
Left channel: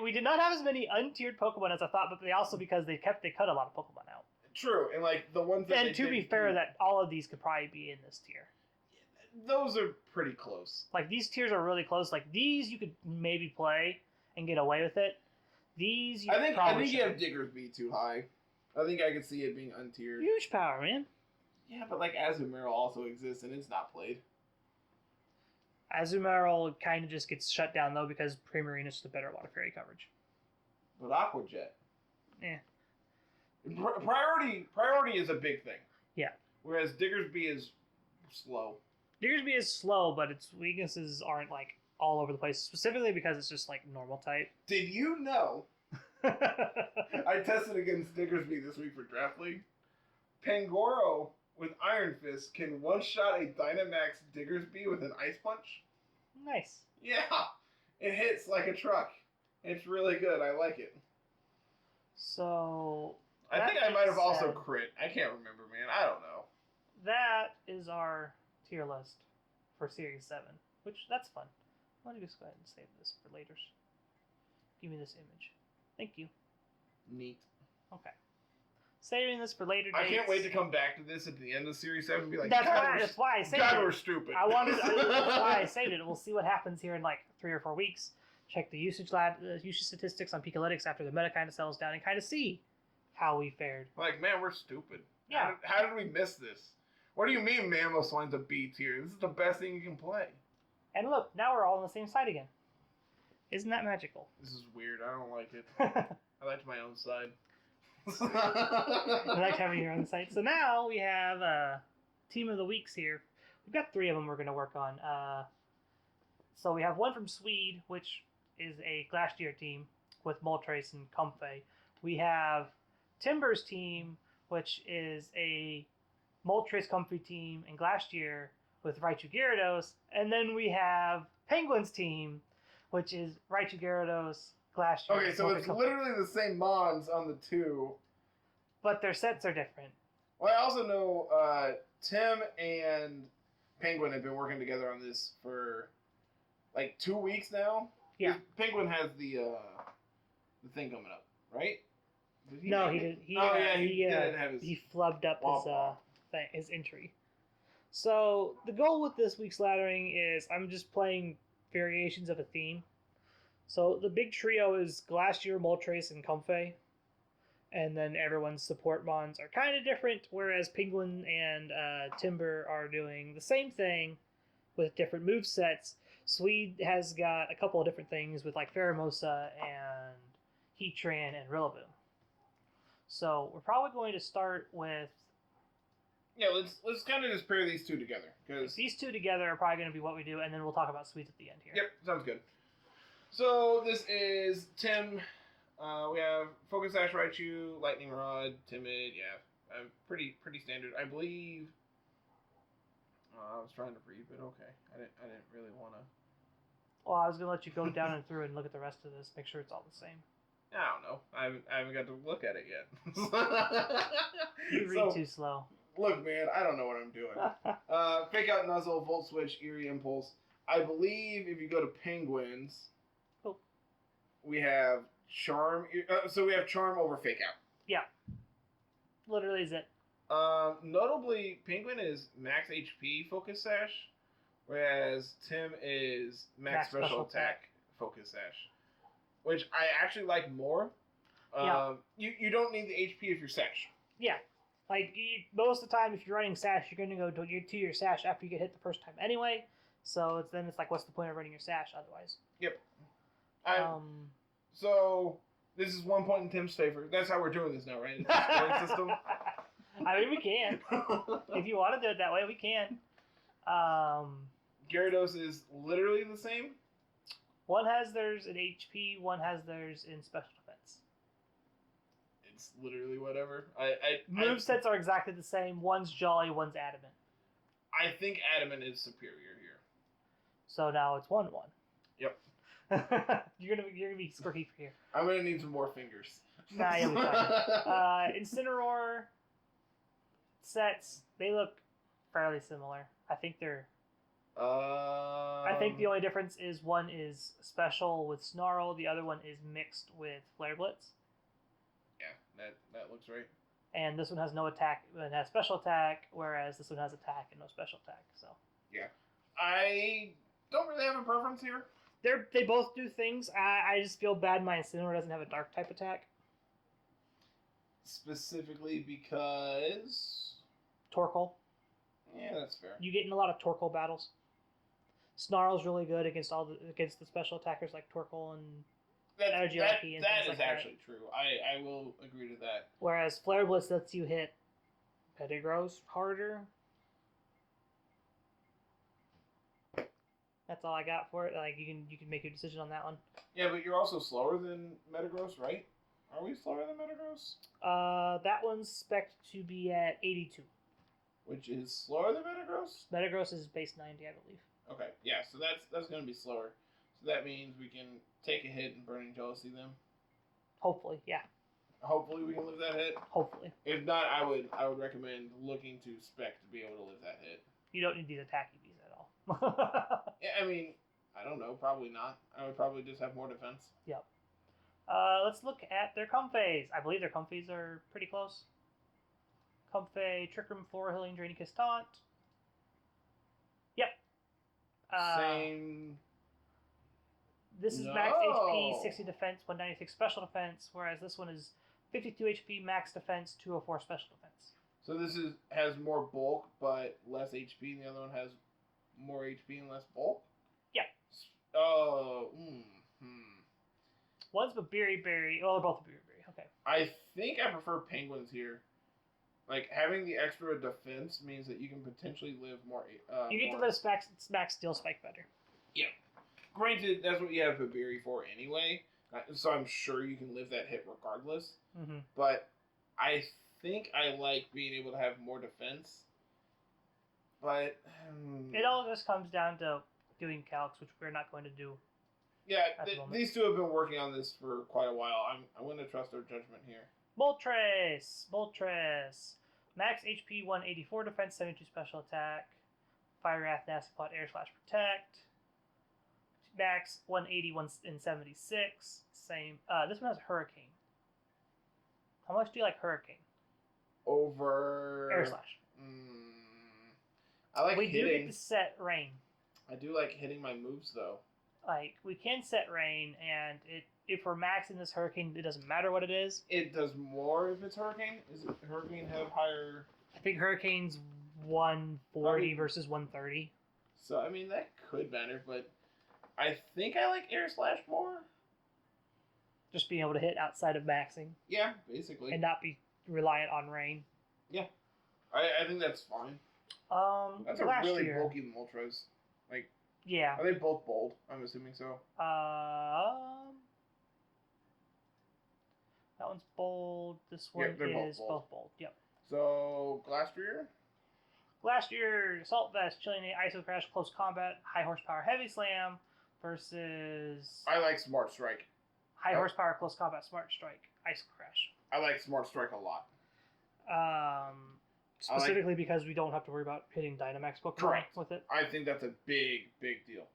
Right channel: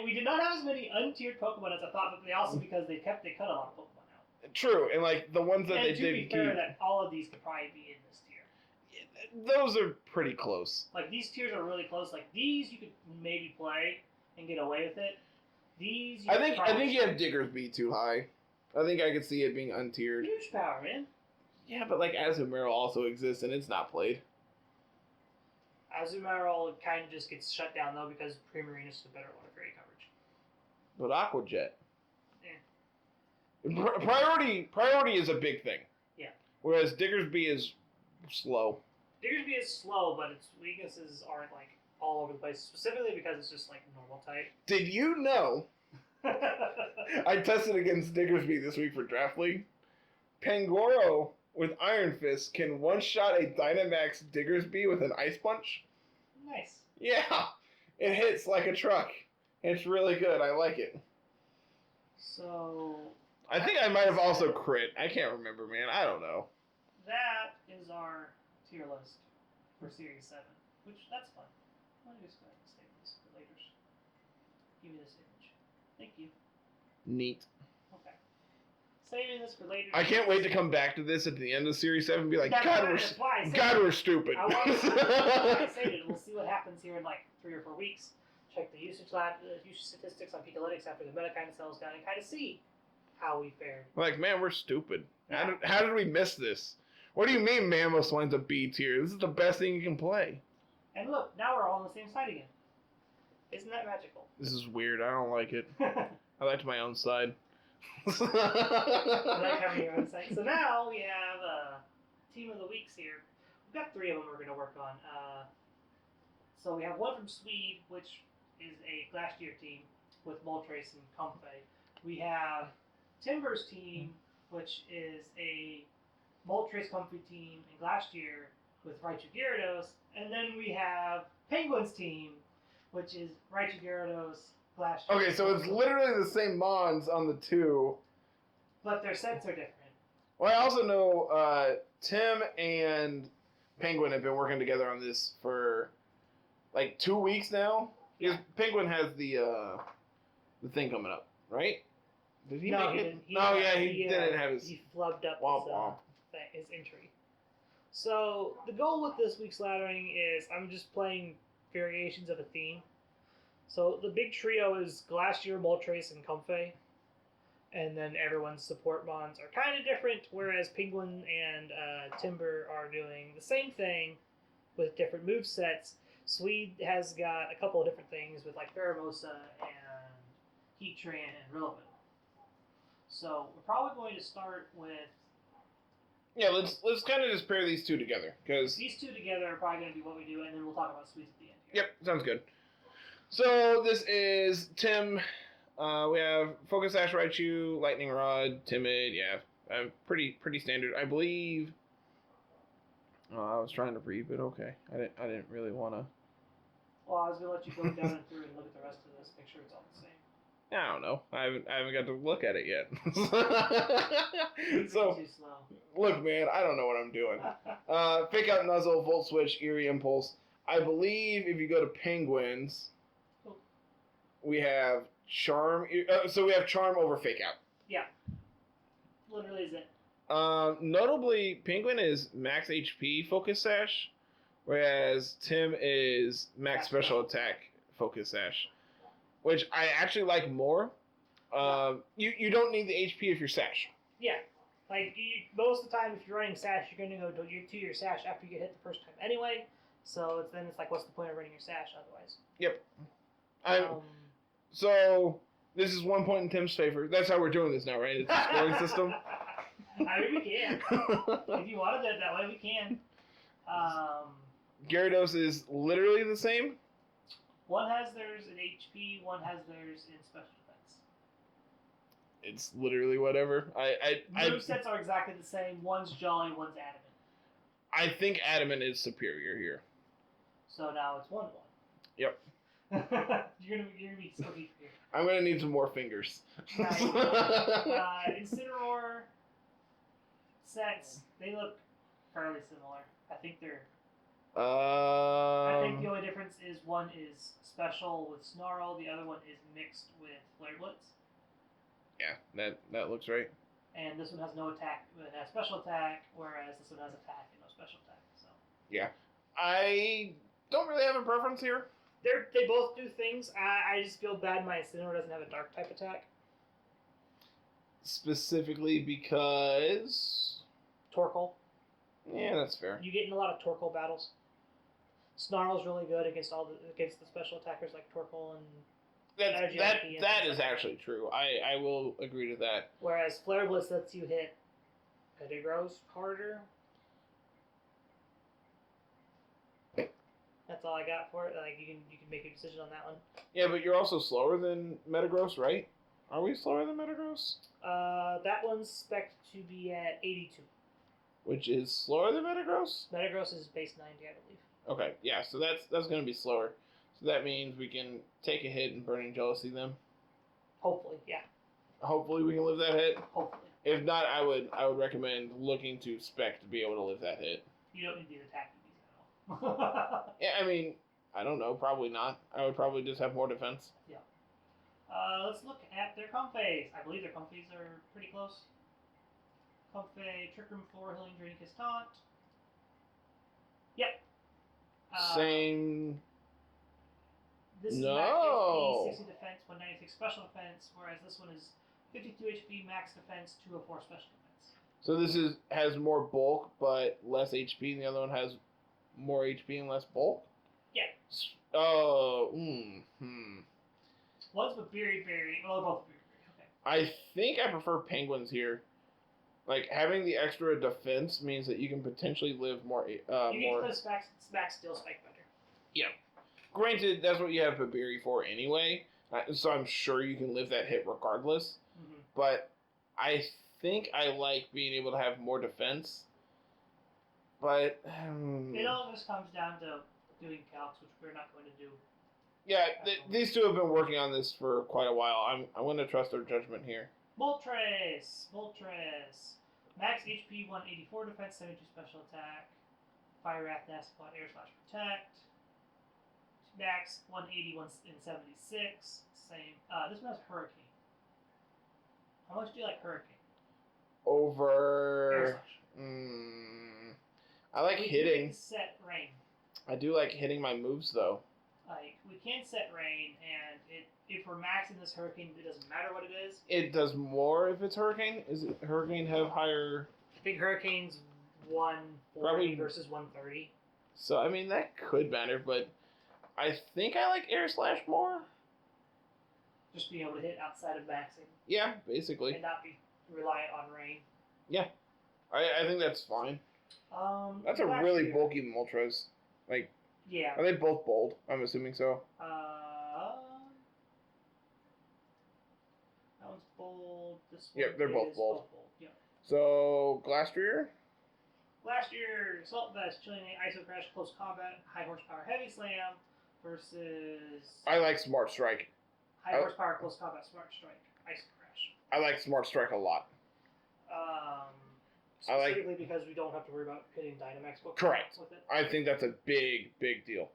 We did not have as many untiered Pokemon as I thought, but they also because they cut a lot of Pokemon out. True, and like the ones that and they did. And to be fair, that all of these could probably be in this tier. Those are pretty close. Like these tiers are really close. Like these, you could maybe play and get away with it. These, I think you have Diggersby too high. I think I could see it being untiered. Huge power, man. Yeah, but like Azumarill also exists and it's not played. Azumarill kind of just gets shut down though because Primarina is the better Water Fairy coverage. But Aqua Jet. Yeah. Priority is a big thing. Yeah. Whereas Diggersby is slow. Diggersby is slow, but its weaknesses aren't like all over the place. Specifically because it's just like normal type. Did you know? I tested against Diggersby this week for Draft League. Pangoro with Iron Fist can one-shot a Dynamax Diggersby with an Ice Punch. Nice. Yeah. It hits like a truck. It's really good. I like it. So... I think I might have also crit. I can't remember, man. I don't know. That is our tier list for Series 7. Which, that's fun. Why don't you just go ahead and save this for later? Give me this image. Thank you. Neat. Okay. Saving this for later. I can't wait to come back to this at the end of Series 7 and be like, that's God, we're stupid. I want to see why I saved it. We'll see what happens here in like 3 or 4 weeks. Check the usage statistics on Pikalytics after the meta kind of settles down and kind of see how we fared. Like, man, we're stupid. Yeah. How did we miss this? What do you mean Mamoswine's a B tier? This is the best thing you can play. And look, now we're all on the same side again. Isn't that magical? This is weird. I don't like it. I liked my own side. I like having your own side. So now we have Team of the Weeks here. We've got 3 of them we're going to work on. So we have one from Swede, which is a Glacier team with Moltres and Comfey. We have Timber's team, which is a Moltres Comfey team and Glacier with Raichu Gyarados. And then we have Penguin's team, which is Raichu Gyarados, Glacier. Okay, so it's literally the same Mons on the 2, But their sets are different. Well, I also know Tim and Penguin have been working together on this for like 2 weeks now. Yeah. Penguin has the thing coming up, right? Did he? No, he didn't. He didn't have his. He flubbed up his entry. So the goal with this week's laddering is I'm just playing variations of a theme. So the big trio is Glacier, Moltres, and Comfey. And then everyone's support mons are kind of different, whereas Penguin and Timber are doing the same thing with different move sets. Swede has got a couple of different things with like Pheromosa and Heatran and Rillaboom. So we're probably going to start with... Yeah, let's kind of just pair these two together, because... These two together are probably going to be what we do, and then we'll talk about Swedes at the end here. Yep, sounds good. So this is Tim... we have Focus Sash, Raichu, Lightning Rod, Timid, pretty standard. I believe. I was trying to read, but okay, I didn't really want to. Well, I was gonna let you go down and through and look at the rest of this, make sure it's all the same. I don't know. I haven't got to look at it yet. You read too slow. Look, man, I don't know what I'm doing. Fake Out Nuzzle, Volt Switch, Eerie Impulse. I believe if you go to Penguins, we have Charm. So we have Charm over Fake Out. Yeah. Literally is it. Notably, Penguin is max HP Focus Sash, whereas Tim is max special attack Focus Sash, which I actually like more. You don't need the HP if you're Sash. Yeah. Like, most of the time, if you're running Sash, you're going to go to your Sash after you get hit the first time anyway. So then it's like, what's the point of running your Sash otherwise? Yep. So, this is 1 point in Tim's favor. That's how we're doing this now, right? It's a scoring system. I mean, we can. If you want to do it that way, we can. Gyarados is literally the same? One has theirs in HP, one has theirs in special defense. It's literally whatever. Movesets are exactly the same. One's Jolly, one's Adamant. I think Adamant is superior here. So now it's 1-1. Yep. You're gonna be squirty here. I'm gonna need some more fingers. Incineroar sets, they look fairly similar. I think they're. I think the only difference is one is special with Snarl, the other one is mixed with Flare Blitz. Yeah, that looks right. And this one has no attack, it has special attack, whereas this one has attack and no special attack. So. Yeah, I don't really have a preference here. They both do things. I just feel bad my Incineroar doesn't have a dark type attack. Specifically because... Torkoal. Yeah, that's fair. You get in a lot of Torkoal battles. Snarl's really good against the special attackers like Torkoal and that is actually true. I will agree to that. Whereas Flare Blitz lets you hit Pettigrews harder. That's all I got for it. Like you can make a decision on that one. Yeah, but you're also slower than Metagross, right? Are we slower than Metagross? That one's spec'd to be at 82. Which is slower than Metagross? Metagross is base 90, I believe. Okay, yeah, so that's going to be slower. So that means we can take a hit and Burning Jealousy them. Hopefully, yeah. Hopefully we can live that hit. Hopefully. If not, I would recommend looking to spec to be able to live that hit. You don't need the attack to use at all. Yeah, I mean, I don't know, probably not. I would probably just have more defense. Yep. Let's look at their Comfeys. I believe their Comfeys are pretty close. Comfey, Trick Room, Floor Healing, Drainicus Taunt. Yep. Same. This is max HP, 60 defense, 196 special defense, whereas this one is 52 HP, max defense, 204 special defense. So this has more bulk but less HP, and the other one has more HP and less bulk? Yeah. Oh, One's a berry. Oh, both berry. Okay. I think I prefer Penguins here. Like, having the extra defense means that you can potentially live more. You need to play max Steel Spike better. Yeah. Granted, that's what you have Babiri for anyway, so I'm sure you can live that hit regardless. Mm-hmm. But I think I like being able to have more defense. But it all just comes down to doing calcs, which we're not going to do. Yeah, these two have been working on this for quite a while. I'm going to trust their judgment here. Moltres. Max HP 184 defense, 72 special attack. Fire Wrath, Nasty Plot, Air Slash Protect. Max 180 and 76. Same. This one has Hurricane. How much do you like Hurricane? Over. Air Slash. I like hitting. We do get to set Rain. I do like hitting my moves though. Like we can set Rain, and if we're maxing this Hurricane, it doesn't matter what it is. It does more if it's Hurricane. Is it Hurricane have higher? I think Hurricane's 140 probably versus 130. So I mean that could matter, but I think I like Air Slash more. Just being able to hit outside of maxing. Yeah, basically. And not be reliant on Rain. Yeah, I think that's fine. That's a really bulky Moltres. Like. Yeah. Are they both bold? I'm assuming so. That one's bold. This one they're both bold. Yep. So, Glastrier? Glastrier, Assault Vest, Chilling Iso Crash, Close Combat, High Horsepower Heavy Slam versus... I like Smart Strike. High Horsepower Close Combat Smart Strike, Iso Crash. I like Smart Strike a lot. Specifically because we don't have to worry about hitting Dynamax Pokemon with it. I think that's a big deal.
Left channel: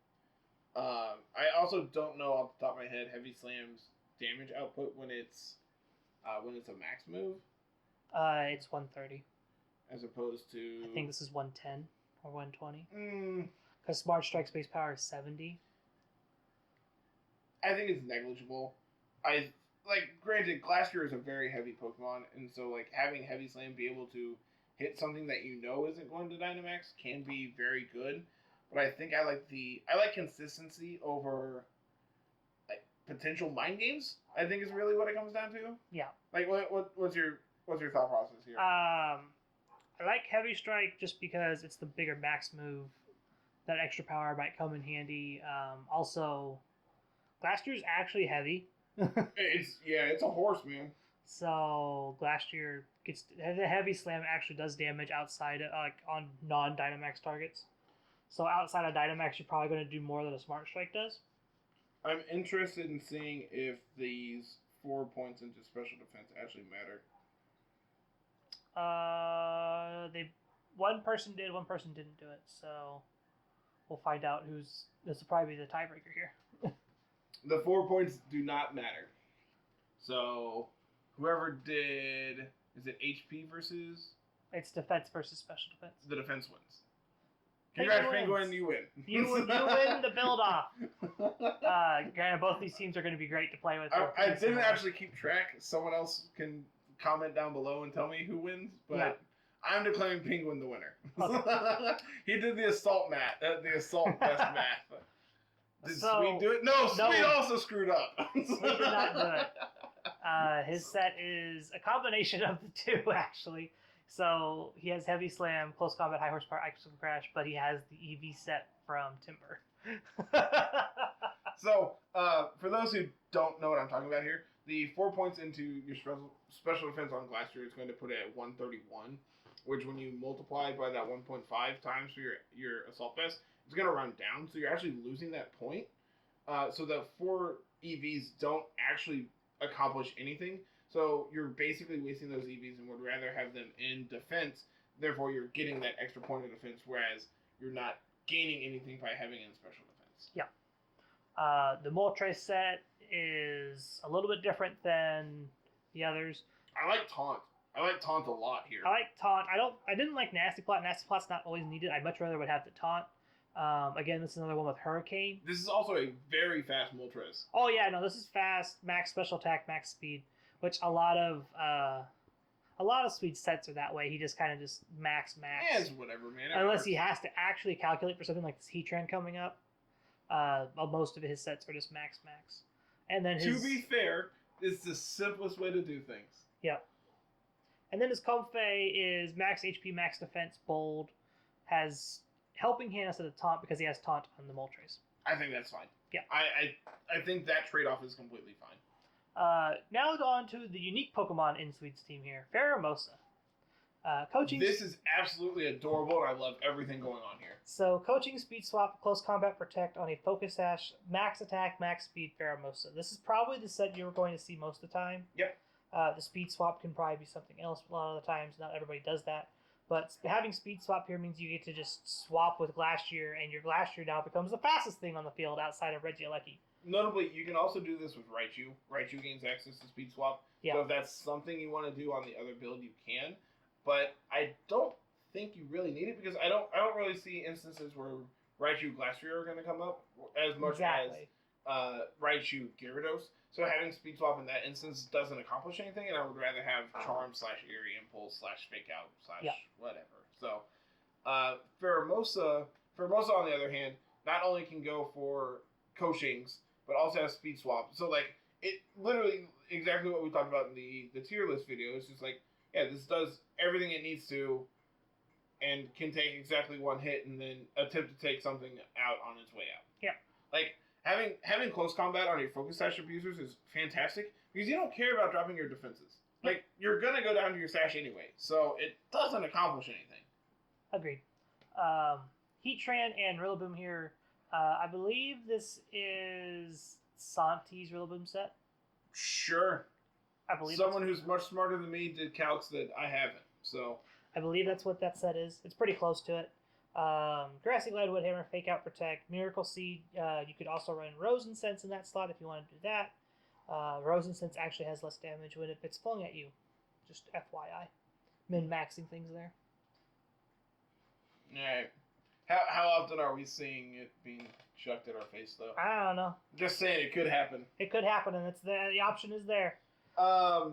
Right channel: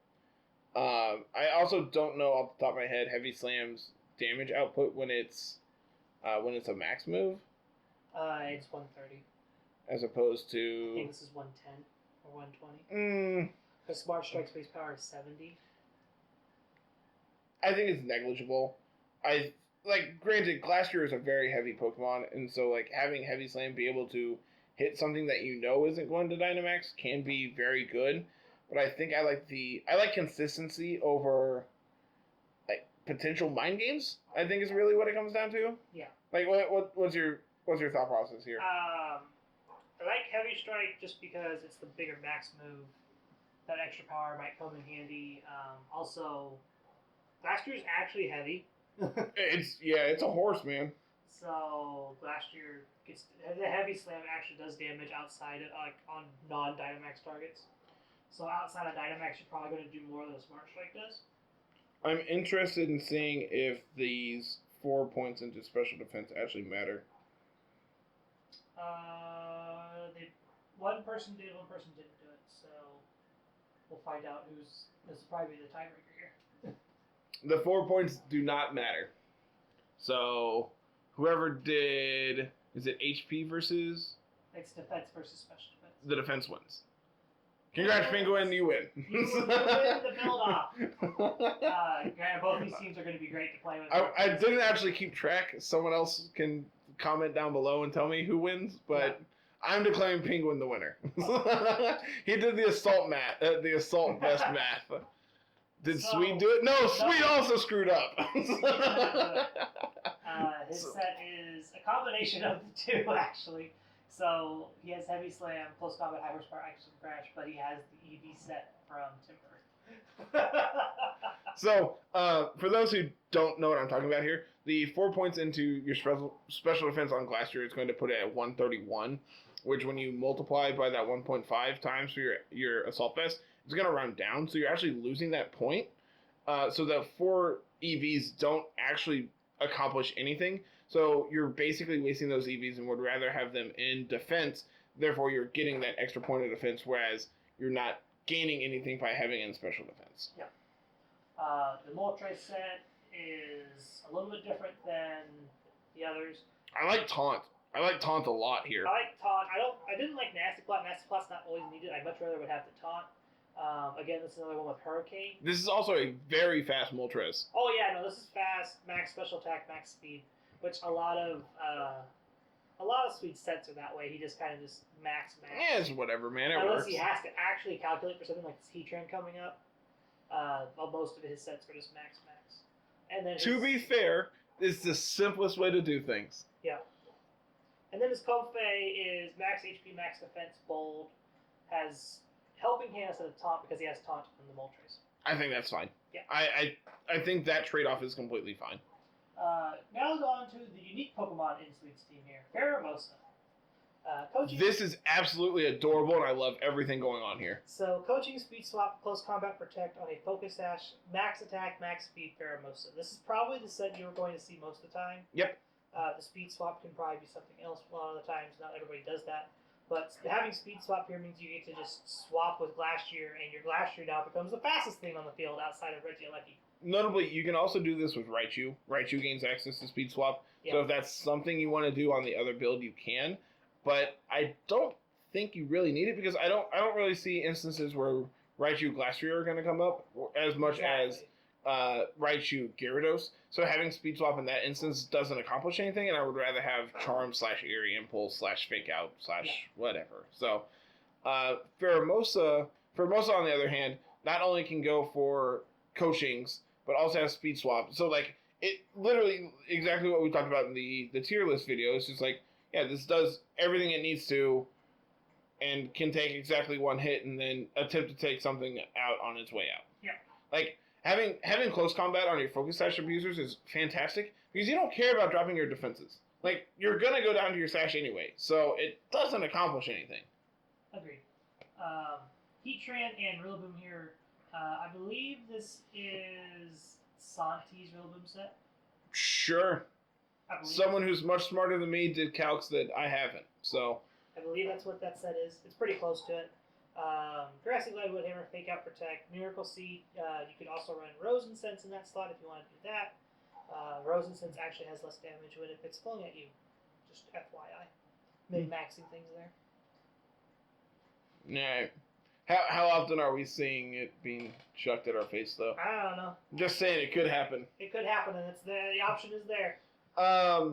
I also don't know off the top of my head Heavy Slam's damage output when it's a max move. It's 130. As opposed to... I think this is 110 or 120. Because Smart Strike's base power is 70. I think it's negligible. Granted, Glastrier is a very heavy Pokemon, and so having Heavy Slam be able to hit something that you know isn't going to Dynamax can be very good, but I think I like consistency over potential mind games. I think is really what it comes down to. Yeah. What's your thought process here? I like Heavy Strike just because it's the bigger max move. That extra power might come in handy. Also, Glastier's actually heavy. It's a horse, man. So Glastrier gets the Heavy Slam actually does damage outside of, on non-Dynamax targets. So outside of Dynamax, you're probably going to do more than a Smart Strike does. I'm interested in seeing if these 4 points into special defense actually matter. One person did, one person didn't do it. So we'll find out this will probably be the tiebreaker here. The 4 points do not matter. So whoever did, is it HP versus? It's defense versus special defense. The defense wins. Congrats, Penguin, you win. You win the build-off. Granted, both these teams are going to be great to play with. I didn't actually keep track. Someone else can comment down below and tell me who wins, but I'm declaring Penguin the winner. Okay. He did the assault vest math. Did Sweet do it? No, Sweet also screwed up. Sweet did not do it. His set is a combination of the two, actually. So he has Heavy Slam, Close Combat, High Horsepower, Ice Crash, but he has the EV set from Timber. So, for those who don't know what I'm talking about here, the 4 points into your special defense on Glastrier is going to put it at 131, which when you multiply by that 1.5 times for your Assault Vest, it's going to round down, so you're actually losing that point. So the 4 EVs don't actually accomplish anything. So you're basically wasting those EVs and would rather have them in defense. Therefore, you're getting that extra point of defense, whereas you're not gaining anything by having it in special defense. Yeah. The Moltres set is a little bit different than the others. I like Taunt. I like Taunt a lot here. I like Taunt. I didn't like Nasty Plot. Nasty Plot's not always needed. I'd much rather would have the Taunt. Again, this is another one with Hurricane. This is also a very fast Moltres. Oh yeah, no, this is fast, max special attack, max speed, which a lot of Sweet sets are that way. He just kind of just max. Yeah, it's whatever, man. Unless works. He has to actually calculate for something like this Heatran coming up. Most of his sets are just max. And then to be fair, it's the simplest way to do things. Yeah. And then his Comfey is max HP, max defense, bold, has Helping Hand instead of Taunt because he has Taunt on the Moltres. I think that's fine. Yeah. I think that trade-off is completely fine. Now let's go on to the unique Pokemon in Sweet's team here. Pheromosa. Coaching. This is absolutely adorable, and I love everything going on here. So, Coaching, Speed Swap, Close Combat Protect on a Focus Sash, Max Attack, Max Speed, Pheromosa. This is probably the set you're going to see most of the time. Yep. The speed swap can probably be something else a lot of the times. Not everybody does that. But having speed swap here means you get to just swap with Glastrier, and your Glastrier now becomes the fastest thing on the field outside of Regieleki. Notably, you can also do this with Raichu. Raichu gains access to speed swap. Yeah. So if that's something you want to do on the other build, you can. But I don't think you really need it because I don't really see instances where Raichu Glastrier are going to come up as much as Raichu Gyarados. So having speed swap in that instance doesn't accomplish anything, and I would rather have Charm / Eerie Impulse / Fake Out / whatever. So Pheromosa on the other hand, not only can go for coachings, but also has speed swap. So like it literally exactly what we talked about in the tier list video. It's just like, yeah, this does everything it needs to and can take exactly one hit and then attempt to take something out on its way out. Yeah. Like having close combat on your focus sash abusers is fantastic because you don't care about dropping your defenses. Like you're gonna go down to your sash anyway, so it doesn't accomplish anything. Agreed. Heatran and Rillaboom here. I believe this is Santi's Rillaboom set. Sure. I believe someone who's much smarter than me did calcs that I haven't. So I believe that's what that set is. It's pretty close to it. Grassy Glide, Wood Hammer, Fake Out, Protect, Miracle Seed. You could also run Rosensense in that slot if you want to do that. Rosensense actually has less damage when it's pulling at you. Just FYI. Min-maxing things there. Yeah. How often are we seeing it being chucked at our face, though? I don't know. I'm just saying it could happen. It could happen, and the option is there. I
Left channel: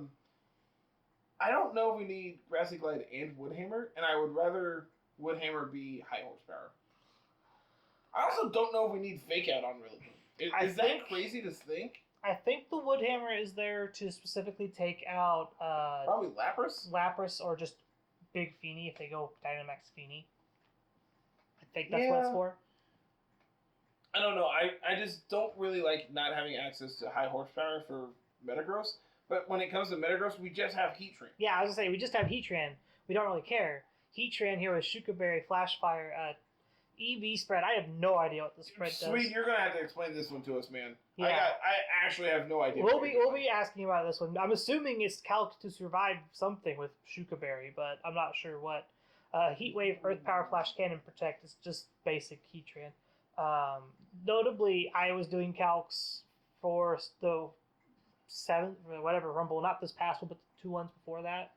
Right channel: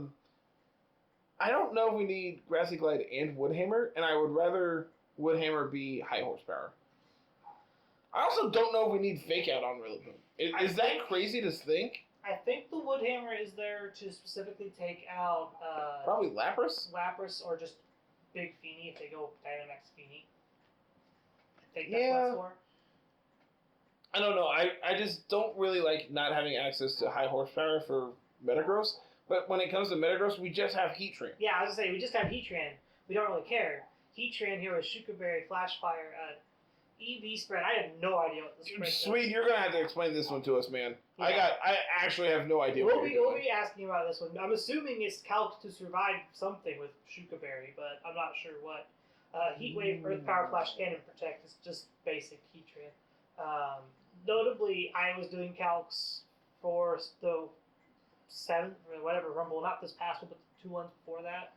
don't know if we need Grassy Glide and Woodhammer, and I would rather Woodhammer be high horsepower. I also don't know if we need Fake Out on Rillaboom. Is that crazy to think? I think the Woodhammer is there to specifically take out... probably Lapras? Lapras, or just Big Feeny if they go Dynamax Feeny. I think that's what it's for. I don't know. I just don't really like not having access to high horsepower for Metagross. But when it comes to Metagross, we just have Heatran. Yeah, I was going to say, we just have Heatran. We don't really care. Heatran here with Shuka Berry, Flash Fire, EV spread. I have no idea what the spread does. Sweet, you're going to have to explain this one to us, man. Yeah. I actually have no idea. We'll be asking about this one. I'm assuming it's calc to survive something with Shuka Berry, but I'm not sure what. Heat Wave, Earth Power, Flash Cannon, Protect is just basic Heatran. Notably, I was doing calcs for the 7th or whatever Rumble, not this past one, but the 2 ones before that.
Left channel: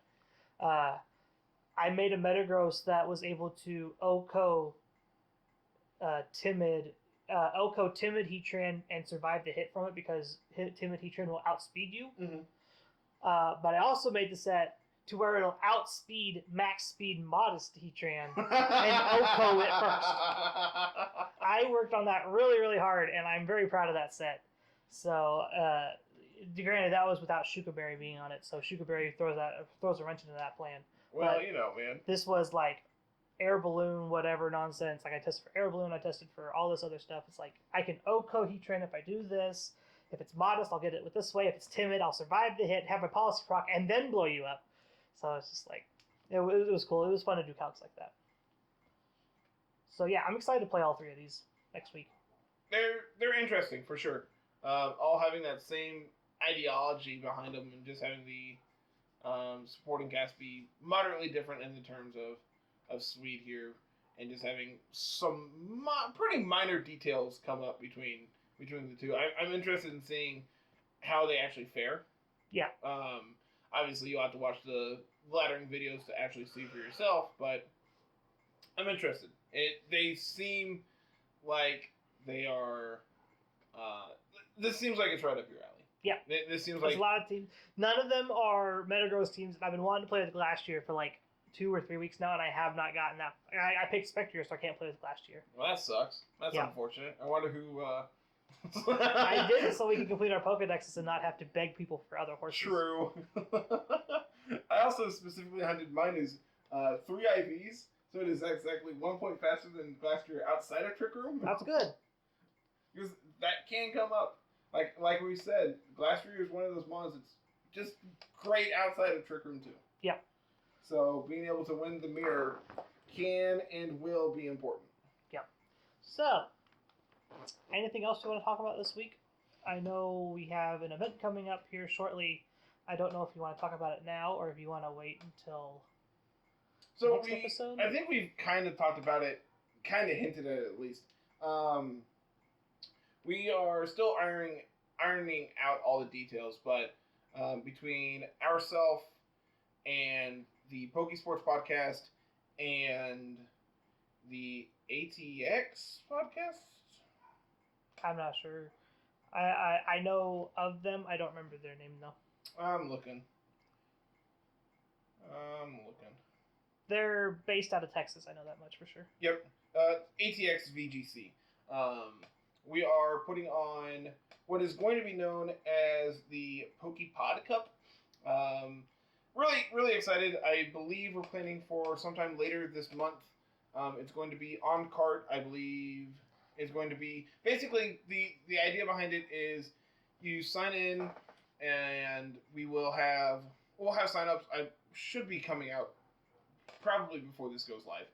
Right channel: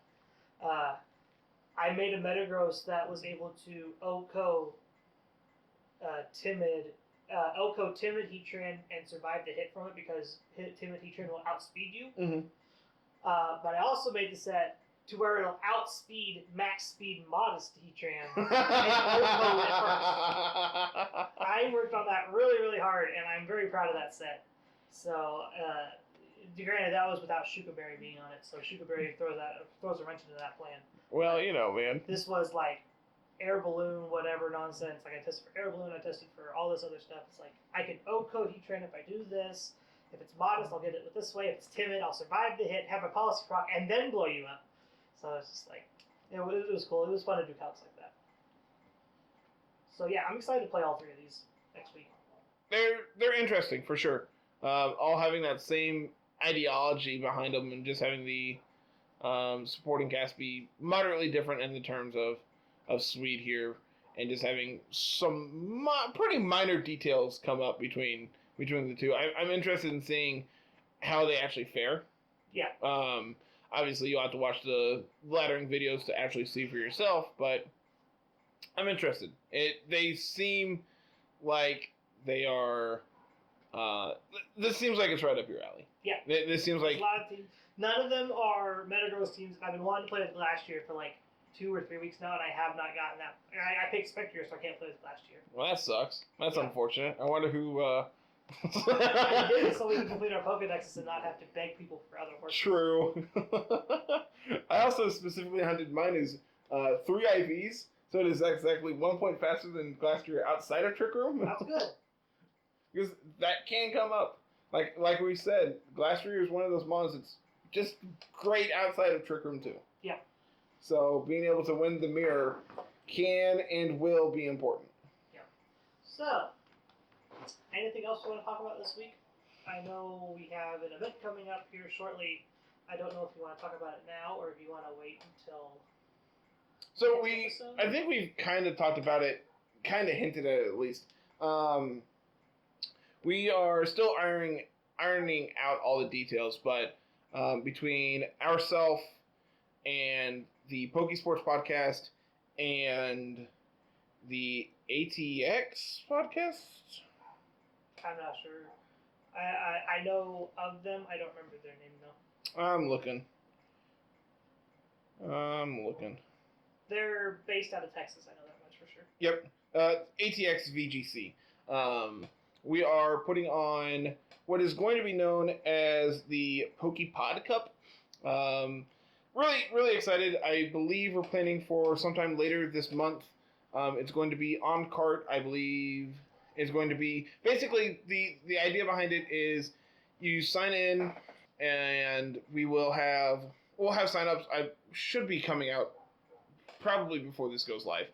I made a Metagross that was able to OHKO Timid Heatran and survive the hit from it because Timid Heatran will outspeed you. Mm-hmm. But I also made the set to where it'll outspeed max speed Modest Heatran and OHKO it first. I worked on that really, really hard, and I'm very proud of that set. So, granted, that was without Shuka Berry being on it, so Shuka Berry throws a wrench into that plan. Well, man. This was like air balloon, whatever nonsense. Like I tested for air balloon, I tested for all this other stuff. It's like I can OHKO Heatran if I do this. If it's Modest, I'll get it with this way. If it's timid, I'll survive the hit, have my policy proc, and then blow you up. So it's just like, it was cool. It was fun to do calcs like that. So yeah, I'm excited to play all 3 of these next week. They're interesting for sure. All having that same ideology behind them, and just having the supporting cast be moderately different in the terms of Sweet here, and just having some pretty minor details come up between the two. I'm interested in seeing how they actually fare. Yeah. Obviously, you'll have to watch the laddering videos to actually see for yourself, but I'm interested. They seem like they are... this seems like it's right up your alley. Yeah. This seems There's like... a lot of teams. None of them are Metagross teams that I've been wanting to play with last year for like 2 or 3 weeks now, and I have not gotten that. I picked Spectre, so I can't play with last year. Well, that sucks. That's unfortunate. I wonder who... I did it so we can complete our Pokedexes and not have to beg people for other horses. True. I also specifically hunted mine as 3 IVs, so it is exactly 1 point faster than Glastrier outside of Trick Room. That's good. Because that can come up. Like we said, Glastrier is one of those mons that's just great outside of Trick Room too. Yeah. So being able to win the mirror can and will be important. Yeah. So, anything else you want to talk about this week? I know we have an event coming up here shortly. I don't know if you want to talk about it now or if you want to wait until So next episode. I think we've kind of talked about it, kind of hinted at least. We are still ironing out all the details, but between ourselves and the Pokesports podcast and the ATX podcast, I'm not sure. I know of them. I don't remember their name though. I'm looking. They're based out of Texas. I know that much for sure. Yep. ATX VGC. We are putting on what is going to be known as the PokePod Cup. Really, really excited. I believe we're planning for sometime later this month. It's going to be on cart, I believe. It's going to be basically the idea behind it is you sign in and we'll have signups. I should be coming out probably before this goes live.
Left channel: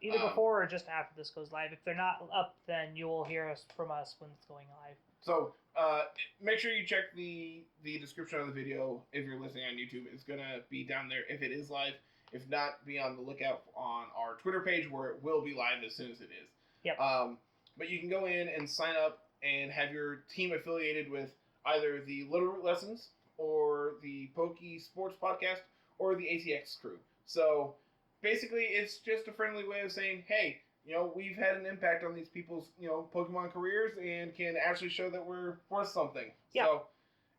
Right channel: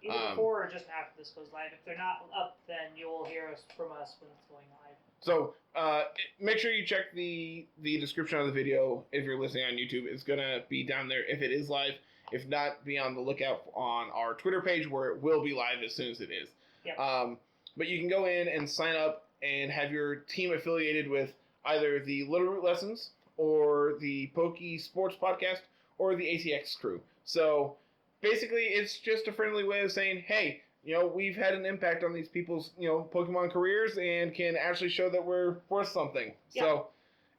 Either before or just after this goes live. If they're not up, then you'll hear from us when it's going live. So make sure you check the description of the video if you're listening on YouTube. It's going to be down there if it is live. If not, be on the lookout on our Twitter page where it will be live as soon as it is. Yep. But you can go in and sign up and have your team affiliated with either the Littleroot Lessons or the Pokesports podcast or the ATX crew. So basically, it's just a friendly way of saying, hey, we've had an impact on these people's, Pokemon careers and can actually show that we're worth something. Yeah. So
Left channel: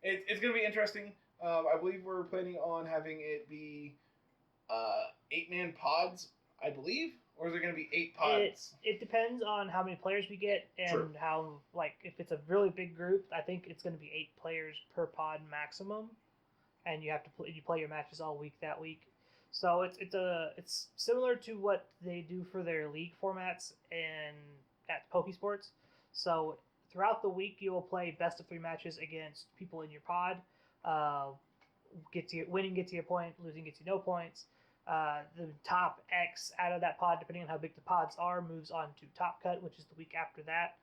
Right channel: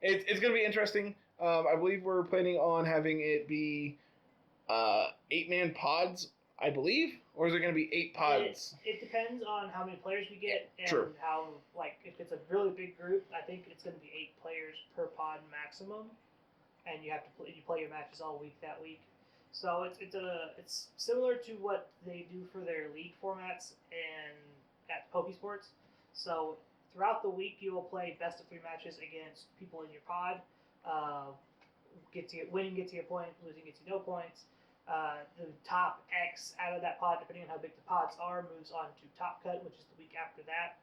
it's going to be interesting. I believe we're planning on having it be 8-man pods, I believe. Or is it going to be 8 pods? It depends on how many players we get and True. how, if it's a really big group, I think it's going to be 8 players per pod maximum. And you have to play your matches all week that week. So it's similar to what they do for their league formats and at Pokesports. So throughout the week, you will play best of 3 matches against people in your pod. Winning gets you a point, losing gets you no points. The top X out of that pod, depending on how big the pods are, moves on to Top Cut, which is the week after that.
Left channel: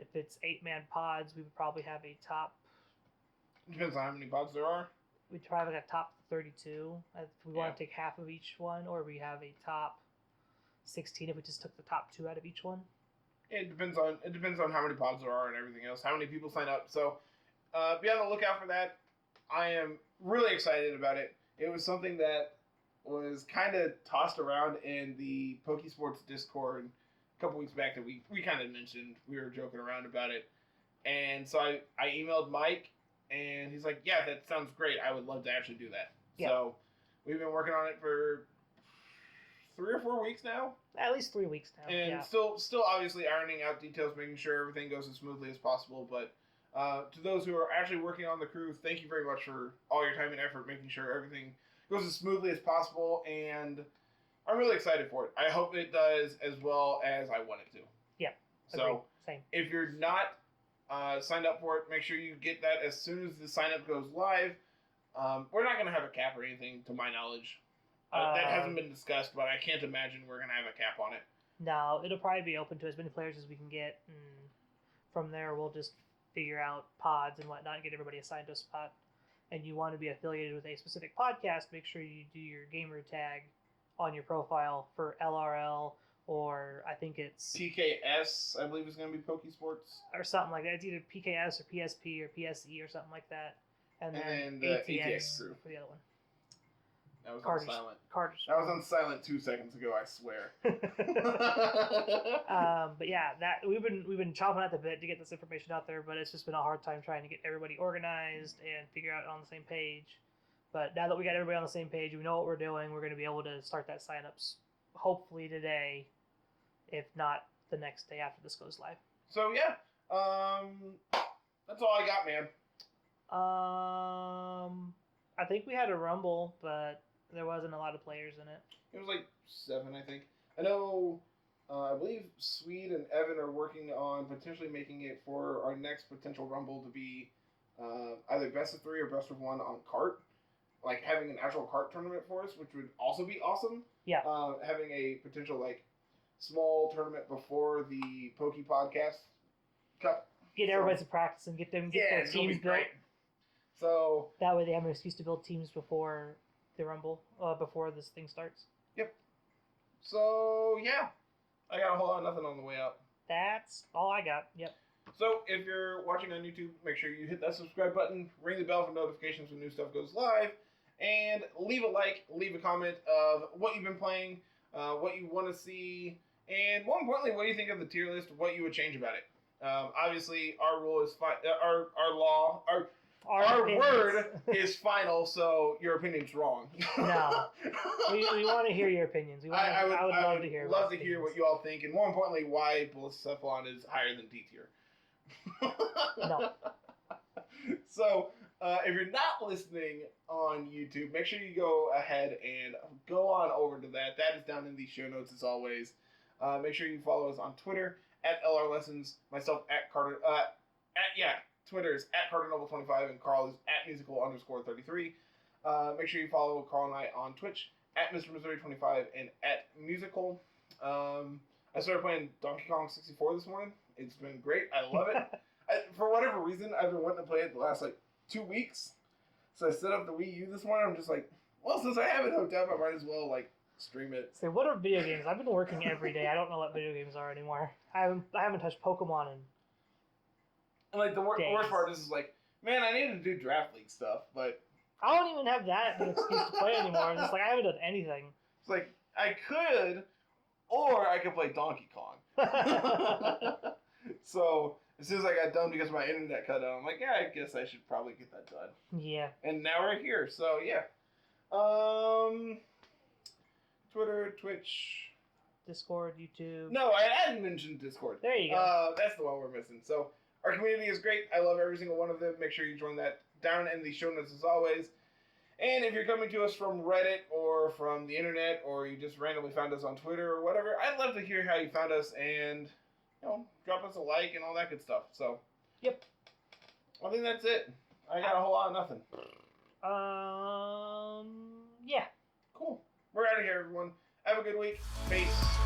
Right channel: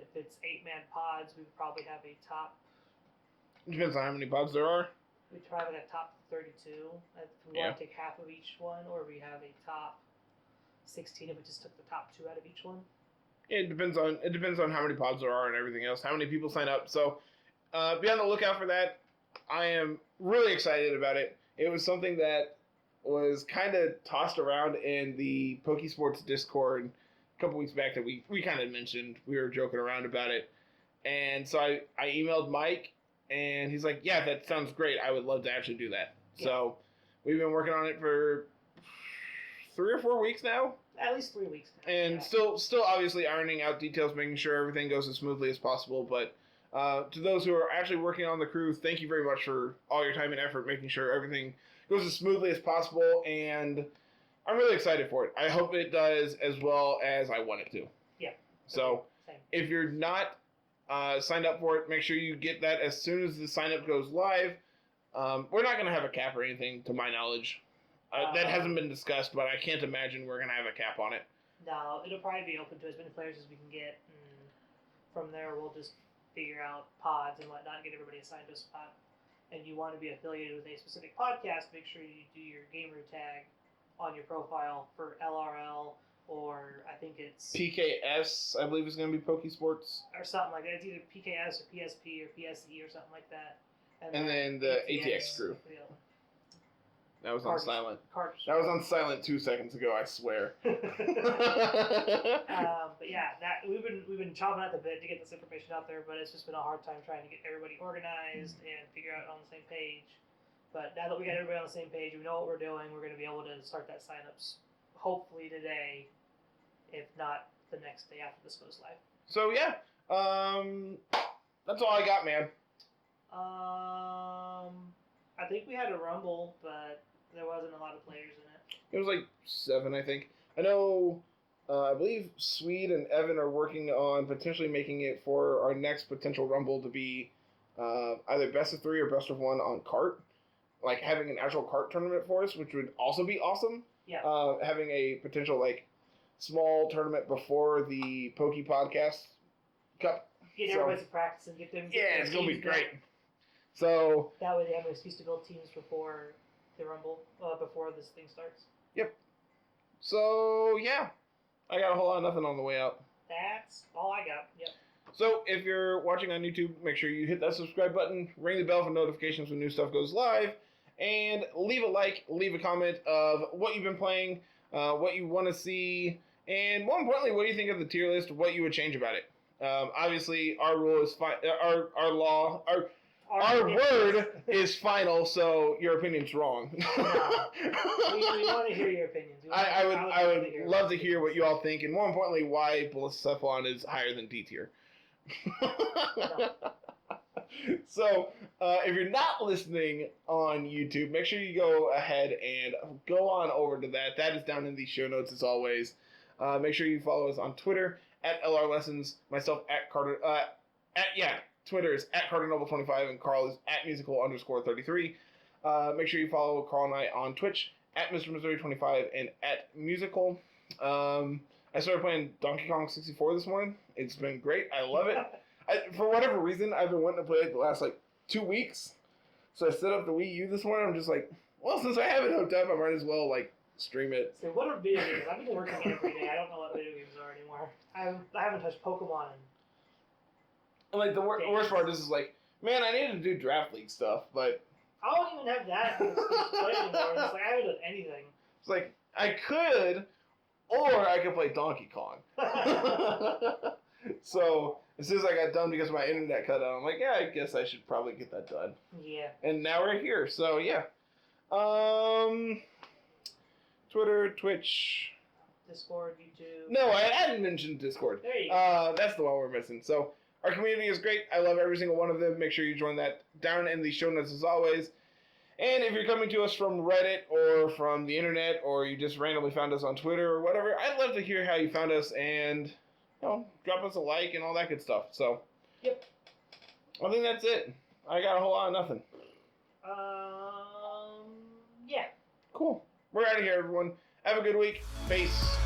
If it's 8-man pods, we would probably have a top. Depends on how many pods there are. We'd probably have a top 32 if we want to take half of each one, or we have a top 16 if we just took the top 2 out of each one. It depends on how many pods there are and everything else, how many people sign up. So be on the lookout for that. I am really excited about it. It was something that was kind of tossed around in the Pokesports Discord a couple weeks back that we kind of mentioned. We were joking around about it. And so I emailed Mike, and he's like, yeah, that sounds great. I would love to actually do that. Yeah. So we've been working on it for 3 or 4 weeks now. At least 3 weeks now. And still obviously ironing out details, making sure everything goes as smoothly as possible. But to those who are actually working on the crew, thank you very much for all your time and effort, making sure everything goes as smoothly as possible. And I'm really excited for it. I hope it does as well as I want it to. Yeah. So if you're not signed up for it, make sure you get that as soon as the sign up goes live. We're not going to have a cap or anything, to my knowledge. That hasn't been discussed, but I can't imagine we're going to have a cap on it. No, it'll probably be open to as many players as we can get. And from there, we'll just figure out pods and whatnot and get everybody assigned to a spot. And you want to be affiliated with a specific podcast, make sure you do your gamer tag on your profile for LRL, or I think it's PKS, I believe is going to be Pokesports. Or something like that. It's either PKS or PSP or PSE or something like that. And then the ATX crew. For the other one. That was on silent. Carter's. That was on silent 2 seconds ago, I swear. But yeah, we've been chomping at the bit to get this information out there, but it's just been a hard time trying to get everybody organized and figure out on the same page. But now that we got everybody on the same page, we know what we're doing, we're going to be able to start that signups hopefully today, if not the next day after this goes live. So yeah, that's all I got, man. I think we had a Rumble, but there wasn't a lot of players in it. It was like 7, I think. I know, I believe Swede and Evan are working on potentially making it for our next potential Rumble to be either best of 3 or best of 1 on cart. Like having an actual cart tournament for us, which would also be awesome. Yeah. Having a potential small tournament before the Poke Podcast Cup. Get everybody to practice and get them. It's gonna be great. So that way they have an excuse to build teams before the Rumble, before this thing starts. Yep. So yeah, I got a whole lot of nothing on the way out. That's all I got. Yep. So if you're watching on YouTube, make sure you hit that subscribe button, ring the bell for notifications when new stuff goes live, and leave a like, leave a comment of what you've been playing, what you want to see, and more importantly, what do you think of the tier list, what you would change about it. Obviously, our rule is our word is final, so your opinion's wrong. No, we want to hear your opinions. I would love to hear what you all think, and more importantly, why Blacephalon is higher than D tier. No. So, if you're not listening on YouTube, make sure you go ahead and go on over to that. That is down in the show notes as always. Make sure you follow us on Twitter at LR Lessons, myself at Carter. Twitter is at CarterNoble25 and Carl is at musical_33. Make sure you follow Carl and I on Twitch at Mr. Missouri25 and at musical. I started playing Donkey Kong 64 this morning. It's been great. I love it. For whatever reason, I've been wanting to play it the last 2 weeks. So I set up the Wii U this morning. I'm just like, well, since I have it hooked up, I might as well stream it. So what are video games? I've been working every day. I don't know what video games are anymore. I haven't touched Pokemon in the worst part is man, I need to do Draft League stuff, but I don't even have that excuse to play anymore. It's I haven't done anything. It's I could, or I could play Donkey Kong. So as soon as I got done because my internet cut out, I'm like, yeah, I guess I should probably get that done. Yeah. And now we're here, so yeah. Twitter, Twitch, Discord, YouTube. No, I hadn't mentioned Discord. There you go. That's the one we're missing. So our community is great. I love every single one of them. Make sure you join that down in the show notes as always. And if you're coming to us from Reddit or from the internet or you just randomly found us on Twitter or whatever, I'd love to hear how you found us and drop us a like and all that good stuff. So, yep. I think that's it. I got a whole lot of nothing. Yeah. Cool. We're out of here, everyone. Have a good week. Peace.